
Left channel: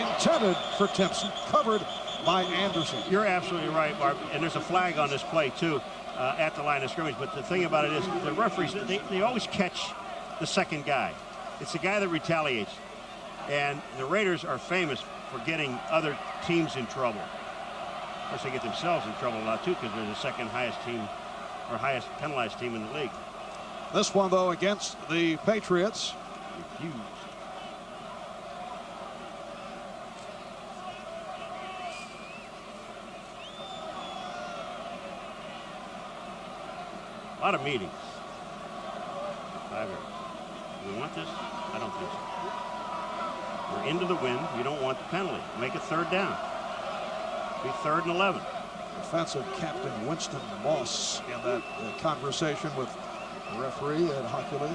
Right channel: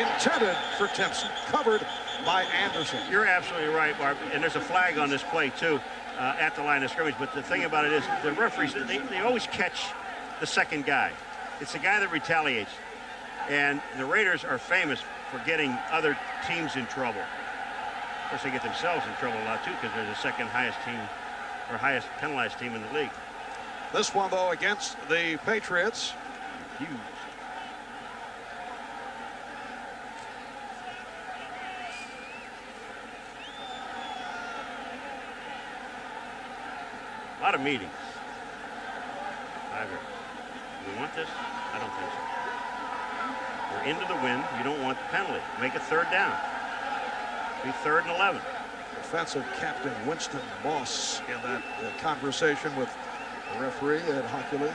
Intended for Timpson, covered by Anderson. You're absolutely right, Mark. And there's a flag on this play, too, at the line of scrimmage. But the thing about it is the referees, they always catch the second guy. It's the guy that retaliates. And the Raiders are famous for getting other teams in trouble. Of course, they get themselves in trouble a lot, too, because they're the second highest team or highest penalized team in the league. This one, though, against the Patriots. Huge. A lot of meetings. Do we want this? I don't think so. We're into the wind. You don't want the penalty. Make it third down. Be 3rd and 11. Defensive captain Winston Moss in that conversation with the referee Ed Hockley.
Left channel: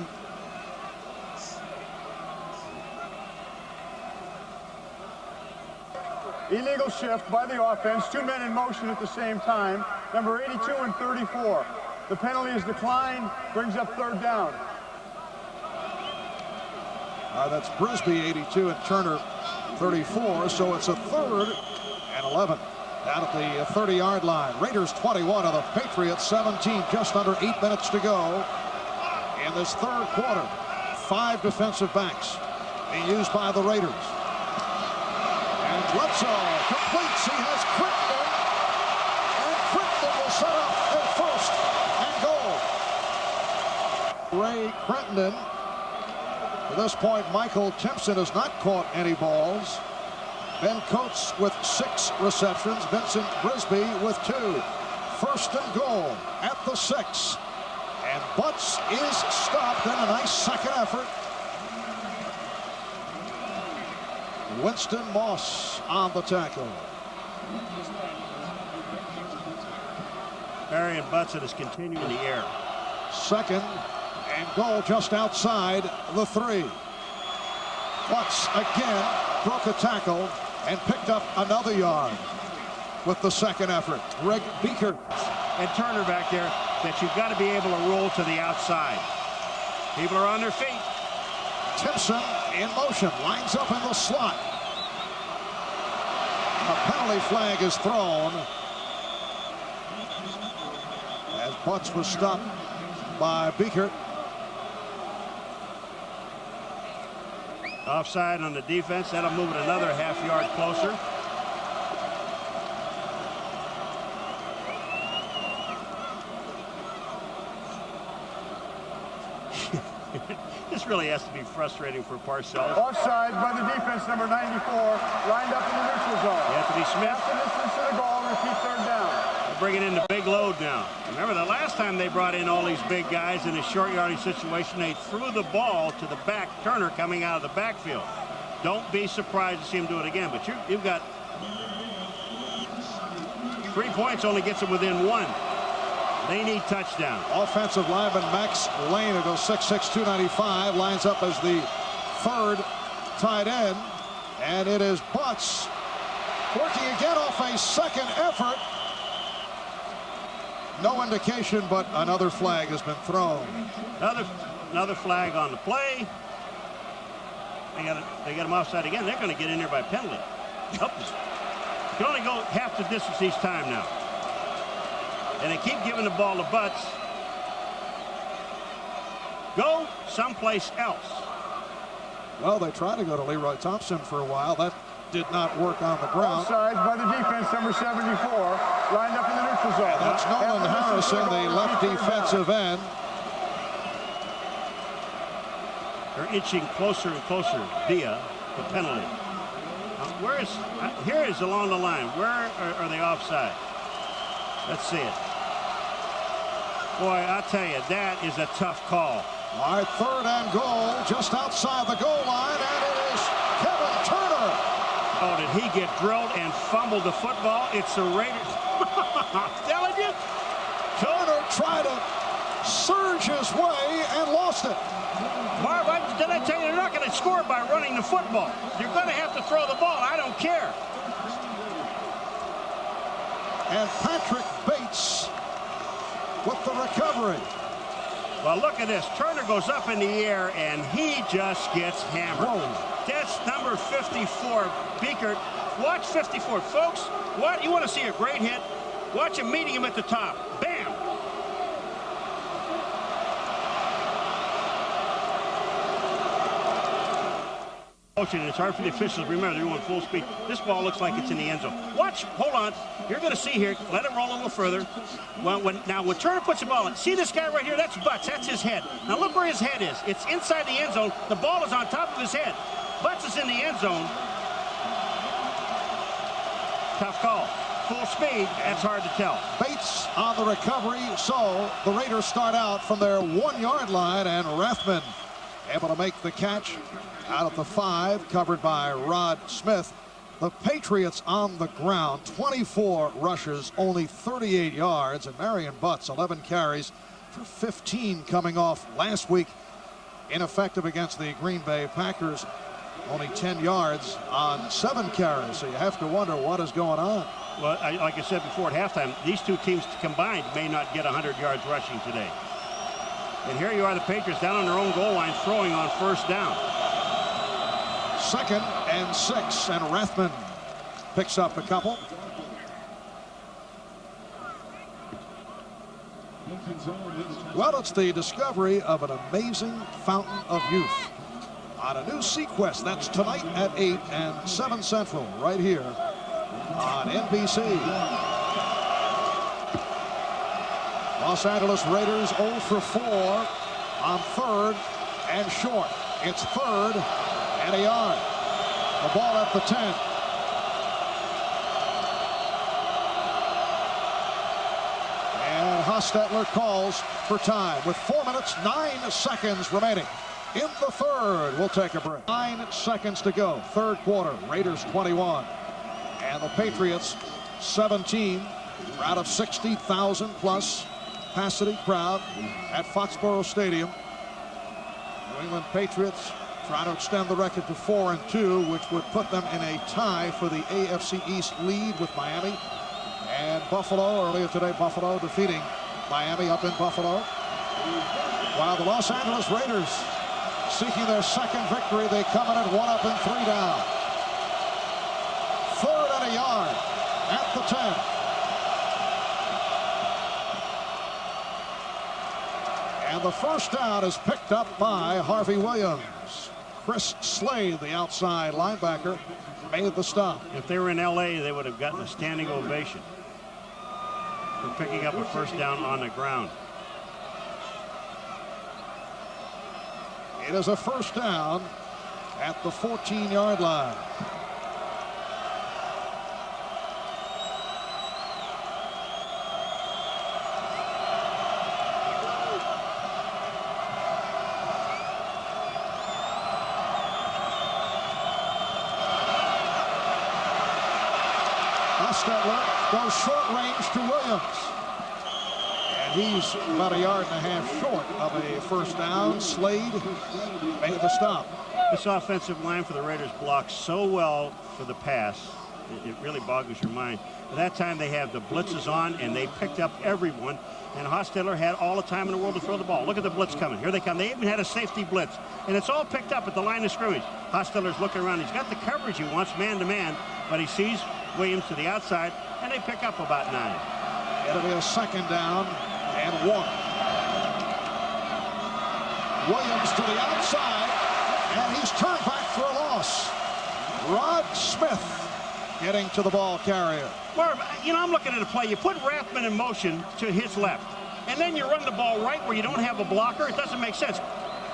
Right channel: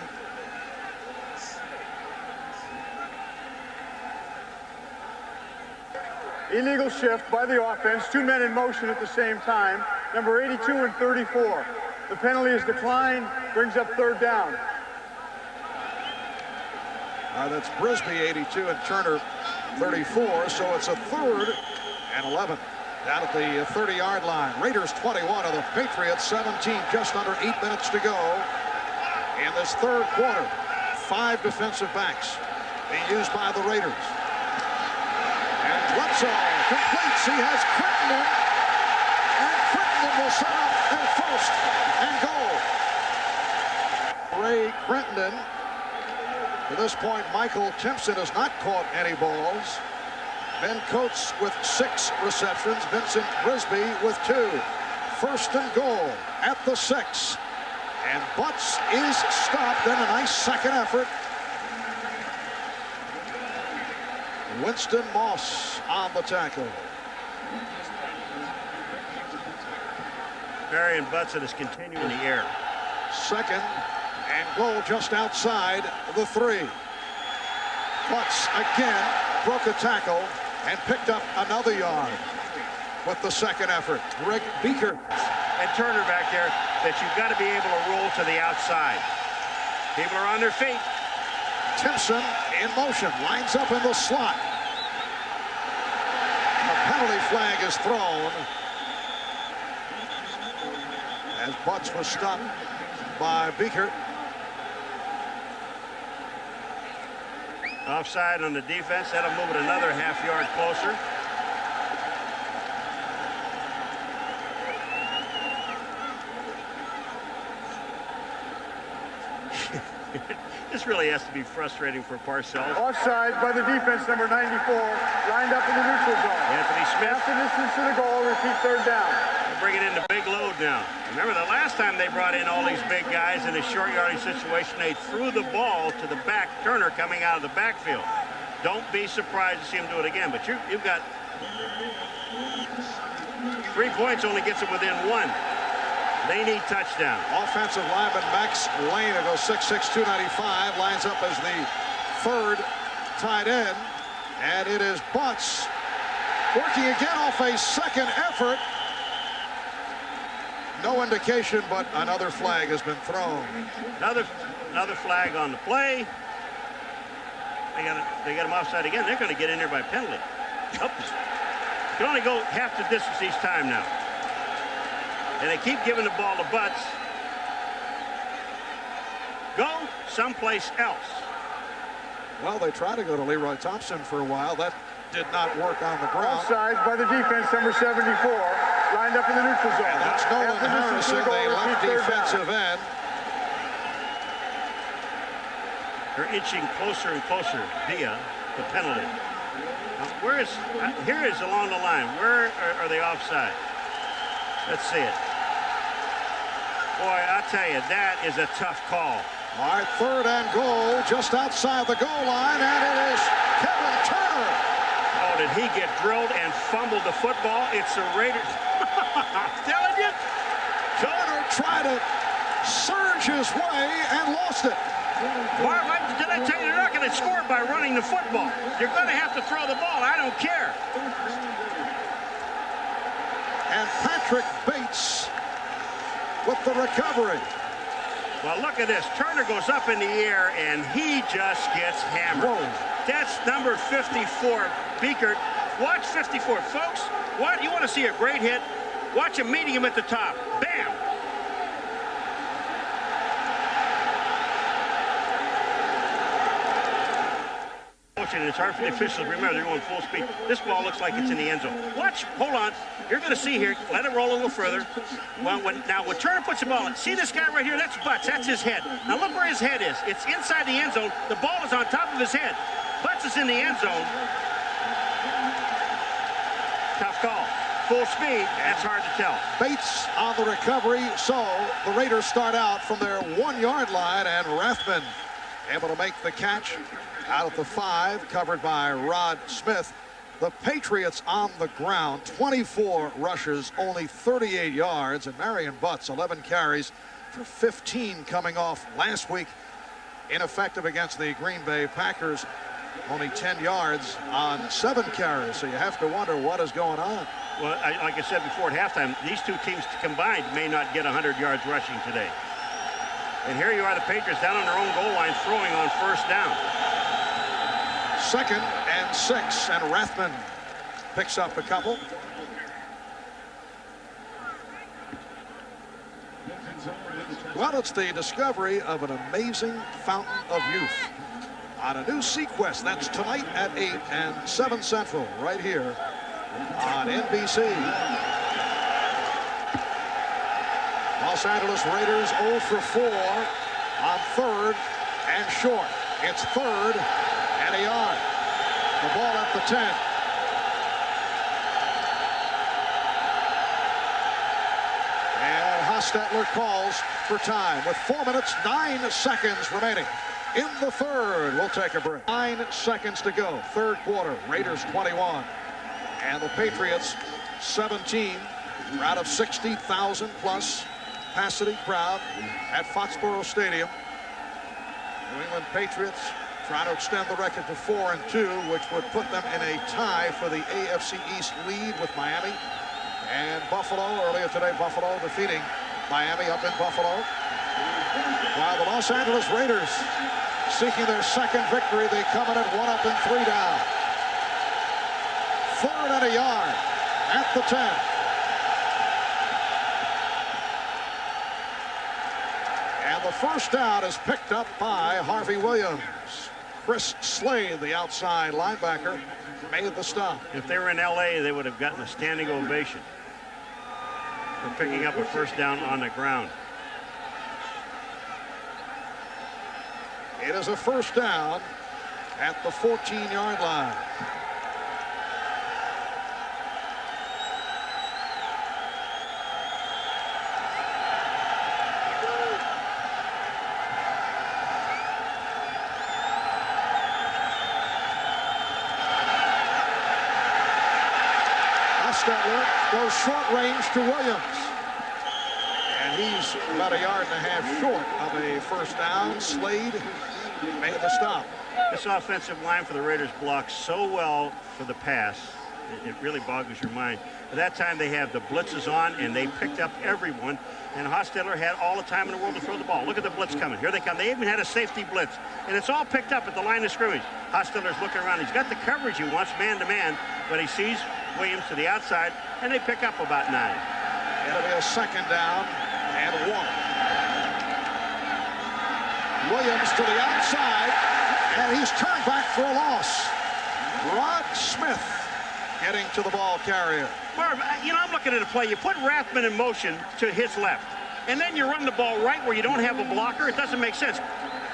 Illegal shift by the offense. 2 men in motion at the same time. Number 82 and 34. The penalty is declined. Brings up 3rd down. That's Brisby 82 and Turner 34. So it's a 3rd and 11 down at the 30-yard line. Raiders 21 of the Patriots 17. Just under 8 minutes to go in this 3rd quarter. 5 defensive backs being used by the Raiders. And Bledsoe completes. He has Crittenden. And Crittenden will set up a 1st and goal. Ray Crittenden. To this point, Michael Timpson has not caught any balls. Ben Coates with 6 receptions. Vincent Brisby with 2. 1st and goal at the 6. And Butts is stopped. Then a nice second effort. Winston Moss on the tackle. Marion Butson is continuing in the air. 2nd and goal just outside the 3. Butts again broke a tackle and picked up another yard with the 2nd effort. Greg Biekert. And Turner back there, that you've got to be able to roll to the outside. People are on their feet. Timpson in motion, lines up in the slot. A penalty flag is thrown as Butts was stopped by Biekert. Offside on the defense. That'll move it another ½ yard closer. This really has to be frustrating for Parcells. Offside by the defense, number 94, lined up in the neutral zone. Anthony Smith. Half the distance to the goal, repeat 3rd down. They're bringing in the big load now. Remember the last time they brought in all these big guys in a short yardage situation, they threw the ball to the back. Turner coming out of the backfield. Don't be surprised to see him do it again, but you've got 3 points, only gets them within 1. They need touchdown. Offensive lineman Max Lane, who goes 6'6", 295, lines up as the third tight end. And it is Butts working again off a second effort. No indication, but another flag has been thrown. Another flag on the play. They got him offside again. They're going to get in there by penalty. Oops. Can only go half the distance each time now. And they keep giving the ball to Butts. Go someplace else. Well, they tried to go to Leroy Thompson for a while. That did not work on the ground. Offside by the defense, number 74, lined up in the neutral zone. And that's Nolan Harrison, the left defensive end. They're inching closer and closer via the penalty. Here is along the line. Where are they offside? Let's see it. Boy, I tell you, that is a tough call. All right, third and goal, just outside the goal line, and it is Kevin Turner. Oh, did he get drilled and fumbled the football? It's the Raiders. I'm telling you. Turner tried to surge his way and lost it. Marv, did I tell you they're not going to score by running the football? You're going to have to throw the ball. I don't care. And Patrick Bates with the recovery. Well, look at this. Turner goes up in the air, and he just gets hammered. Whoa. That's number 54, Beekert. Watch 54. Folks, what? You want to see a great hit? Watch him meeting him at the top. Bam! And it's hard for the officials to remember they're going full speed. This ball looks like it's in the end zone. Watch, hold on. You're going to see here. Let it roll a little further. Now, when Turner puts the ball in, see this guy right here? That's Butts. That's his head. Now look where his head is. It's inside the end zone. The ball is on top of his head. Butts is in the end zone. Tough call. Full speed. That's hard to tell. Bates on the recovery. So the Raiders start out from their 1-yard line, and Rathman able to make the catch out of the 5, covered by Rod Smith. The Patriots on the ground, 24 rushes, only 38 yards, and Marion Butts 11 carries for 15 coming off last week. Ineffective against the Green Bay Packers, only 10 yards on 7 carries. So you have to wonder what is going on. Well, like I said before at halftime, these two teams combined may not get 100 yards rushing today. And here you are, the Patriots down on their own goal line throwing on first down. 2nd and 6, and Rathman picks up a couple. Well, it's the discovery of an amazing fountain of youth on a new Sequest. That's tonight at 8 and 7 Central, right here on NBC. Los Angeles Raiders 0 for 4 on 3rd and short. It's 3rd and a yard. The ball at the 10. And Hostetler calls for time with 4 minutes, 9 seconds remaining in the 3rd. We'll take a break. 9 seconds to go. 3rd quarter. Raiders 21. And the Patriots 17. Out of 60,000 plus capacity crowd at Foxborough Stadium. New England Patriots trying to extend the record to 4-2, which would put them in a tie for the AFC East lead with Miami and Buffalo. Earlier today, Buffalo defeating Miami up in Buffalo. While the Los Angeles Raiders seeking their 2nd victory, they come in at 1 up and 3 down. 3rd and a yard at the 10. And the first down is picked up by Harvey Williams. Chris Slade, the outside linebacker, made the stop. If they were in L.A., they would have gotten a standing ovation for picking up a first down on the ground. It is a first down at the 14-yard line. Hostetler goes short range to Williams. And And he's about a yard and a half short of a first down. Slade made the stop. This offensive line for the Raiders blocks so well for the pass. It really boggles your mind. At that time, they have the blitzes on, and they picked up everyone. And Hostetler had all the time in the world to throw the ball. Look at the blitz coming. Here they come. They even had a safety blitz. And it's all picked up at the line of scrimmage. Hostetler's looking around. He's got the coverage he wants, man-to-man, but he sees Williams to the outside, and they pick up about 9. It'll be a second down and 1. Williams to the outside, and he's turned back for a loss. Rod Smith getting to the ball carrier. Marv, you know, I'm looking at a play. You put Rathman in motion to his left, and then you run the ball right where you don't have a blocker. It doesn't make sense.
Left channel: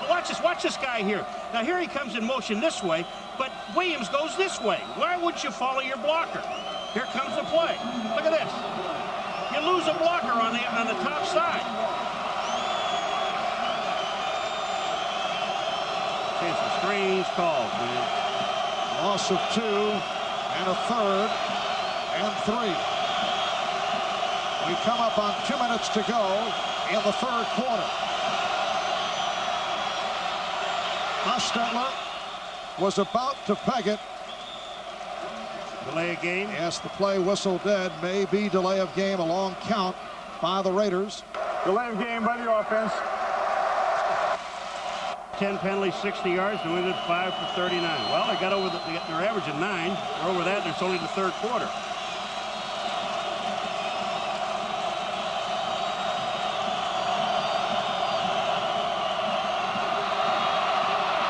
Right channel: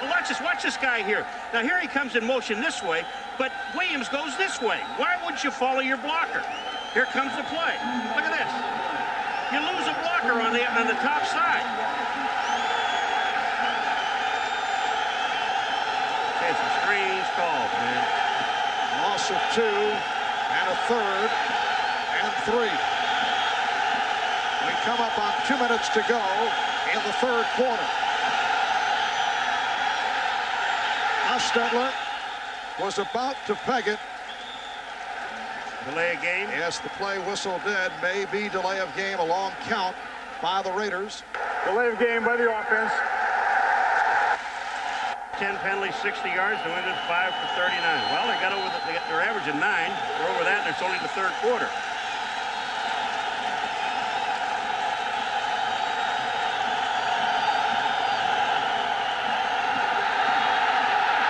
Watch this guy here. Now, here he comes in motion this way, but Williams goes this way. Why would you follow your blocker? Here comes the play. Look at this. You lose a blocker on the top side. Okay, some strange calls, man. Loss of 2 and a third and 3. We come up on 2 minutes to go in the third quarter. Hostetler was about to peg it. Delay of game? Yes, the play whistle dead. May be delay of game, a long count by the Raiders. Delay of game by the offense. 10 penalties, 60 yards. New England 5 for 39. Well, they got over they're averaging 9. They're over that, and it's only the third quarter.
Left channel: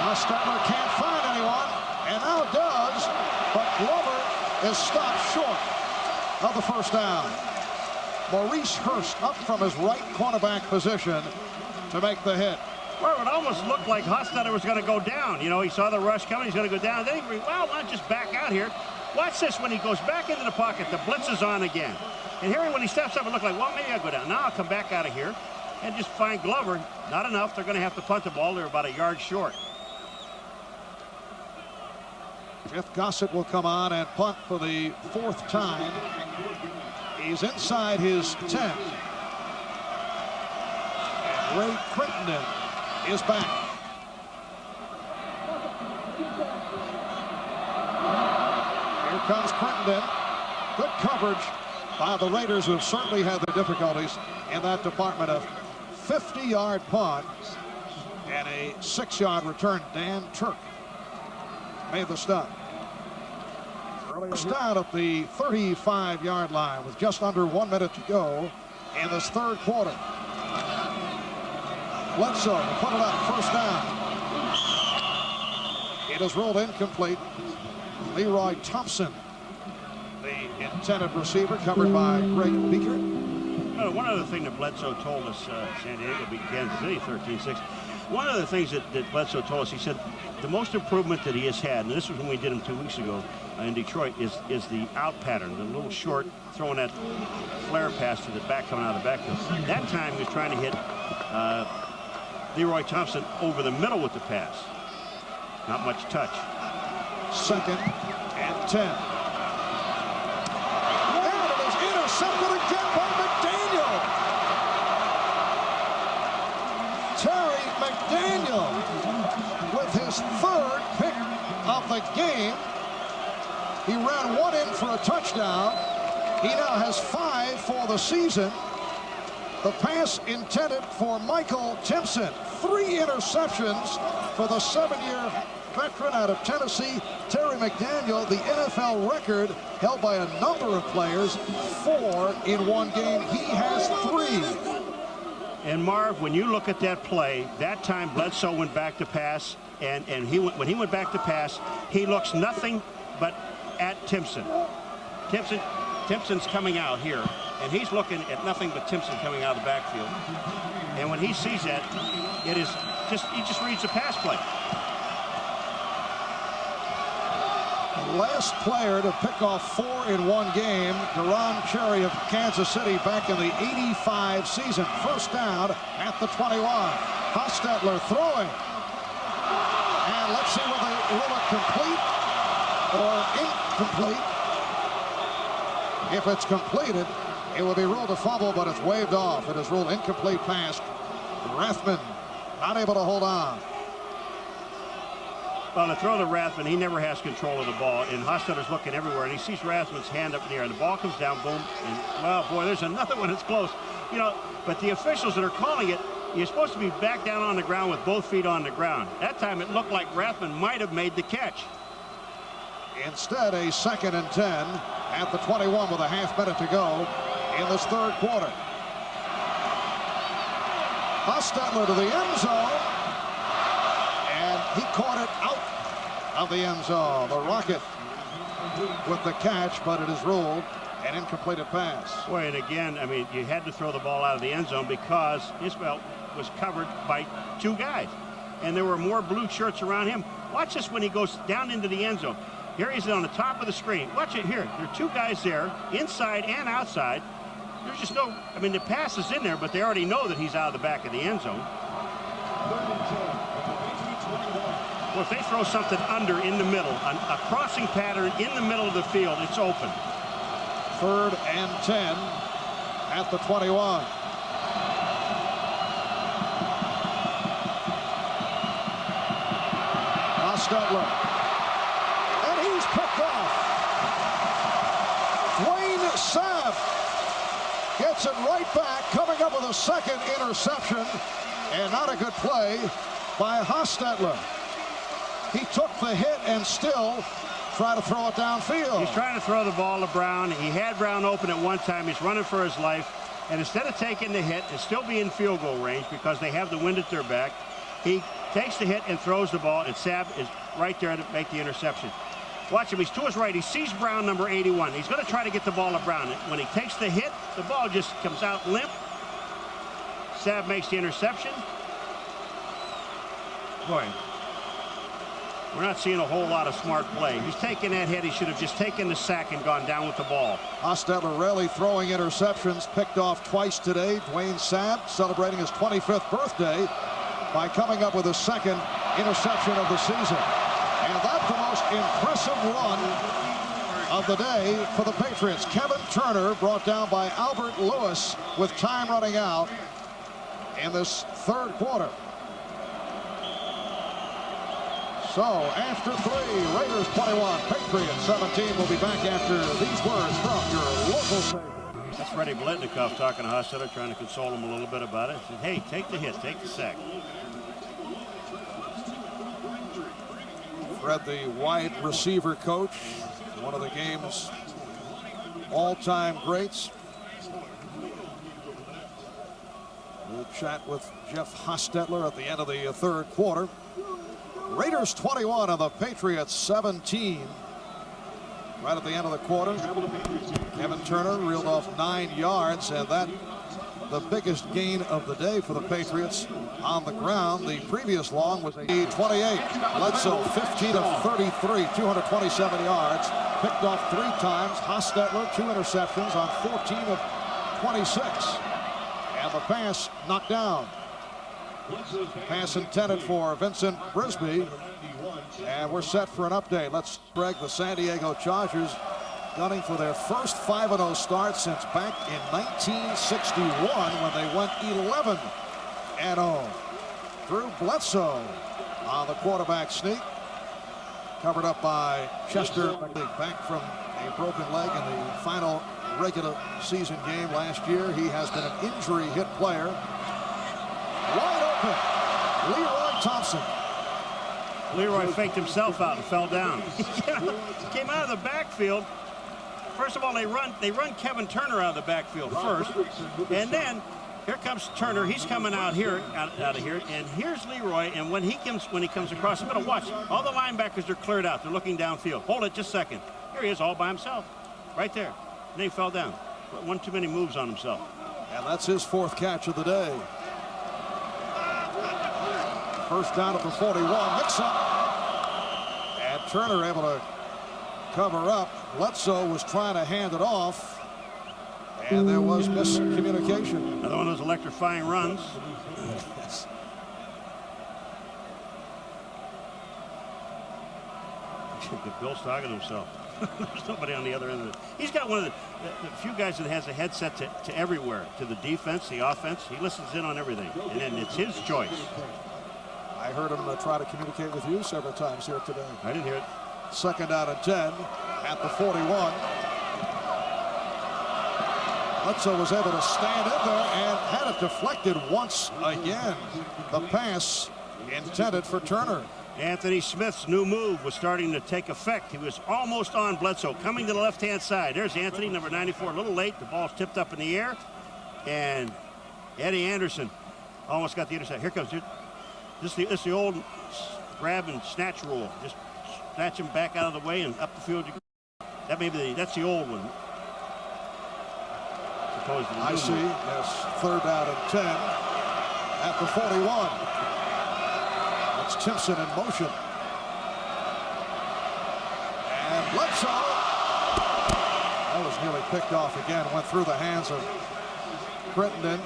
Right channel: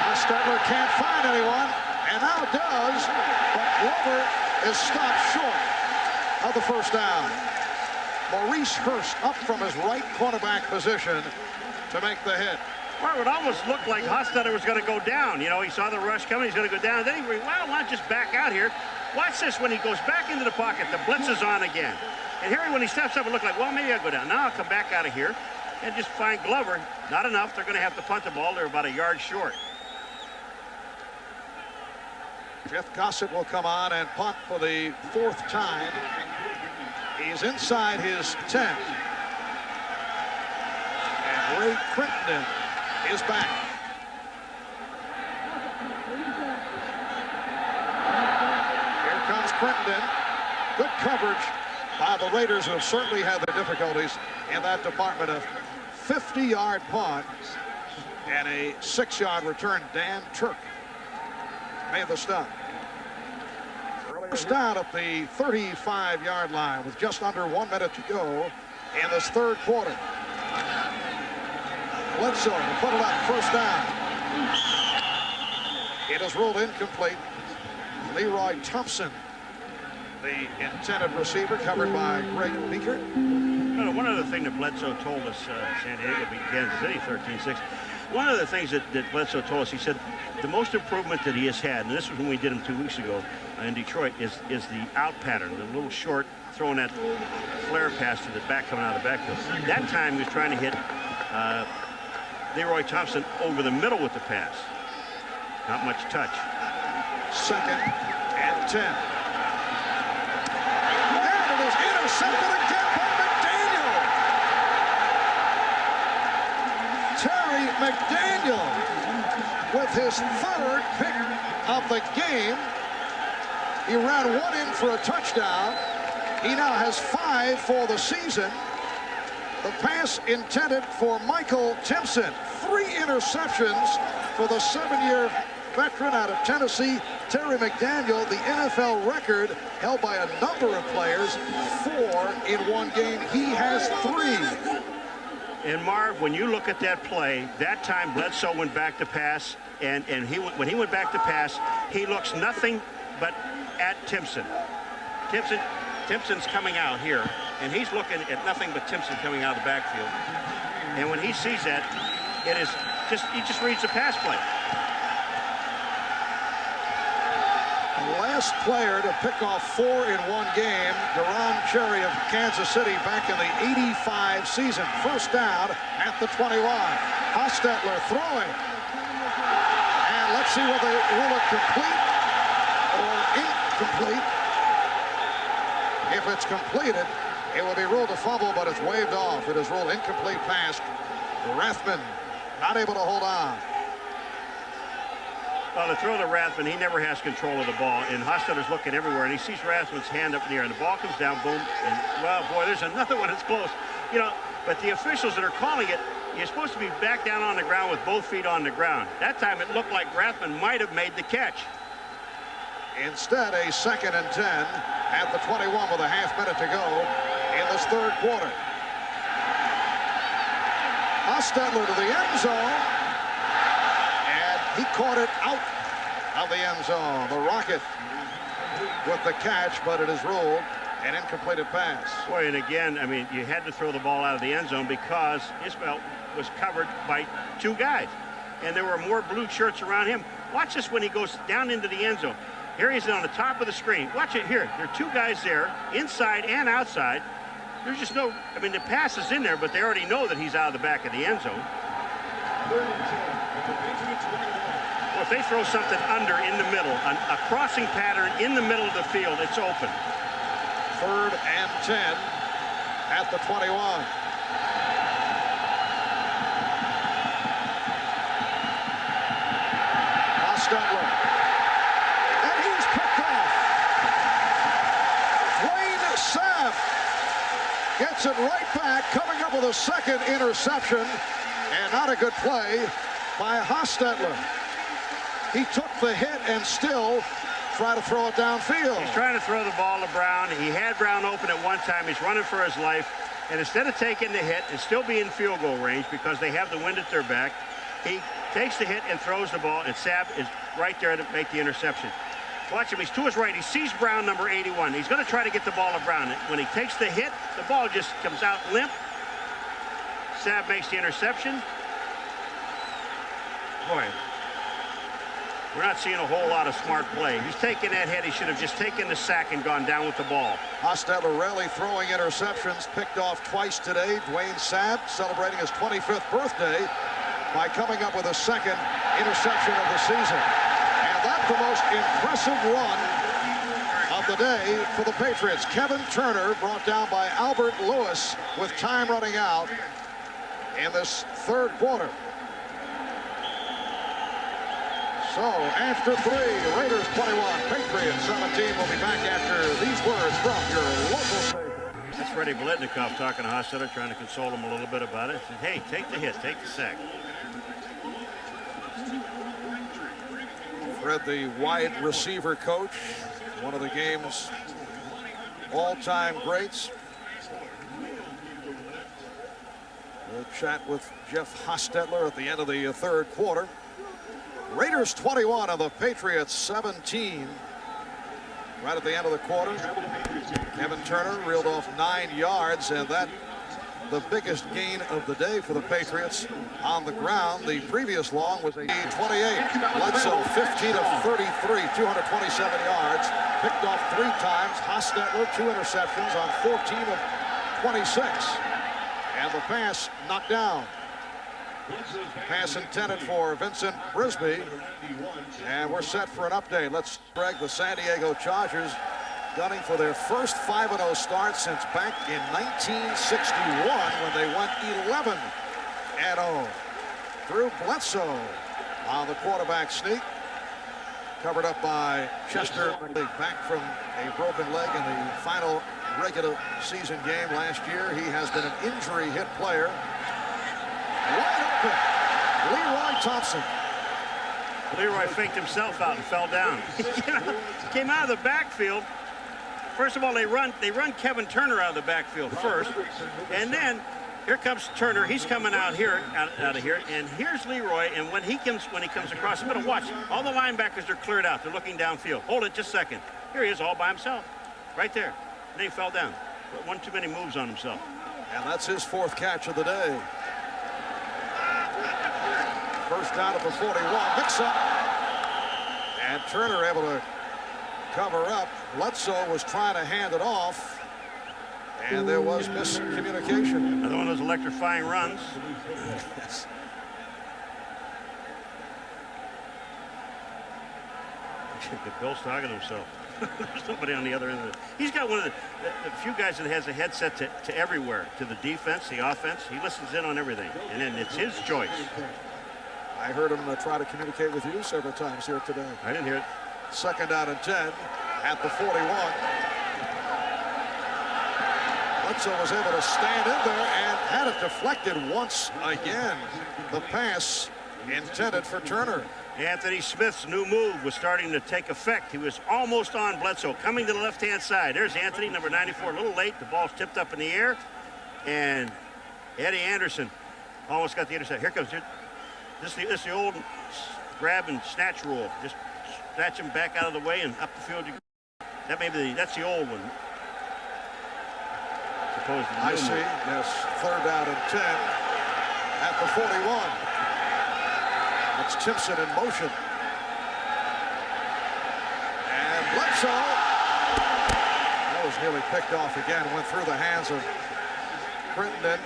Hostetler can't find anyone, and now does, but Glover is stopped short of the first down. Maurice Hurst up from his right cornerback position to make the hit. Well, it almost looked like Hostetler was going to go down. You know, he saw the rush coming. He's going to go down. Then he, well, why not just back out here? Watch this. When he goes back into the pocket, the blitz is on again. And here, when he steps up, it looked like, well, maybe I'll go down. Now I'll come back out of here and just find Glover. Not enough. They're going to have to punt the ball. They're about a yard short. Jeff Gossett will come on and punt for the 4th time. He's inside his 10. And Ray Crittenden is back. Here comes Crittenden. Good coverage by the Raiders, who have certainly had their difficulties in that department. Of 50-yard punt and a 6-yard return. Dan Turk made the stop. First down at the 35-yard line with just under 1 minute to go in this third quarter. Bledsoe will put it up, first down. It is ruled incomplete. Leroy Thompson, the intended receiver, covered by Greg Beaker. Well, one other thing that Bledsoe told us, San Diego beat Kansas City 13-6. One of the things that Bledsoe told us, he said the most improvement that he has had, and this was when we did him 2 weeks ago in Detroit, is the out pattern, the little short, throwing that flare pass to the back coming out of the backfield. That time he was trying to hit Leroy Thompson over the middle with the pass. Not much touch. 2nd and 10. And it is intercepted again by McDaniel. Terry McDaniel with his 3rd pick of the game. He ran 1 in for a touchdown. He now has 5 for the season. The pass intended for Michael Timpson. 3 interceptions for the 7-year veteran out of Tennessee, Terry McDaniel. The NFL record held by a number of players, 4 in 1 game. He has 3. And Marv, when you look at that play, that time Bledsoe went back to pass, and when he went back to pass, he looks nothing but at Timpson. Timpson's coming out here, and he's looking at nothing but Timpson coming out of the backfield. And when he sees that, it is just, he just reads the pass play. Last player to pick off 4 in 1 game, Deron Cherry of Kansas City back in the '85 season. First down at the 21. Hostetler throwing. And let's see whether they rule it complete or incomplete. If it's completed, It will be ruled a fumble, but it's waved off. It is ruled incomplete pass. Rathman not able to hold on. Well, to throw to Rathman, he never has control of the ball, and Hostetler's looking everywhere, and he sees Rathman's hand up in the air, and the ball comes down, boom, and, well, boy, there's another one that's close. You know, but the officials that are calling it, you're supposed to be back down on the ground with both feet on the ground. That time it looked like Rathman might have made the catch. Instead, a 2nd and 10 at the 21 with a half minute to go in this third quarter. Hostetler to the end zone, and he caught it out of the end zone. The Rocket with the catch, but it is ruled an incompleted pass. Boy, and again, I mean, you had to throw the ball out of the end zone because Isbell was covered by 2 guys, and there were more blue shirts around him. Watch this when he goes down into the end zone. Here he's on the top of the screen. Watch it here. There are 2 guys there, inside and outside. There's just no, I mean, the pass is in there, but they already know that he's out of the back of the end zone. Well, if they throw something under in the middle, a crossing pattern in the middle of the field, it's open. 3rd and 10 at the 21. Hostetler. And he's picked off. Dwayne Sabb gets it right back, coming up with a 2nd interception, and not a good play by Hostetler. He took the hit and still try to throw it downfield. He's trying to throw the ball to Brown. He had Brown open at one time. He's running for his life. And instead of taking the hit and still be in field goal range because they have the wind at their back, he takes the hit and throws the ball, and Sabb is right there to make the interception. Watch him. He's to his right. He sees Brown, number 81. He's going to try to get the ball to Brown. When he takes the hit, the ball just comes out limp. Sabb makes the interception. Boy, we're not seeing a whole lot of smart play. He's taking that hit. He should have just taken the sack and gone down with the ball. Hostetler rarely throwing interceptions, picked off twice today. Dwayne Sabb celebrating his 25th birthday by coming up with a 2nd interception of the season. And that's the most impressive run of the day for the Patriots. Kevin Turner brought down by Albert Lewis with time running out in this third quarter. So after 3, Raiders 21, Patriots 17. We'll be back after these words from your local station. That's Freddie Biletnikoff talking to Hostetler, trying to console him a little bit about it. He said, hey, take the hit, take the sack. Fred, the wide receiver coach, one of the game's all-time greats. We'll chat with Jeff Hostetler at the end of the third quarter. Raiders 21 and the Patriots 17. Right at the end of the quarter, Kevin Turner reeled off 9 yards, and that the biggest gain of the day for the Patriots on the ground. The previous long was a 28. Bledsoe 15 of 33, 227 yards, picked off 3 times. Hostetler 2 interceptions on 14 of 26, and the pass knocked down. Pass intended for Vincent Brisby, and we're set for an update. Let's brag the San Diego Chargers gunning for their first 5-0 start since back in 1961 when they went 11-0. Drew Bledsoe on the quarterback sneak, covered up by Chester back from a broken leg in the final regular season game last year. He has been an injury hit player. Wide open, Leroy Thompson. Leroy faked himself out and fell down. Came out of the backfield. First of all, they run Kevin Turner out of the backfield first, and then here comes Turner. He's coming out here, out of here, and here's Leroy. And when he comes across the middle, watch, all the linebackers are cleared out. They're looking downfield. Hold it just a second. Here he is, all by himself, right there. And then he fell down. One too many moves on himself. And that's his 4th catch of the day. First down at the 41, mix-up. And Turner able to cover up. Bledsoe was trying to hand it off, and there was miscommunication. Another one of those electrifying runs. Bill's talking to himself. There's nobody on the other end of it. He's got one of the few guys that has a headset to everywhere, to the defense, the offense. He listens in on everything, and then it's his choice. I heard him try to communicate with you several times here today. I didn't hear it. 2nd down and 10 at the 41. Bledsoe was able to stand in there and had it deflected once again. The pass intended for Turner. Anthony Smith's new move was starting to take effect. He was almost on Bledsoe, coming to the left-hand side. There's Anthony, number 94, a little late. The ball's tipped up in the air. And Eddie Anderson almost got the intercept. Here comes. This is the old grab and snatch rule. Just snatch him back out of the way and up the field. That's the old one. I see. Yes, 3rd down and 10 at the 41. That's Timpson in motion. And Bledsoe. That was nearly picked off again. Went through the hands of Crittenden.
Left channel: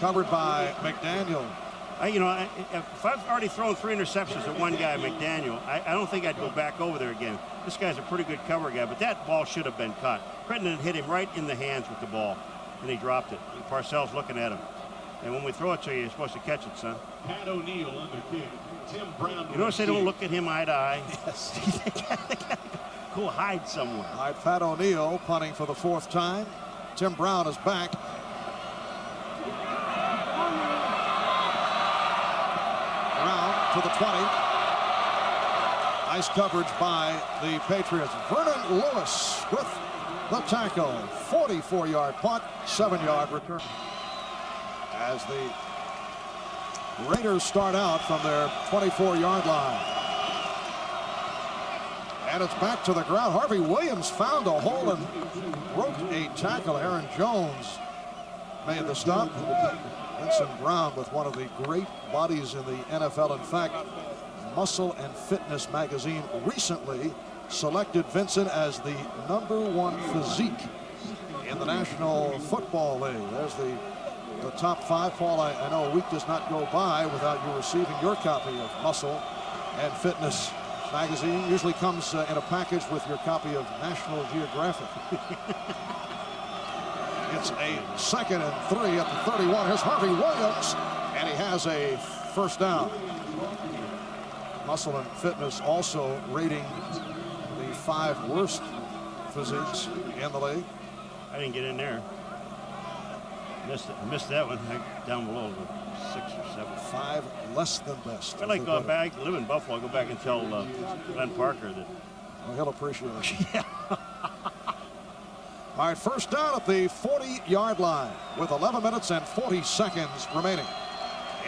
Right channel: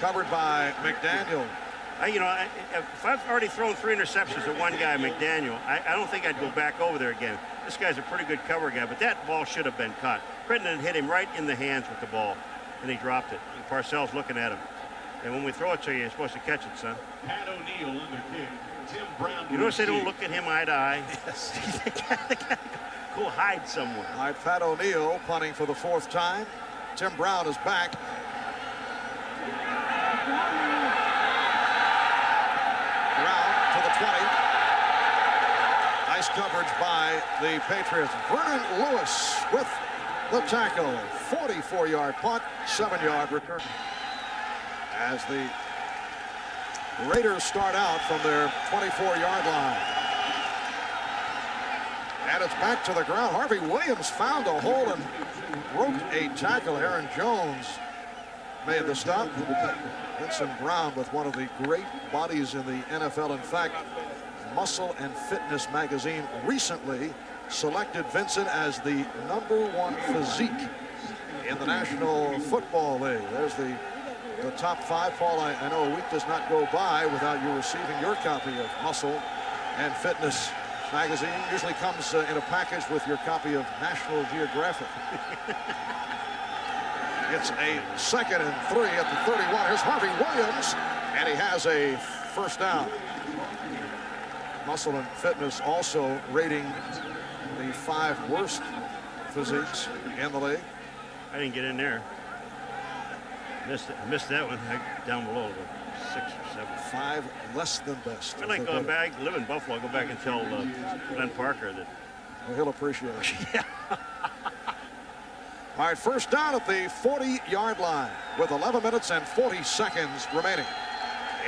Covered by McDaniel. If I've already thrown 3 interceptions at one guy, McDaniel, I don't think I'd go back over there again. This guy's a pretty good cover guy, but that ball should have been caught. Crittenden hit him right in the hands with the ball, and he dropped it. And Parcells looking at him. And when we throw it to you, you're supposed to catch it, son. Pat O'Neill on the kick. Tim Brown. You notice they don't look at him eye to eye? Yes. Go hide somewhere. All right, Pat O'Neill punting for the 4th time. Tim Brown is back. Brown to the 20. Nice coverage by the Patriots. Vernon Lewis with the tackle. 44-yard punt, 7-yard return. As the Raiders start out from their 24-yard line. And it's back to the ground. Harvey Williams found a hole and broke a tackle. Aaron Jones made the stop. Vincent Brown with one of the great bodies in the NFL. In fact, Muscle and Fitness magazine recently selected Vincent as the #1 physique in the National Football League. There's the top 5. Paul, I know a week does not go by without you receiving your copy of Muscle and Fitness magazine. Usually comes in a package with your copy of National Geographic. It's a 2nd and 3 at the 31. Here's Harvey Williams, and he has a 1st down. Muscle and Fitness also rating the 5 worst physiques in the league. I didn't get in there. Missed that one. Down below, 6 or 7. 5 less than best. I like going back. I live in Buffalo. I'll go back and tell Glenn Parker that. Well, he'll appreciate it. Yeah. All right, 1st down at the 40-yard line with 11 minutes and 40 seconds remaining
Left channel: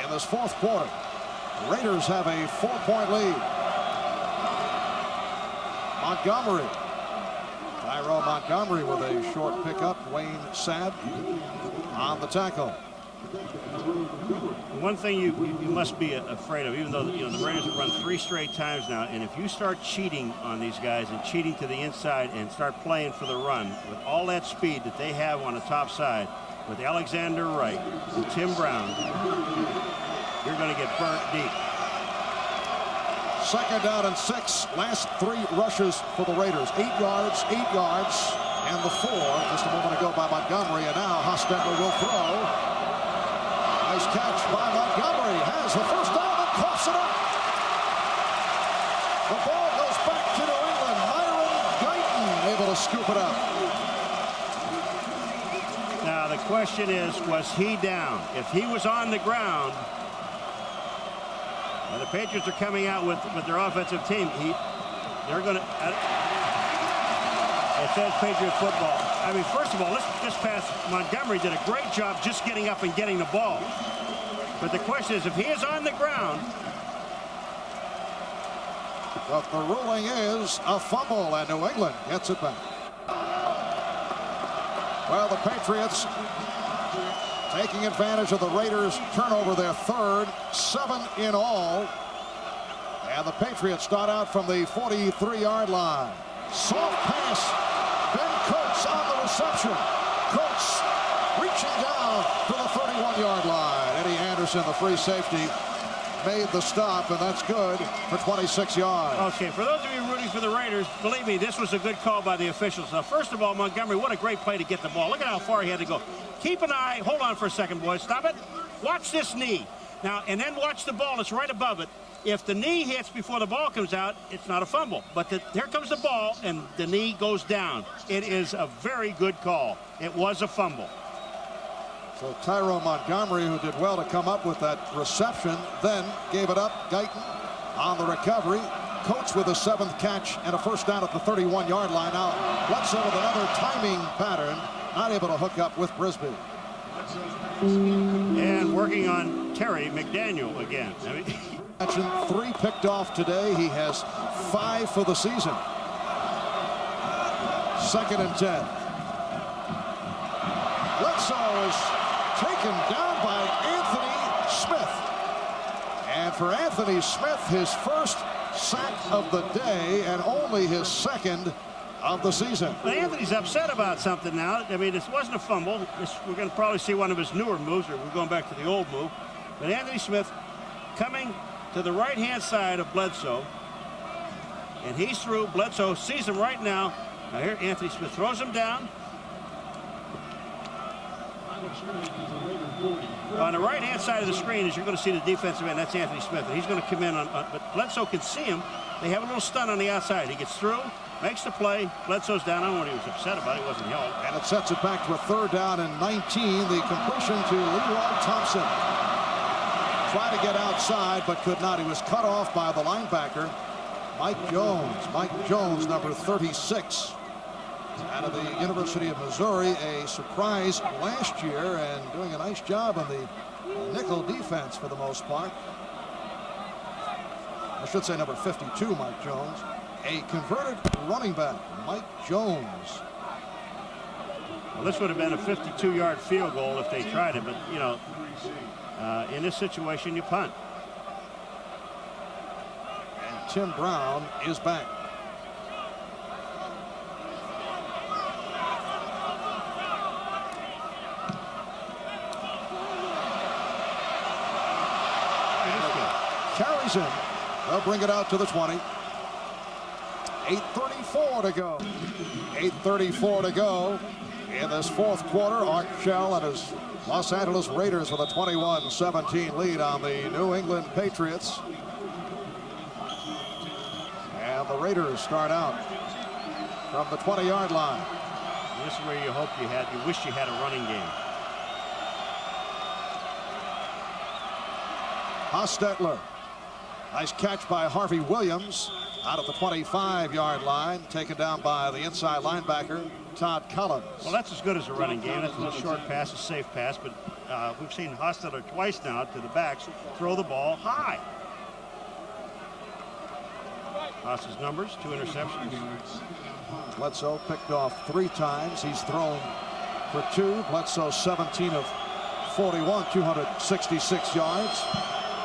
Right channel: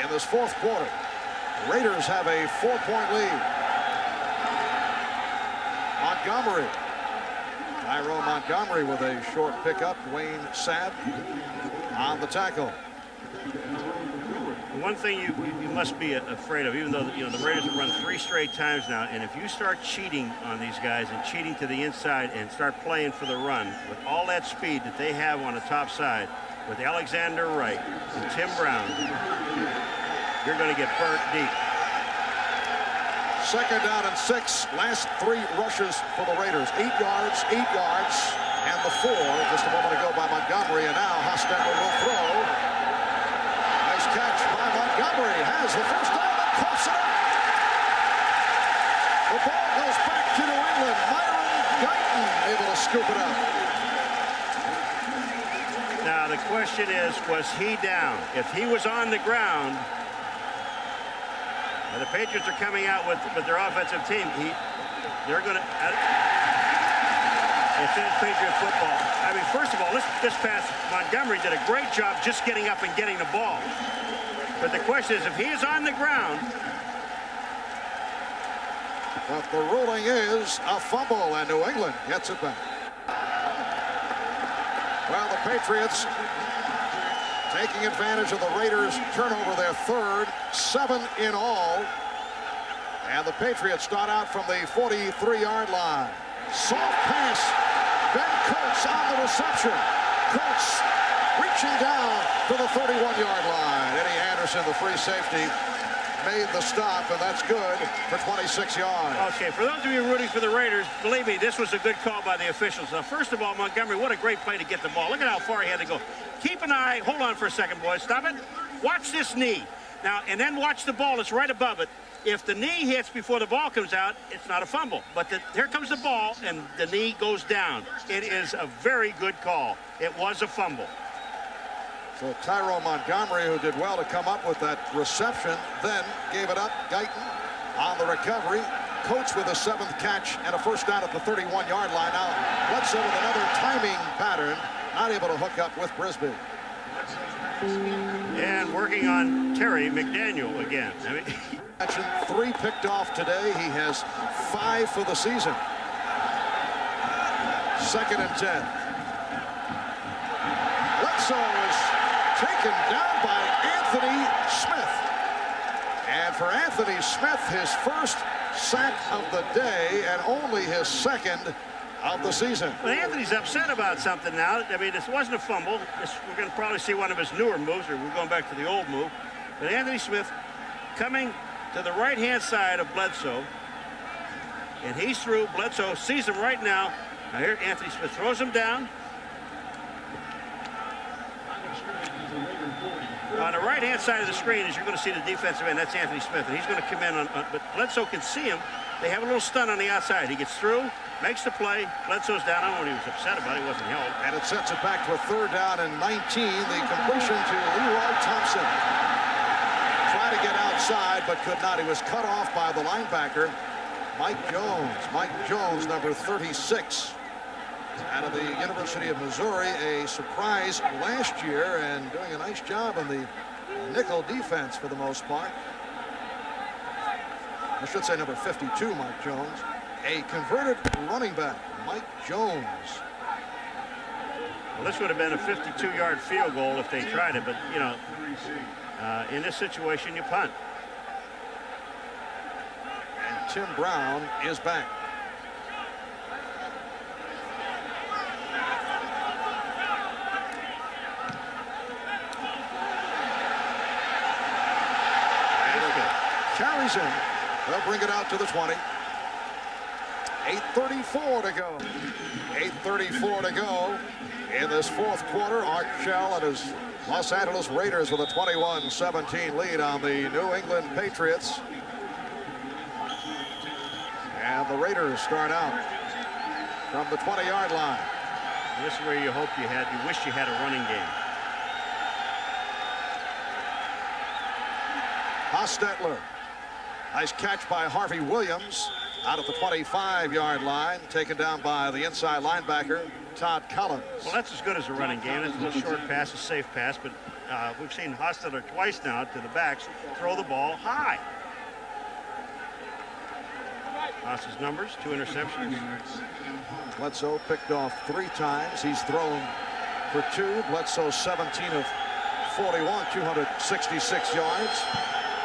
in this 4th quarter. Raiders have a 4-point lead. Montgomery. Tyrone Montgomery with a short pickup. Wayne Sabb on the tackle. One thing you must be afraid of, even though the Raiders have run 3 straight times now, and if you start cheating on these guys and cheating to the inside and start playing for the run with all that speed that they have on the top side with Alexander Wright and Tim Brown, you're going to get burnt deep. 2nd down and 6. Last 3 rushes for the Raiders. 8 yards, 8 yards, and the 4 just a moment ago by Montgomery. And now Hostetler will throw. Nice catch by Montgomery. Has the 1st down and coughs it up. The ball goes back to New England. Myron Guyton able to scoop it up. Now the question is, was he down? If he was on the ground, the Patriots are coming out with their offensive team. They're going to. It says Patriot football. I mean, first of all, this pass, Montgomery did a great job just getting up and getting the ball. But the question is, if he is on the ground. But the ruling is a fumble, and New England gets it back. Well, the Patriots taking advantage of the Raiders' turnover, their 3rd, 7 in all. And the Patriots start out from the 43-yard line. Soft pass. Ben Coates on the reception. Coates reaching down to the 31-yard line. Eddie Anderson, the free safety, made the stop, and that's good for 26 yards. Okay, for those of you rooting for the Raiders, believe me, this was a good call by the officials. Now, first of all, Montgomery, what a great play to get the ball. Look at how far he had to go. Keep an eye. Hold on for a second, boys. Stop it. Watch this knee. Now, and then watch the ball. It's right above it. If the knee hits before the ball comes out, it's not a fumble. But here comes the ball, and the knee goes down. It is a very good call. It was a fumble. So Tyrone Montgomery, who did well to come up with that reception, then gave it up. Guyton on the recovery. Coates with a 7th catch and a first down at the 31-yard line. Now Bledsoe with another timing pattern, not able to hook up with Brisbane. And working on Terry McDaniel again. I mean, 3 picked off today. He has 5 for the season. 2nd and 10. Bledsoe is taken down by Anthony Smith. And for Anthony Smith, his first sack of the day and only his 2nd of the season. But Anthony's upset about something now. I mean, this wasn't a fumble. We're going to probably see one of his newer moves, or we're going back to the old move. But Anthony Smith coming to the right-hand side of Bledsoe. And he's through. Bledsoe sees him right now. Now here, Anthony Smith throws him down. On the right-hand side of the screen, as you're going to see the defensive end, that's Anthony Smith, and he's going to come in on but Bledsoe can see him. They have a little stunt on the outside. He gets through, makes the play. Bledsoe's down. I don't know what he was upset about. He wasn't held. And it sets it back to a 3rd down and 19. The completion to Leroy Thompson. Tried to get outside, but could not. He was cut off by the linebacker, Mike Jones. Mike Jones, number 36. Out of the University of Missouri, a surprise last year and doing a nice job on the nickel defense for the most part. I should say number 52, Mike Jones. A converted running back, Mike Jones. Well, this would have been a 52-yard field goal if they tried it, but, you know, in this situation, you punt. And Tim Brown is back. Carries in. They'll bring it out to the 20. 8:34 to go. 8:34 to go in this 4th quarter. Art Shell and his Los Angeles Raiders with a 21-17 lead on the New England Patriots. And the Raiders start out from the 20-yard line. This is where you hope you wish you had a running game. Hostetler. Nice catch by Harvey Williams out at the 25-yard line, taken down by the inside linebacker, Todd Collins. Well, that's as good as a running game. That's a little short pass, a safe pass, but we've seen Hostetler twice now to the backs throw the ball high. Haas's numbers, 2 interceptions. Bledsoe picked off 3 times. He's thrown for 2. Bledsoe 17 of 41, 266 yards.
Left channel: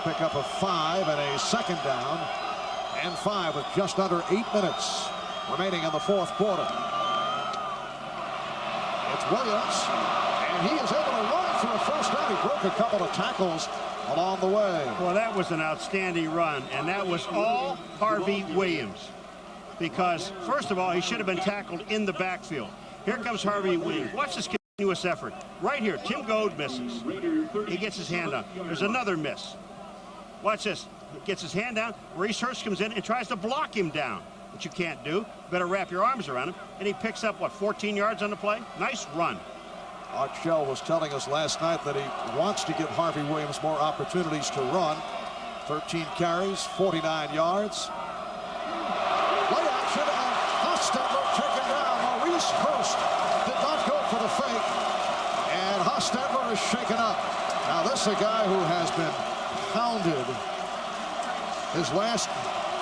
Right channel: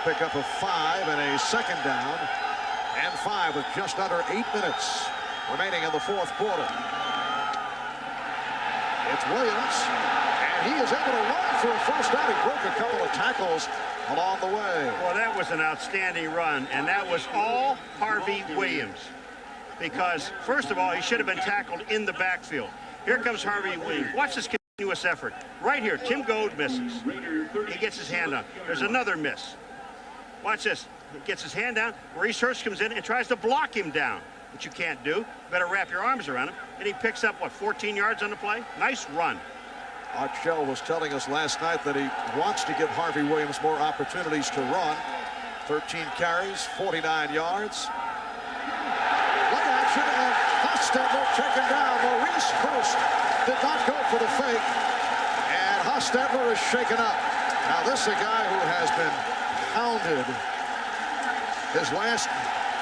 Pick up of 5 and a 2nd down and 5 with just under 8 minutes remaining in the 4th quarter. It's Williams, and he is able to run for a first down. He broke a couple of tackles along the way. Well, that was an outstanding run, and that was all Harvey Williams. Because, first of all, he should have been tackled in the backfield. Here comes Harvey Williams. Watch this continuous effort. Right here, Tim Goad misses. He gets his hand on. There's another miss. Watch this. He gets his hand down. Reese Hurst comes in and tries to block him down, which you can't do. Better wrap your arms around him. And he picks up, what, 14 yards on the play? Nice run. Art Shell was telling us last night that he wants to give Harvey Williams more opportunities to run. 13 carries, 49 yards. Play action, and Hostetler taken down. Maurice Hurst did not go for the fake, and Hostetler is shaken up. Now, this is a guy who has been hounded his last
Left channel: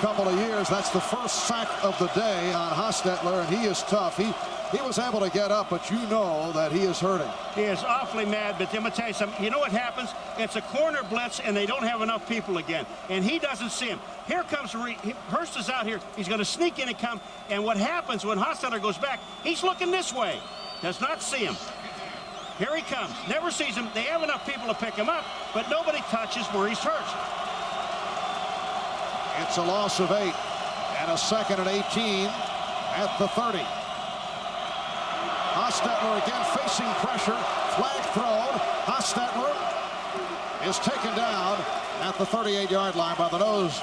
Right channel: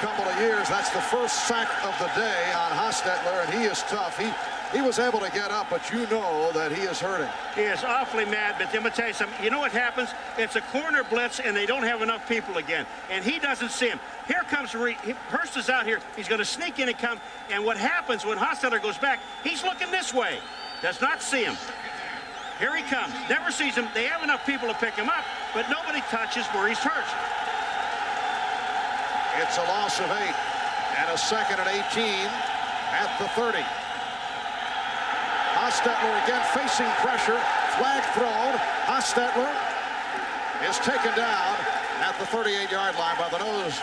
couple of years. That's the first sack of the day on Hostetler, and he is tough. He was able to get up, but you know that he is hurting. He is awfully mad, but I'm going to tell you something. You know what happens? It's a corner blitz, and they don't have enough people again. And he doesn't see him. Here comes Hurst is out here. He's going to sneak in and come. And what happens when Hostetler goes back, he's looking this way. Does not see him. Here he comes. Never sees him. They have enough people to pick him up, but nobody touches Maurice Hurst. It's a loss of 8 and a 2nd and 18 at the 30. Hostetler again facing pressure. Flag thrown. Hostetler is taken down at the 38-yard line by the nose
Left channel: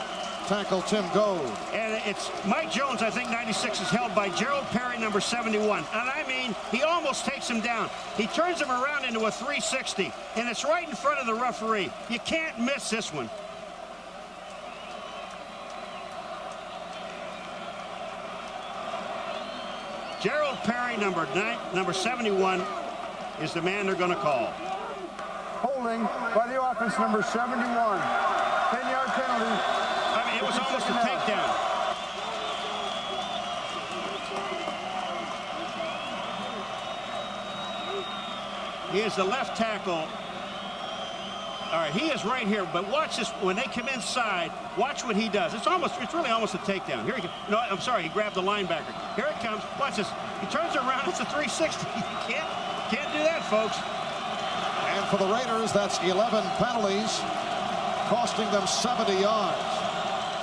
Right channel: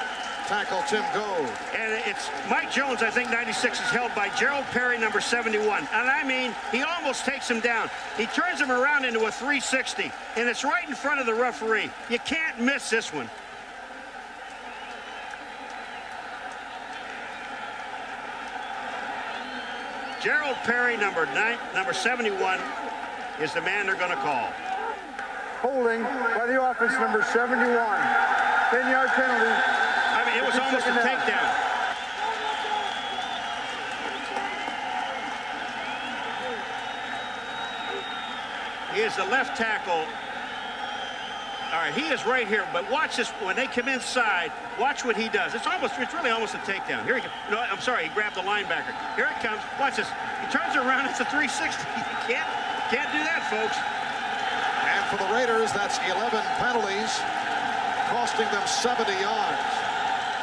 tackle Tim Goad. And it's Mike Jones, I think 96 is held by Gerald Perry, number 71. And I mean, he almost takes him down. He turns him around into a 360, and it's right in front of the referee. You can't miss this one. Gerald Perry, number 71, is the man they're going to call. Holding by the offense, number 71. 10-yard penalty. I mean, it was almost a takedown. He is the left tackle. All right, he is right here, but watch this. When they come inside, watch what he does. It's really almost a takedown. Here he goes. No, I'm sorry, he grabbed the linebacker. Here it comes. Watch this. He turns around. It's a 360. You can't do that, folks. And for the Raiders, that's 11 penalties, costing them 70 yards.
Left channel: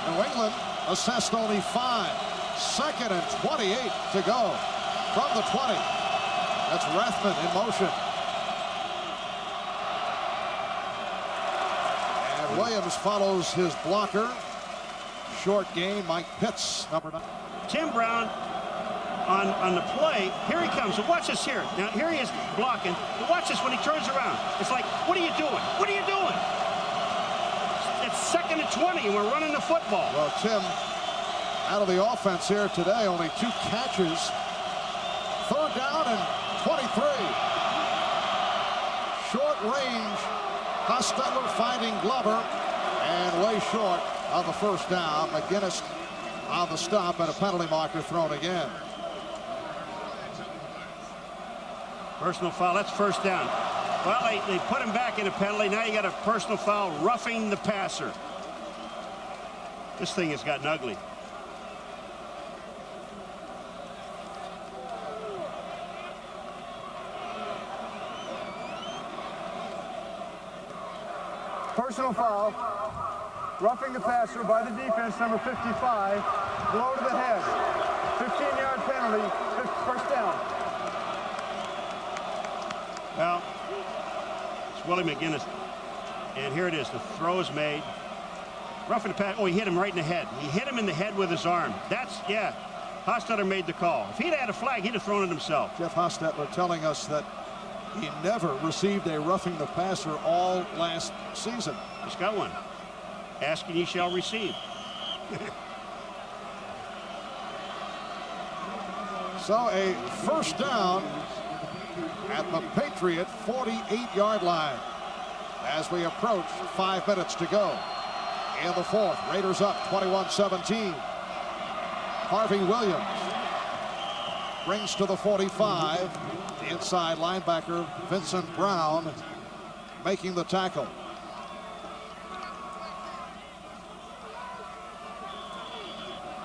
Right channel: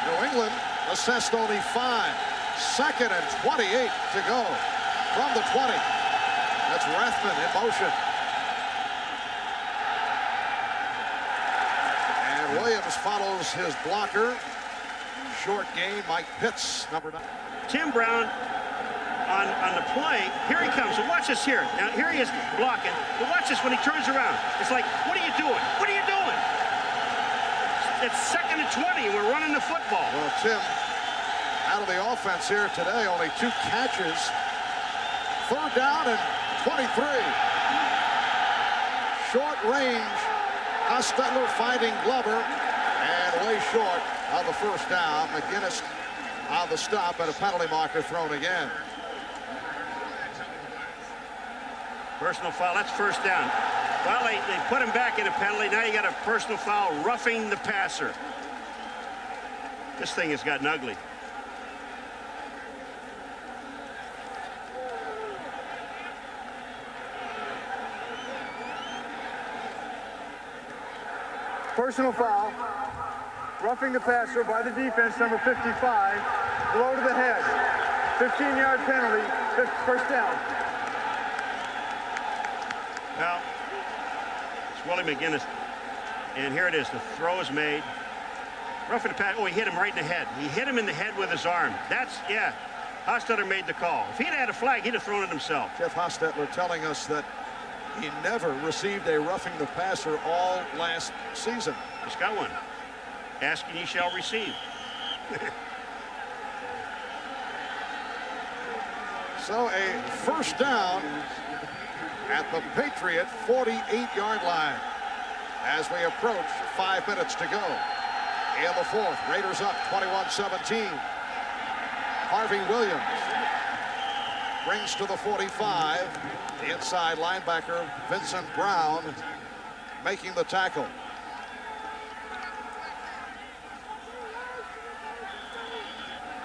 New England assessed only 5. 2nd and 28 to go from the 20. That's Rathman in motion. And Williams follows his blocker. Short game, Mike Pitts, number 9. Tim Brown on the play. Here he comes. So watch this here. Now, here he is blocking. But watch this when he turns around. It's like, what are you doing? What are you doing? It's 2nd and 20, and we're running the football. Well, Tim, out of the offense here today, only 2 catches. 3rd down and 23. Short range. Hostetler finding Glover, and way short of the 1st down. McGinnis on the stop, and a penalty marker thrown again. Personal foul. That's 1st down. Well, they put him back in a penalty. Now you got a personal foul, roughing the passer. This thing has gotten ugly. Personal foul. Roughing the passer by the defense, number 55. Blow to the head. 15-yard penalty. 1st down. Well, it's Willie McGinnis. And here it is. The throw is made. Roughing the pass. Oh, he hit him right in the head. He hit him in the head with his arm. That's, yeah. Hostetler made the call. If he'd had a flag, he'd have thrown it himself. Jeff Hostetler telling us that he never received a roughing the passer all last season. Just got one. Ask and ye shall receive. So a 1st down at the Patriot 48-yard line as we approach 5 minutes to go in the 4th. Raiders up 21-17. Harvey Williams brings to the 45. The inside linebacker Vincent Brown making the tackle.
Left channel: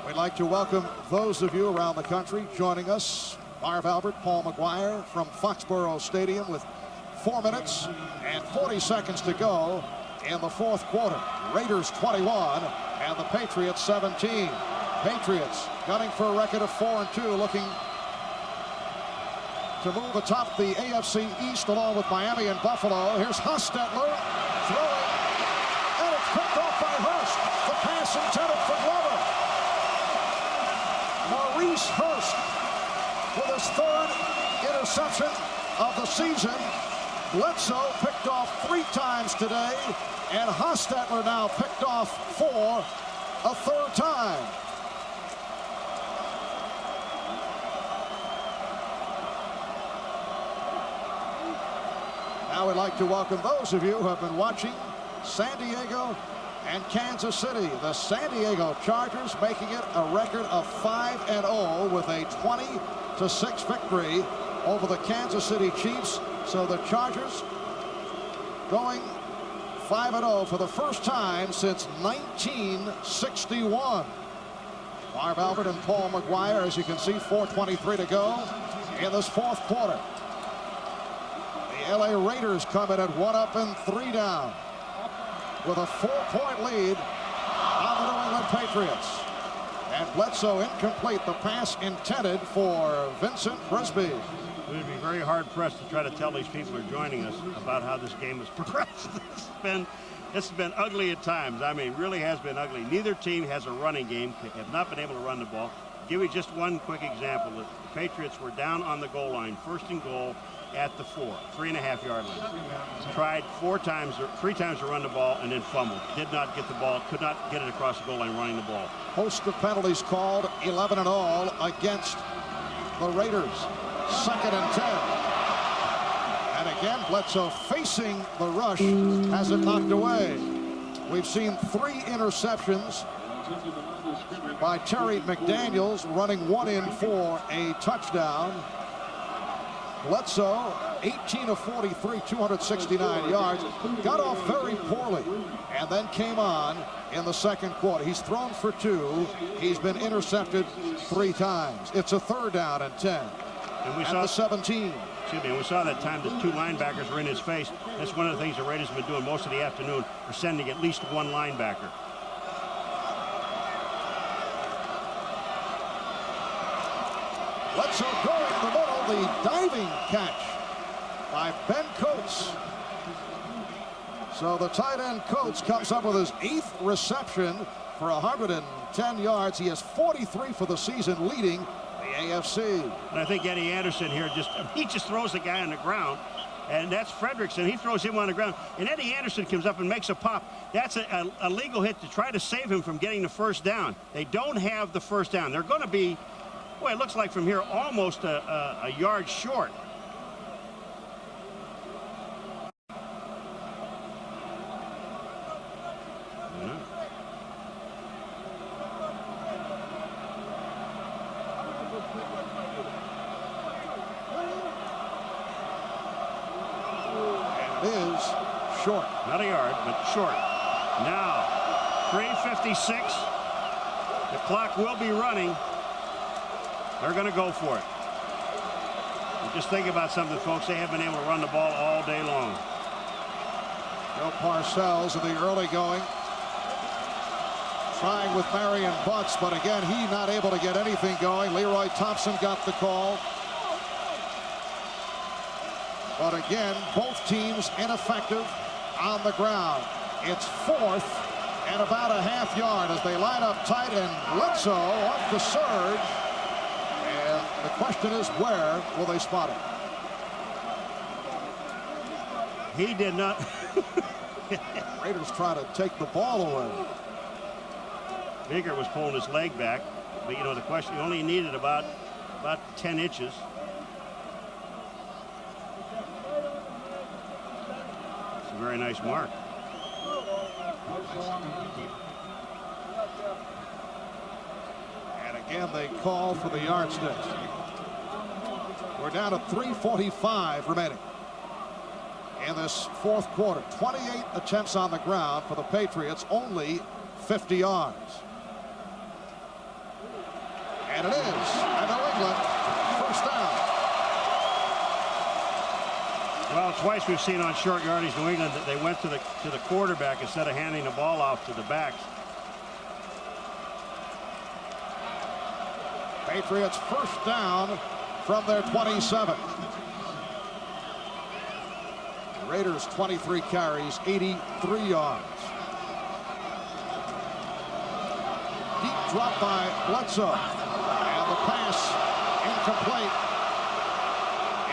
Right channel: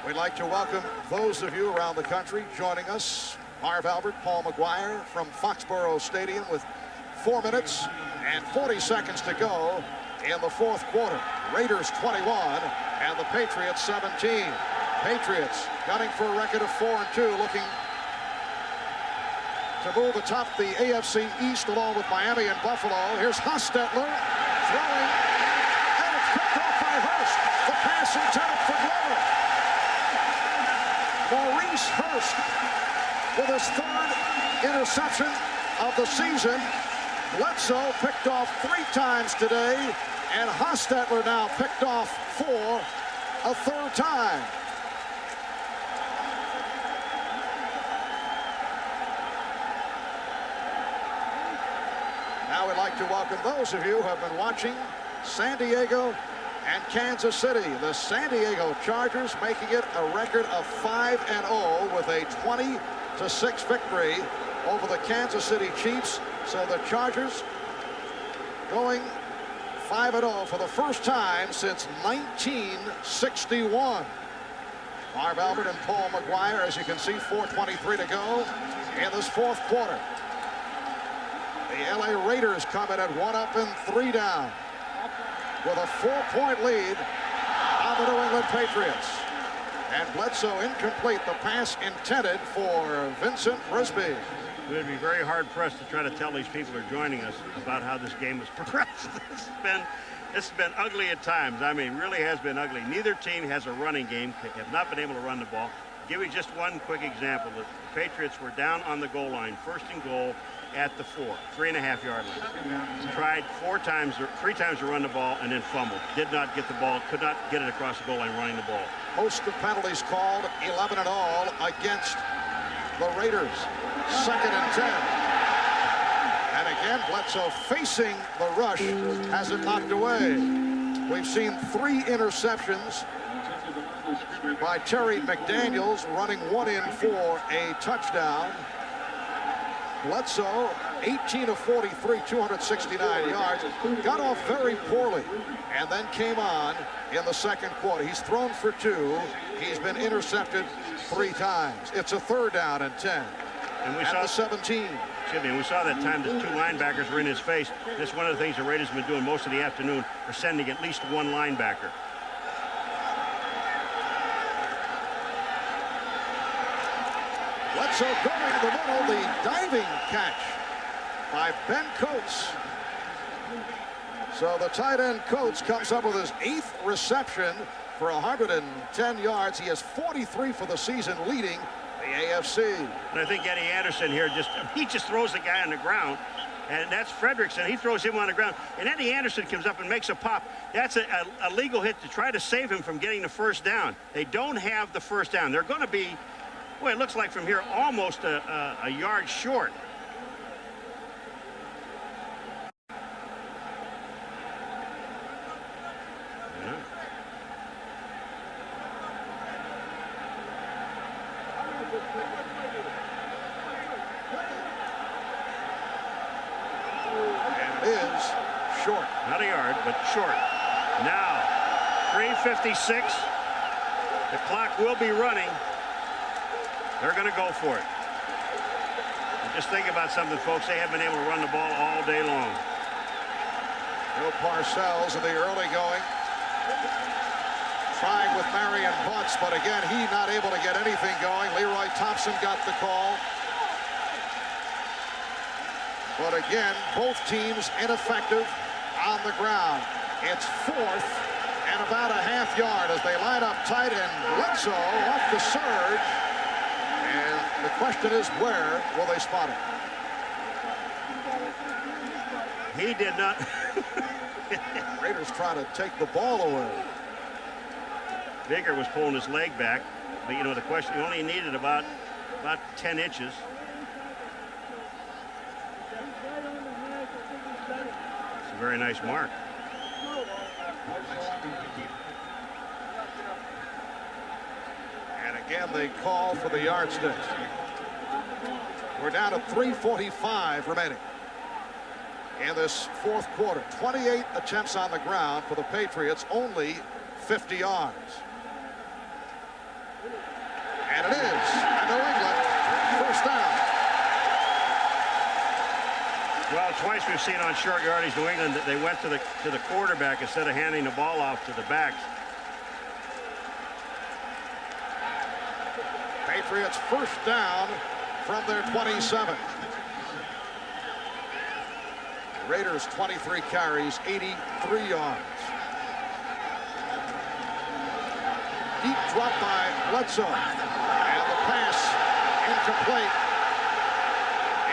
We'd like to welcome those of you around the country joining us. Marv Albert, Paul McGuire from Foxborough Stadium with 4 minutes and 40 seconds to go in the 4th quarter. Raiders 21 and the Patriots 17. Patriots gunning for a record of 4-2, looking to move atop the AFC East along with Miami and Buffalo. Here's Hostetler throwing, and it's picked off by Hurst. The pass intended for Glover. Maurice Hurst with his 3rd interception of the season. Bledsoe picked off 3 times today, and Hostetler now picked off for a 3rd time. Now we'd like to welcome those of you who have been watching San Diego and Kansas City. The San Diego Chargers making it a record of 5-0 with a 20-6 victory over the Kansas City Chiefs. So the Chargers going 5-0 for the first time since 1961. Marv Albert and Paul McGuire, as you can see, 4:23 to go in this 4th quarter. The LA Raiders come in at 1 up and 3 down with a 4-point lead on the the New England Patriots. And Bledsoe incomplete. The pass intended for Vincent Brisby. We'd be very hard-pressed to try to tell these people who are joining us about how this game has progressed. It's been ugly at times. I mean, really has been ugly. Neither team has a running game, have not been able to run the ball. I'll give you just one quick example. The Patriots were down on the goal line, 1st and goal at the 3.5-yard line. Tried 3 times to run the ball and then fumbled. Did not get the ball, could not get it across the goal line running the ball. Host of penalties called, 11 in all against the Raiders. 2nd and 10. And again, Bledsoe facing the rush, has it knocked away. We've seen 3 interceptions by Terry McDaniels, running 1 in for a touchdown. Bledsoe, 18 of 43, 269 yards. Got off very poorly and then came on in the 2nd quarter. He's thrown for 2. He's been intercepted 3 times. It's a 3rd down and 10. And we at saw the 17. And we saw that time the 2 linebackers were in his face. That's one of the things the Raiders have been doing most of the afternoon, are sending at least 1 linebacker. Bledsoe going in the middle, the diving catch by Ben Coates. So the tight end Coates comes up with his 8th reception for 110 yards. He has 43 for the season, leading the AFC. And I think Eddie Anderson here he just throws the guy on the ground, and that's Fredrickson. He throws him on the ground, and Eddie Anderson comes up and makes a pop. That's a legal hit to try to save him from getting the 1st down. They don't have the 1st down. They're going to be, boy, it looks like from here almost a yard short. Is short. Not a yard, but short. Now, 3:56. The clock will be running. They're going to go for it. And just think about something, folks. They have been able to run the ball all day long. Joe Parcells in the early going. Trying with Marion Butts, but again, he not able to get anything going. Leroy Thompson got the call. But again, both teams ineffective on the ground. It's 4th and about a half yard as they line up tight, and Bledsoe off the surge. And the question is, where will they spot him? He did not. Raiders try to take the ball away. Baker was pulling his leg back, but you know the question, he only needed about 10 inches. It's a very nice mark. And again, they call for the yardstick. We're down to 3:45 remaining in this 4th quarter. 28 attempts on the ground for the Patriots, only 50 yards. And it is a New England 1st down. Well, twice we've seen on short yardage New England that they went to the quarterback instead of handing the ball off to the backs. Patriots 1st down from their 27. The Raiders 23 carries, 83 yards. Deep drop by Bledsoe. And the pass incomplete.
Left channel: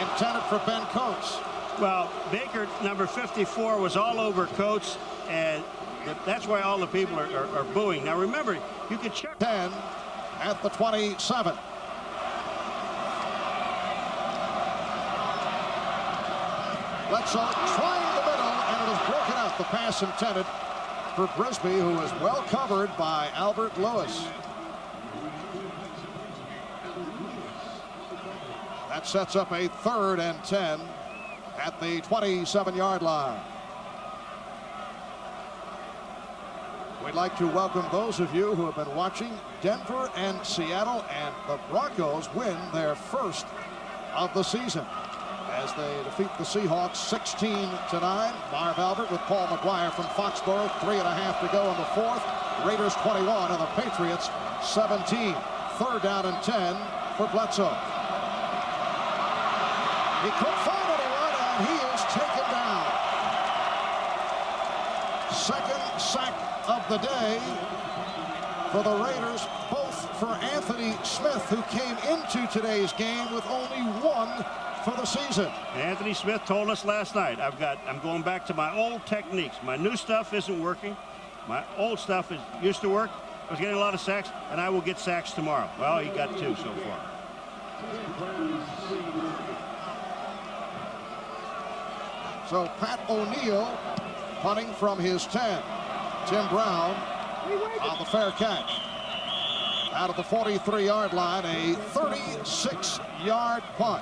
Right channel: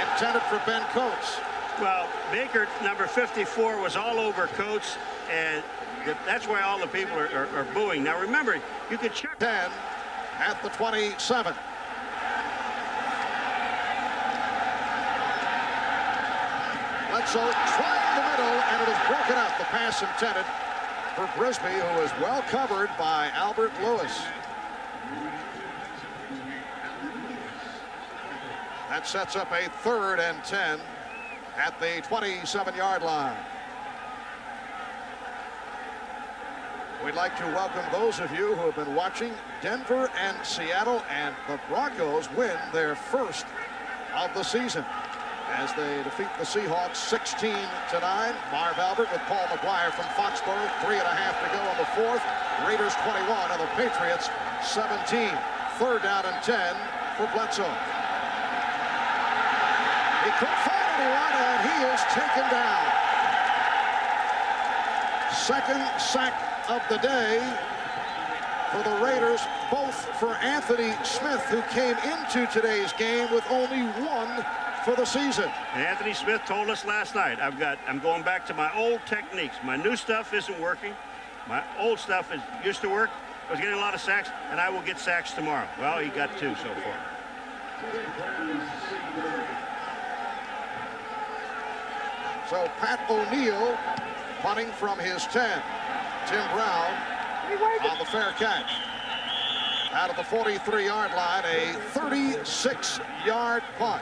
Intended for Ben Coates. Well, Baker, number 54, was all over Coates, and that's why all the people are booing. Now, remember, you could check. 10 at the 27. Bledsoe trying the middle, and it is broken up. The pass intended for Brisby, who is well covered by Albert Lewis. That sets up a 3rd and 10 at the 27-yard line. We'd like to welcome those of you who have been watching Denver and Seattle, and the Broncos win their 1st of the season. as they defeat the Seahawks 16-9. Marv Albert with Paul McGuire from Foxborough. 3.5 to go in the fourth. Raiders 21 and the Patriots 17. Third down and 10 for Bledsoe. He couldn't find anyone, and he is taken down. Second sack of the day for the Raiders, both for Anthony Smith, who came into today's game with only one for the season. And Anthony Smith told us last night, I'm going back to my old techniques. My new stuff isn't working. My old stuff used to work. I was getting a lot of sacks, and I will get sacks tomorrow. Well, he got 2 so far. So Pat O'Neill punting from his 10. Tim Brown on the fair catch. Out of the 43-yard line, a 36-yard punt.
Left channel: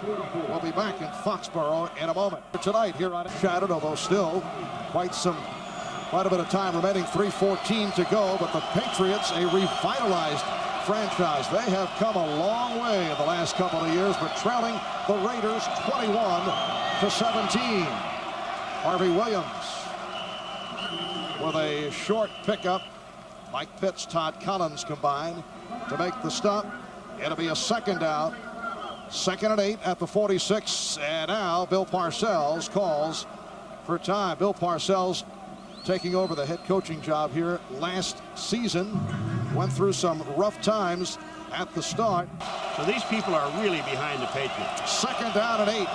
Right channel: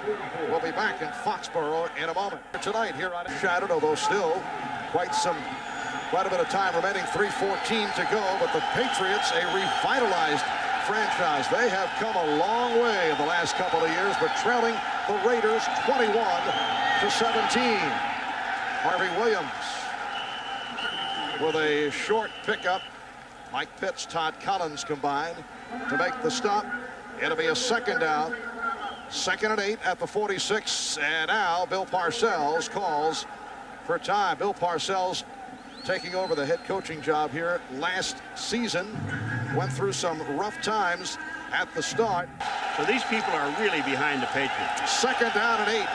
We'll be back in Foxborough in a moment. Tonight here on Shattered, although still quite a bit of time remaining, 3:14 to go. But the Patriots, a revitalized franchise. They have come a long way in the last couple of years, but trailing the Raiders 21-17. Harvey Williams with a short pickup. Mike Pitts, Todd Collins combined to make the stop. It'll be a second down. 2nd and 8 at the 46. And now Bill Parcells calls for time. Bill Parcells taking over the head coaching job here last season. Went through some rough times at the start. So these people are really behind the Patriots. 2nd down and 8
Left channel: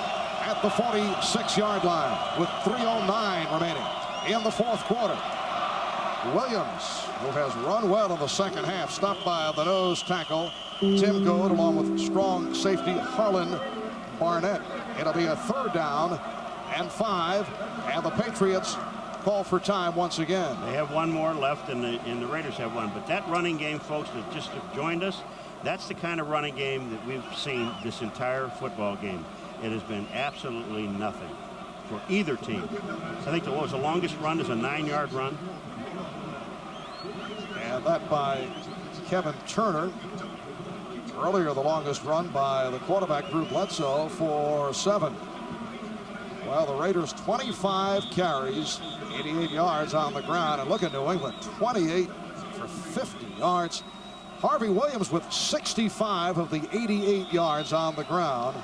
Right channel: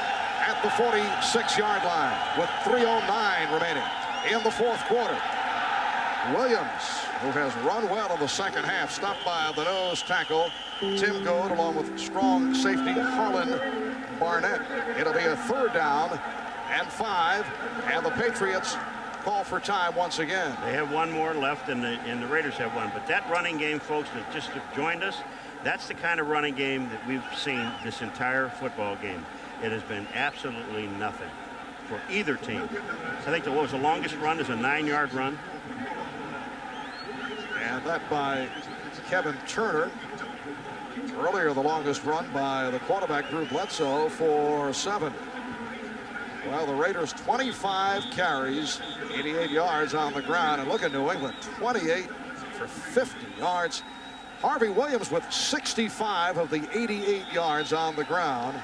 at the 46-yard line with 3:09 remaining in the fourth quarter. Williams, who has run well in the second half, stopped by the nose tackle Tim Goad along with strong safety Harlan Barnett. It'll be a 3rd down and 5, and the Patriots call for time once again. They have one more left, and the Raiders have one. But that running game, folks, that just have joined us, that's the kind of running game that we've seen this entire football game. It has been absolutely nothing for either team. I think what was the longest run is a 9-yard run. And that by Kevin Turner. Earlier, the longest run by the quarterback, Drew Bledsoe, for 7. Well, the Raiders 25 carries, 88 yards on the ground. And look at New England, 28 for 50 yards. Harvey Williams with 65 of the 88 yards on the ground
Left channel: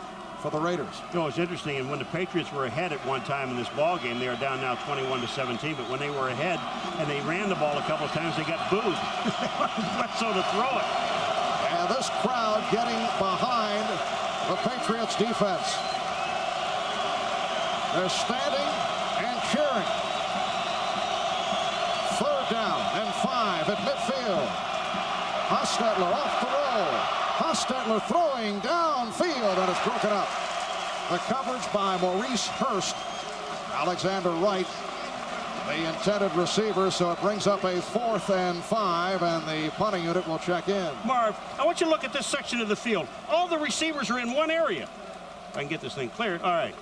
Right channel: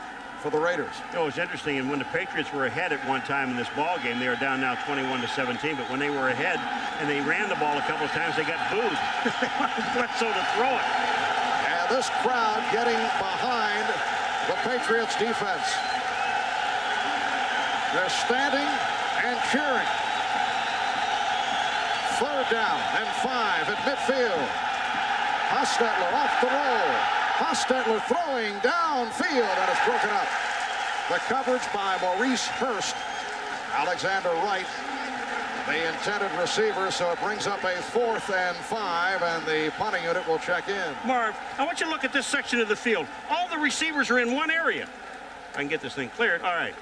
for the Raiders. You know, it's interesting, and when the Patriots were ahead at one time in this ball game, they are down now 21-17, but when they were ahead and they ran the ball a couple of times, they got booed. They wanted Bledsoe to throw it. And this crowd getting behind the Patriots defense. They're standing and cheering. 3rd down and 5 at midfield. Hostetler off the roll. Hostetler throwing downfield, and it's broken up. The coverage by Maurice Hurst. Alexander Wright, the intended receiver, so it brings up a 4th and 5, and the punting unit will check in. Marv, I want you to look at this section of the field. All the receivers are in one area. If I can get this thing cleared. All right.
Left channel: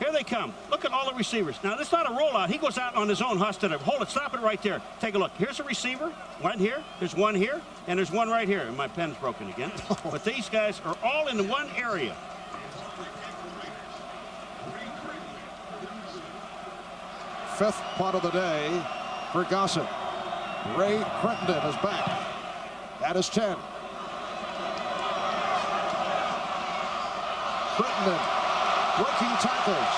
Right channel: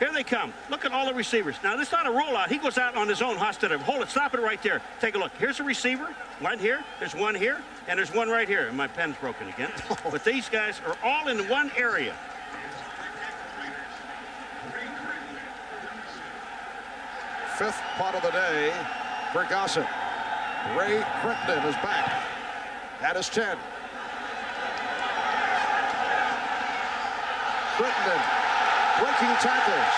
Here they come. Look at all the receivers. Now, this is not a rollout. He goes out on his own. Hostetler. Hold it. Stop it right there. Take a look. Here's a receiver. One here. There's one here. And there's one right here. And my pen's broken again. But these guys are all in one area. Fifth punt of the day for Gossett. Ray Crittenden is back. That is 10. Crittenden breaking tackles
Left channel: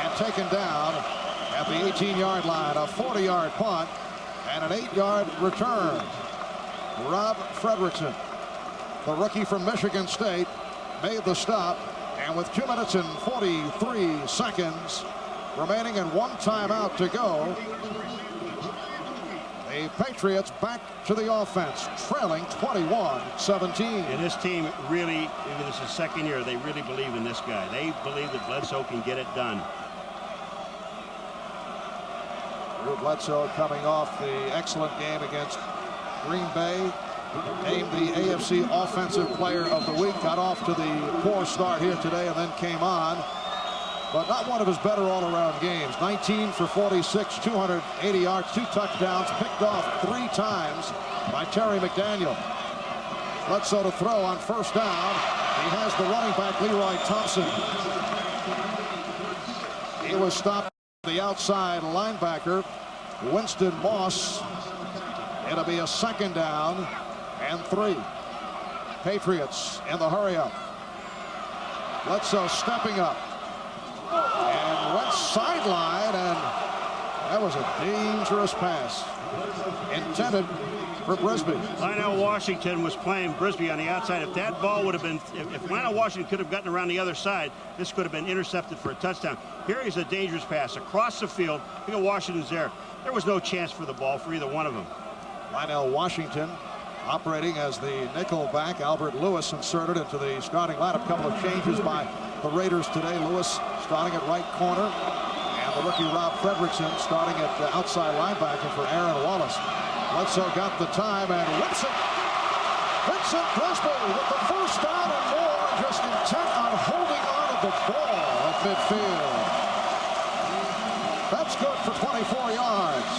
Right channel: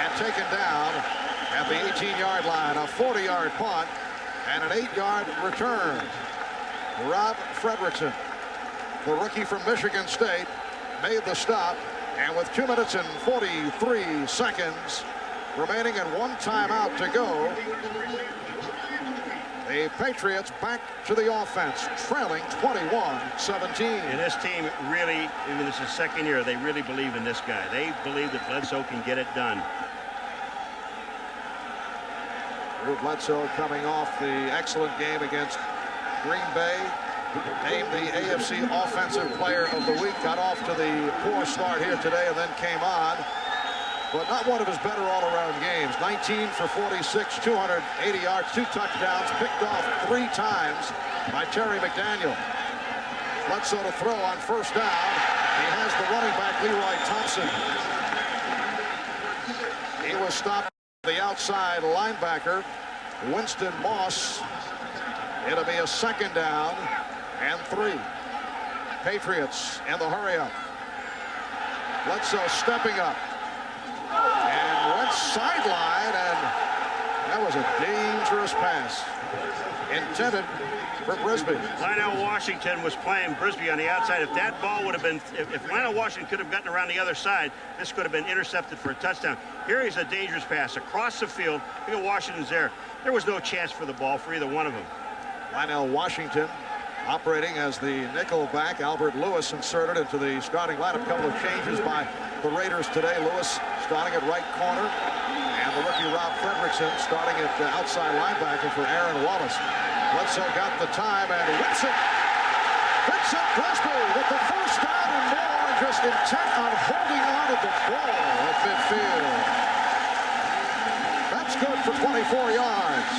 and taken down at the 18-yard line. A 40-yard punt and an 8-yard return. Rob Fredrickson, the rookie from Michigan State, made the stop, and with 2 minutes and 43 seconds remaining and 1 timeout to go, the Patriots back to the offense, trailing 21-17. And this team really, even this is second year, they really believe in this guy. They believe that Bledsoe can get it done. Drew Bledsoe coming off the excellent game against Green Bay, named the AFC Offensive Player of the Week. Got off to the poor start here today and then came on, but not one of his better all-around games. 19 for 46, 280 yards, 2 touchdowns, picked off 3 times by Terry McDaniel. Bledsoe to throw on 1st down, He has the running back, Leroy Thompson. He was stopped by the outside linebacker, Winston Moss. It'll be a 2nd down and 3. Patriots in the hurry up. Bledsoe stepping up. And went sideline, and that was a dangerous pass. Intended for Brisbee. Lionel Washington was playing Brisbee on the outside. If that ball would have been, if Lionel Washington could have gotten around the other side, this could have been intercepted for a touchdown. Here is a dangerous pass across the field. Look at Washington's there. There was no chance for the ball for either one of them. Lionel Washington operating as the nickel back. Albert Lewis inserted into the starting lineup. A couple of changes by the Raiders today. Lewis starting at right corner, and the rookie Rob Fredrickson starting at outside linebacker for Aaron Wallace. Bledsoe got the time and whips it. Vincent Brisbee with the 1st down and more, just intent on holding on to the ball at midfield. That's good for 24 yards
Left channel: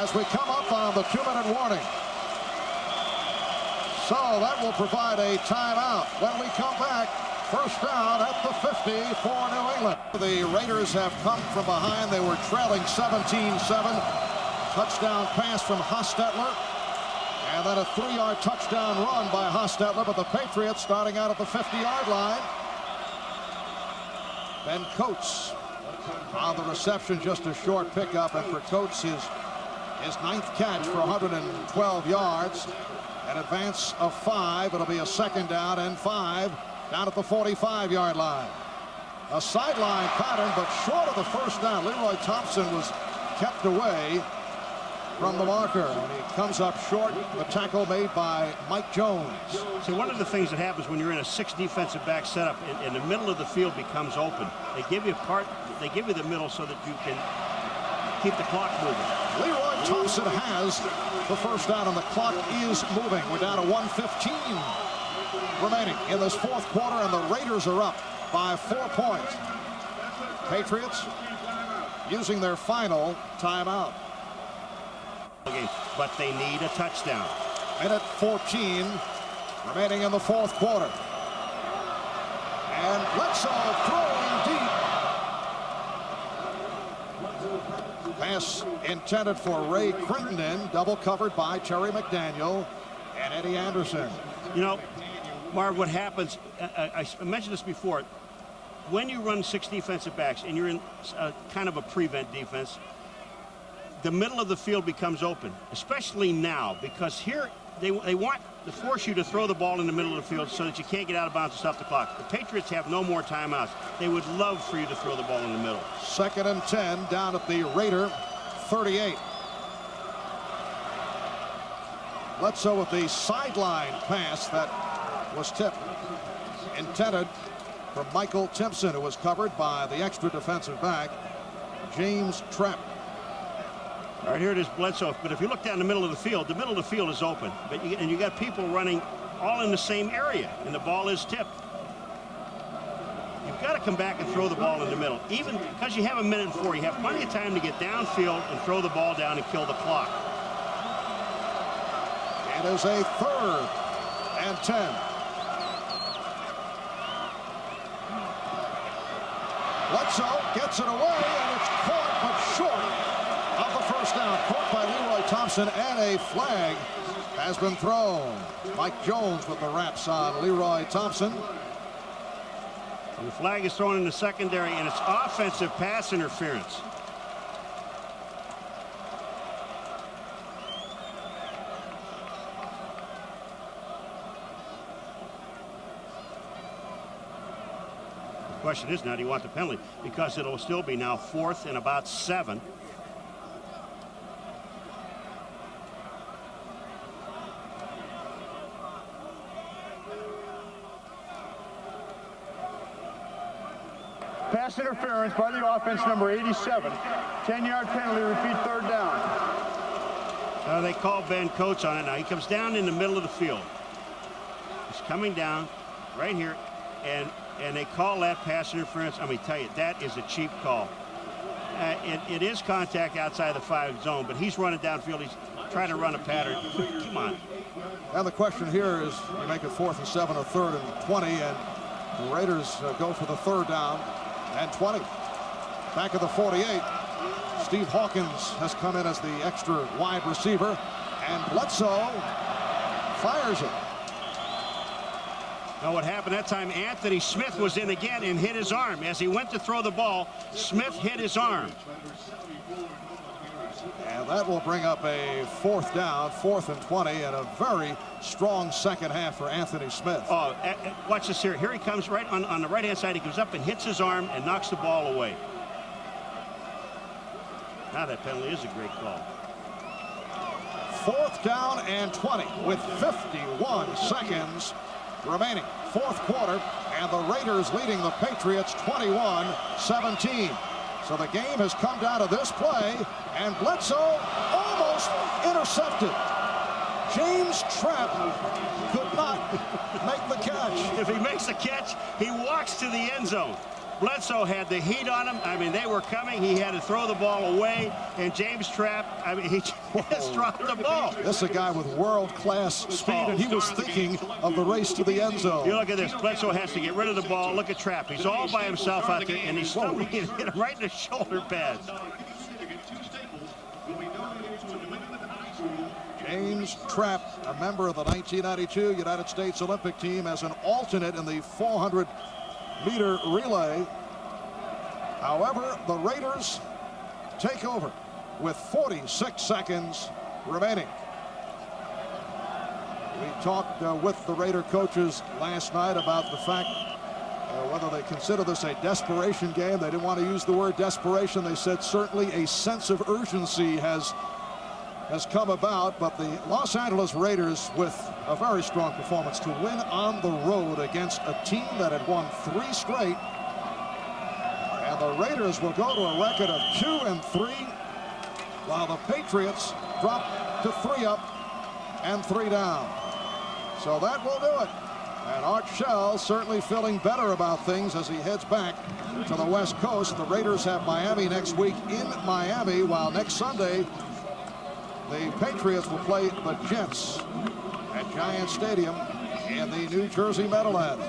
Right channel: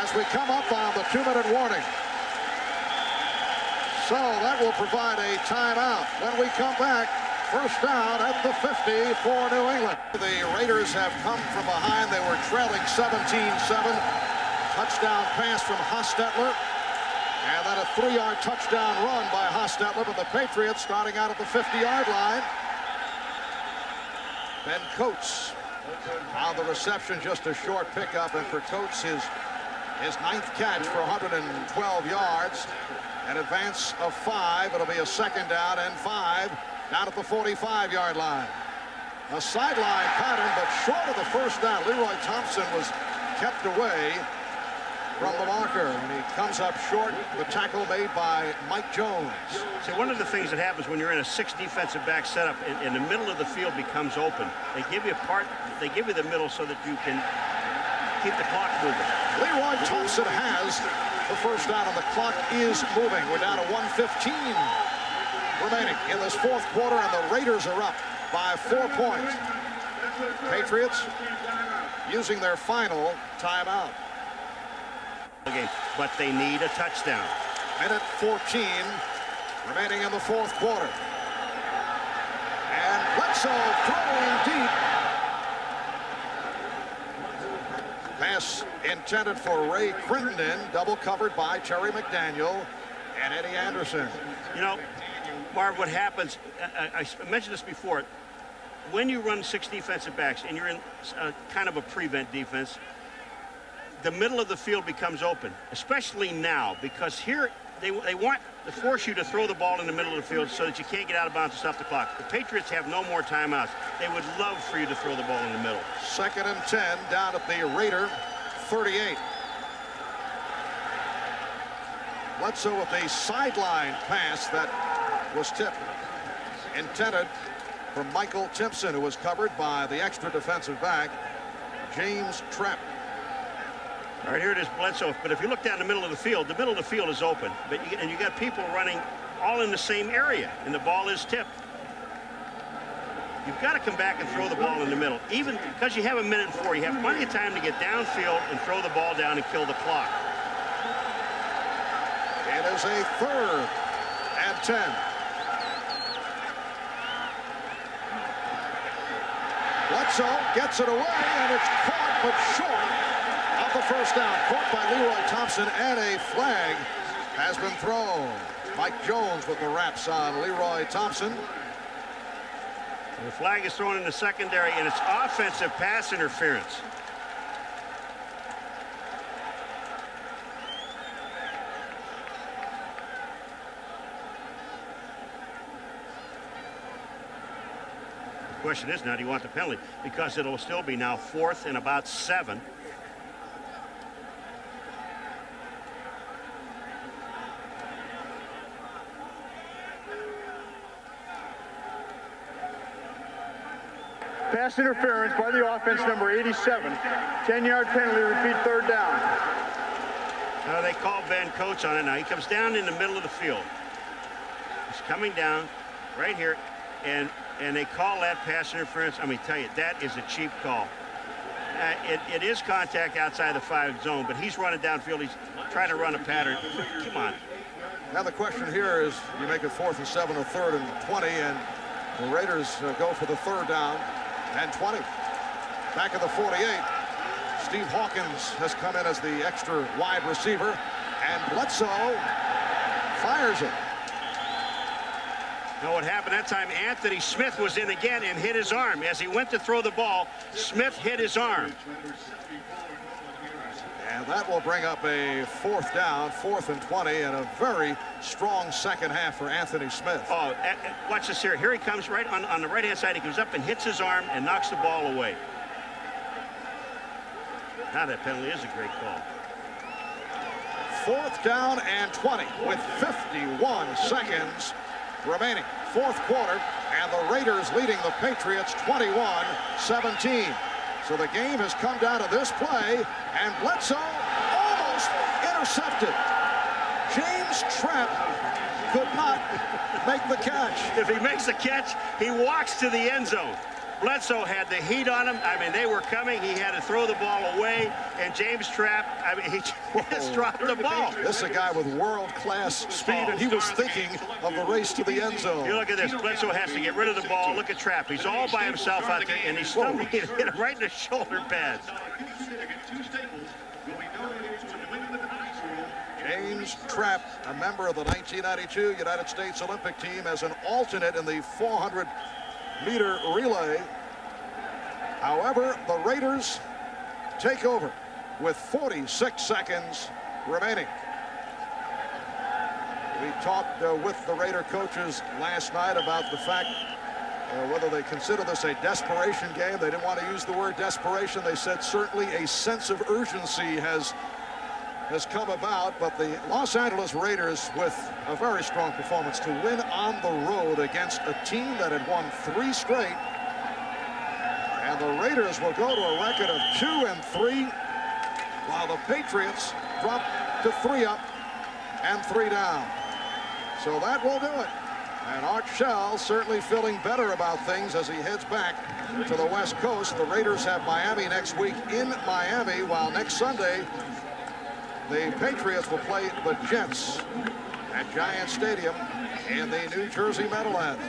as we come up on the 2-minute warning. So that will provide a timeout. When we come back, 1st down at the 50 for New England. The Raiders have come from behind. They were trailing 17-7. Touchdown pass from Hostetler. And then a 3-yard touchdown run by Hostetler. But the Patriots starting out at the 50-yard line. Ben Coates on the reception, just a short pickup. And for Coates, his 9th catch for 112 yards. An advance of 5. It'll be a 2nd down and 5 down at the 45-yard line. A sideline pattern, but short of the 1st down. Leroy Thompson was kept away from the marker, and he comes up short. The tackle made by Mike Jones. See, one of the things that happens when you're in a 6 defensive back setup, in the middle of the field becomes open. They give you the middle so that you can keep the clock moving. Leroy Thompson has the 1st down, and the clock is moving. We're down to 1:15 remaining in this 4th quarter, and the Raiders are up by 4 points. Patriots using their final timeout. But they need a touchdown. Minute 14 remaining in the 4th quarter. And Bledsoe throwing deep. Pass intended for Ray Crittenden, double covered by Terry McDaniel and Eddie Anderson. You know, Marv, what happens, I mentioned this before, when you run 6 defensive backs and you're in kind of a prevent defense, the middle of the field becomes open, especially now, because here they want to force you to throw the ball in the middle of the field so that you can't get out of bounds and stop the clock. The Patriots have no more timeouts. They would love for you to throw the ball in the middle. 2nd and 10 down at the Raider 38. Bledsoe with the sideline pass that was tipped. Intended from Michael Timpson, who was covered by the extra defensive back, James Trepp. All right, here it is, Bledsoe. But if you look down the middle of the field is open. But you got people running all in the same area, and the ball is tipped. You've got to come back and throw the ball in the middle. Even because you have 1 minute and 4, you have plenty of time to get downfield and throw the ball down and kill the clock. It is a 3rd and 10. Bledsoe gets it away, and it's caught, but short of the 1st down. Caught by Leroy Thompson, and a flag has been thrown. Mike Jones with the wraps on Leroy Thompson. The flag is thrown in the secondary, and it's offensive pass interference. The question is now, do you want the penalty? Because it'll still be now 4th and about 7. Pass interference by the offense, number 87. 10-yard penalty, repeat 3rd down. They call Ben Coates on it now. He comes down in the middle of the field. He's coming down right here, and they call that pass interference. I mean, tell you, that is a cheap call. It is contact outside the 5 zone, but he's running downfield. He's trying to run a pattern. Come on. Now the question here is, you make it 4th and 7 or 3rd and 20, and The Raiders go for the 3rd down and 20. Back of the 48. Steve Hawkins has come in as the extra wide receiver, and Bledsoe fires it. Now what happened that time, Anthony Smith was in again and hit his arm. As he went to throw the ball, Smith hit his arm. And that will bring up a 4th down, 4th and 20, and a very strong second half for Anthony Smith. Oh, watch this here. Here he comes right on the right-hand side. He goes up and hits his arm and knocks the ball away. Now that penalty is a great call. 4th down and 20 with 51 seconds remaining. 4th quarter, and the Raiders leading the Patriots 21-17. So the game has come down to this play, and Bledsoe almost intercepted. James Trapp could not make the catch. If he makes the catch, he walks to the end zone. Bledsoe had the heat on him. I mean, they were coming. He had to throw the ball away, and James Trapp, I mean, he just dropped the ball. This is a guy with world-class speed, and he was thinking of the race to the end zone. You look at this. Bledsoe has to get rid of the ball. Look at Trapp. He's all by himself out there, and he's stumbling and hit him right in the shoulder pads. James Trapp, a member of the 1992 United States Olympic team, as an alternate in the 400-meter relay. However, the Raiders take over with 46 seconds remaining. We talked with the Raider coaches last night about the fact whether they consider this a desperation game. They didn't want to use the word desperation. They said certainly a sense of urgency has come about, but the Los Angeles Raiders with a very strong performance to win on the road against a team that had won 3 straight. And the Raiders will go to a record of 2-3, while the Patriots drop to 3 up and 3 down. So that will do it. And Art Shell certainly feeling better about things as he heads back to the West Coast. The Raiders have Miami next week in Miami, while next Sunday the Patriots will play the Jets at Giant Stadium in the New Jersey Meadowlands.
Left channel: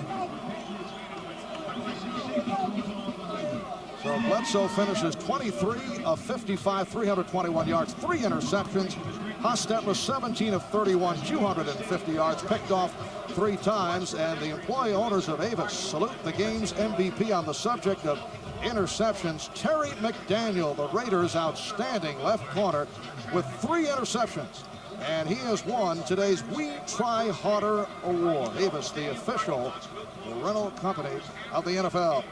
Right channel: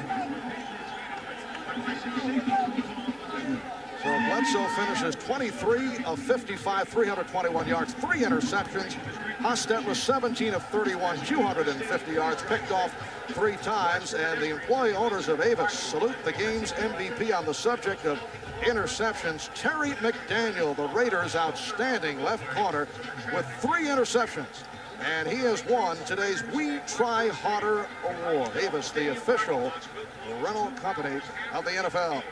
So Bledsoe finishes 23 of 55, 321 yards, 3 interceptions. Hostetler 17 of 31, 250 yards, picked off 3 times. And the employee owners of Avis salute the game's MVP on the subject of interceptions. Terry McDaniel, the Raiders' outstanding left corner, with 3 interceptions. And he has won today's We Try Harder Award. Avis, the official rental company of the NFL.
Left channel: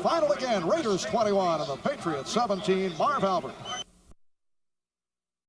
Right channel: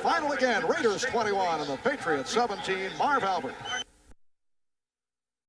Final again, Raiders 21 and the Patriots 17. Marv Albert.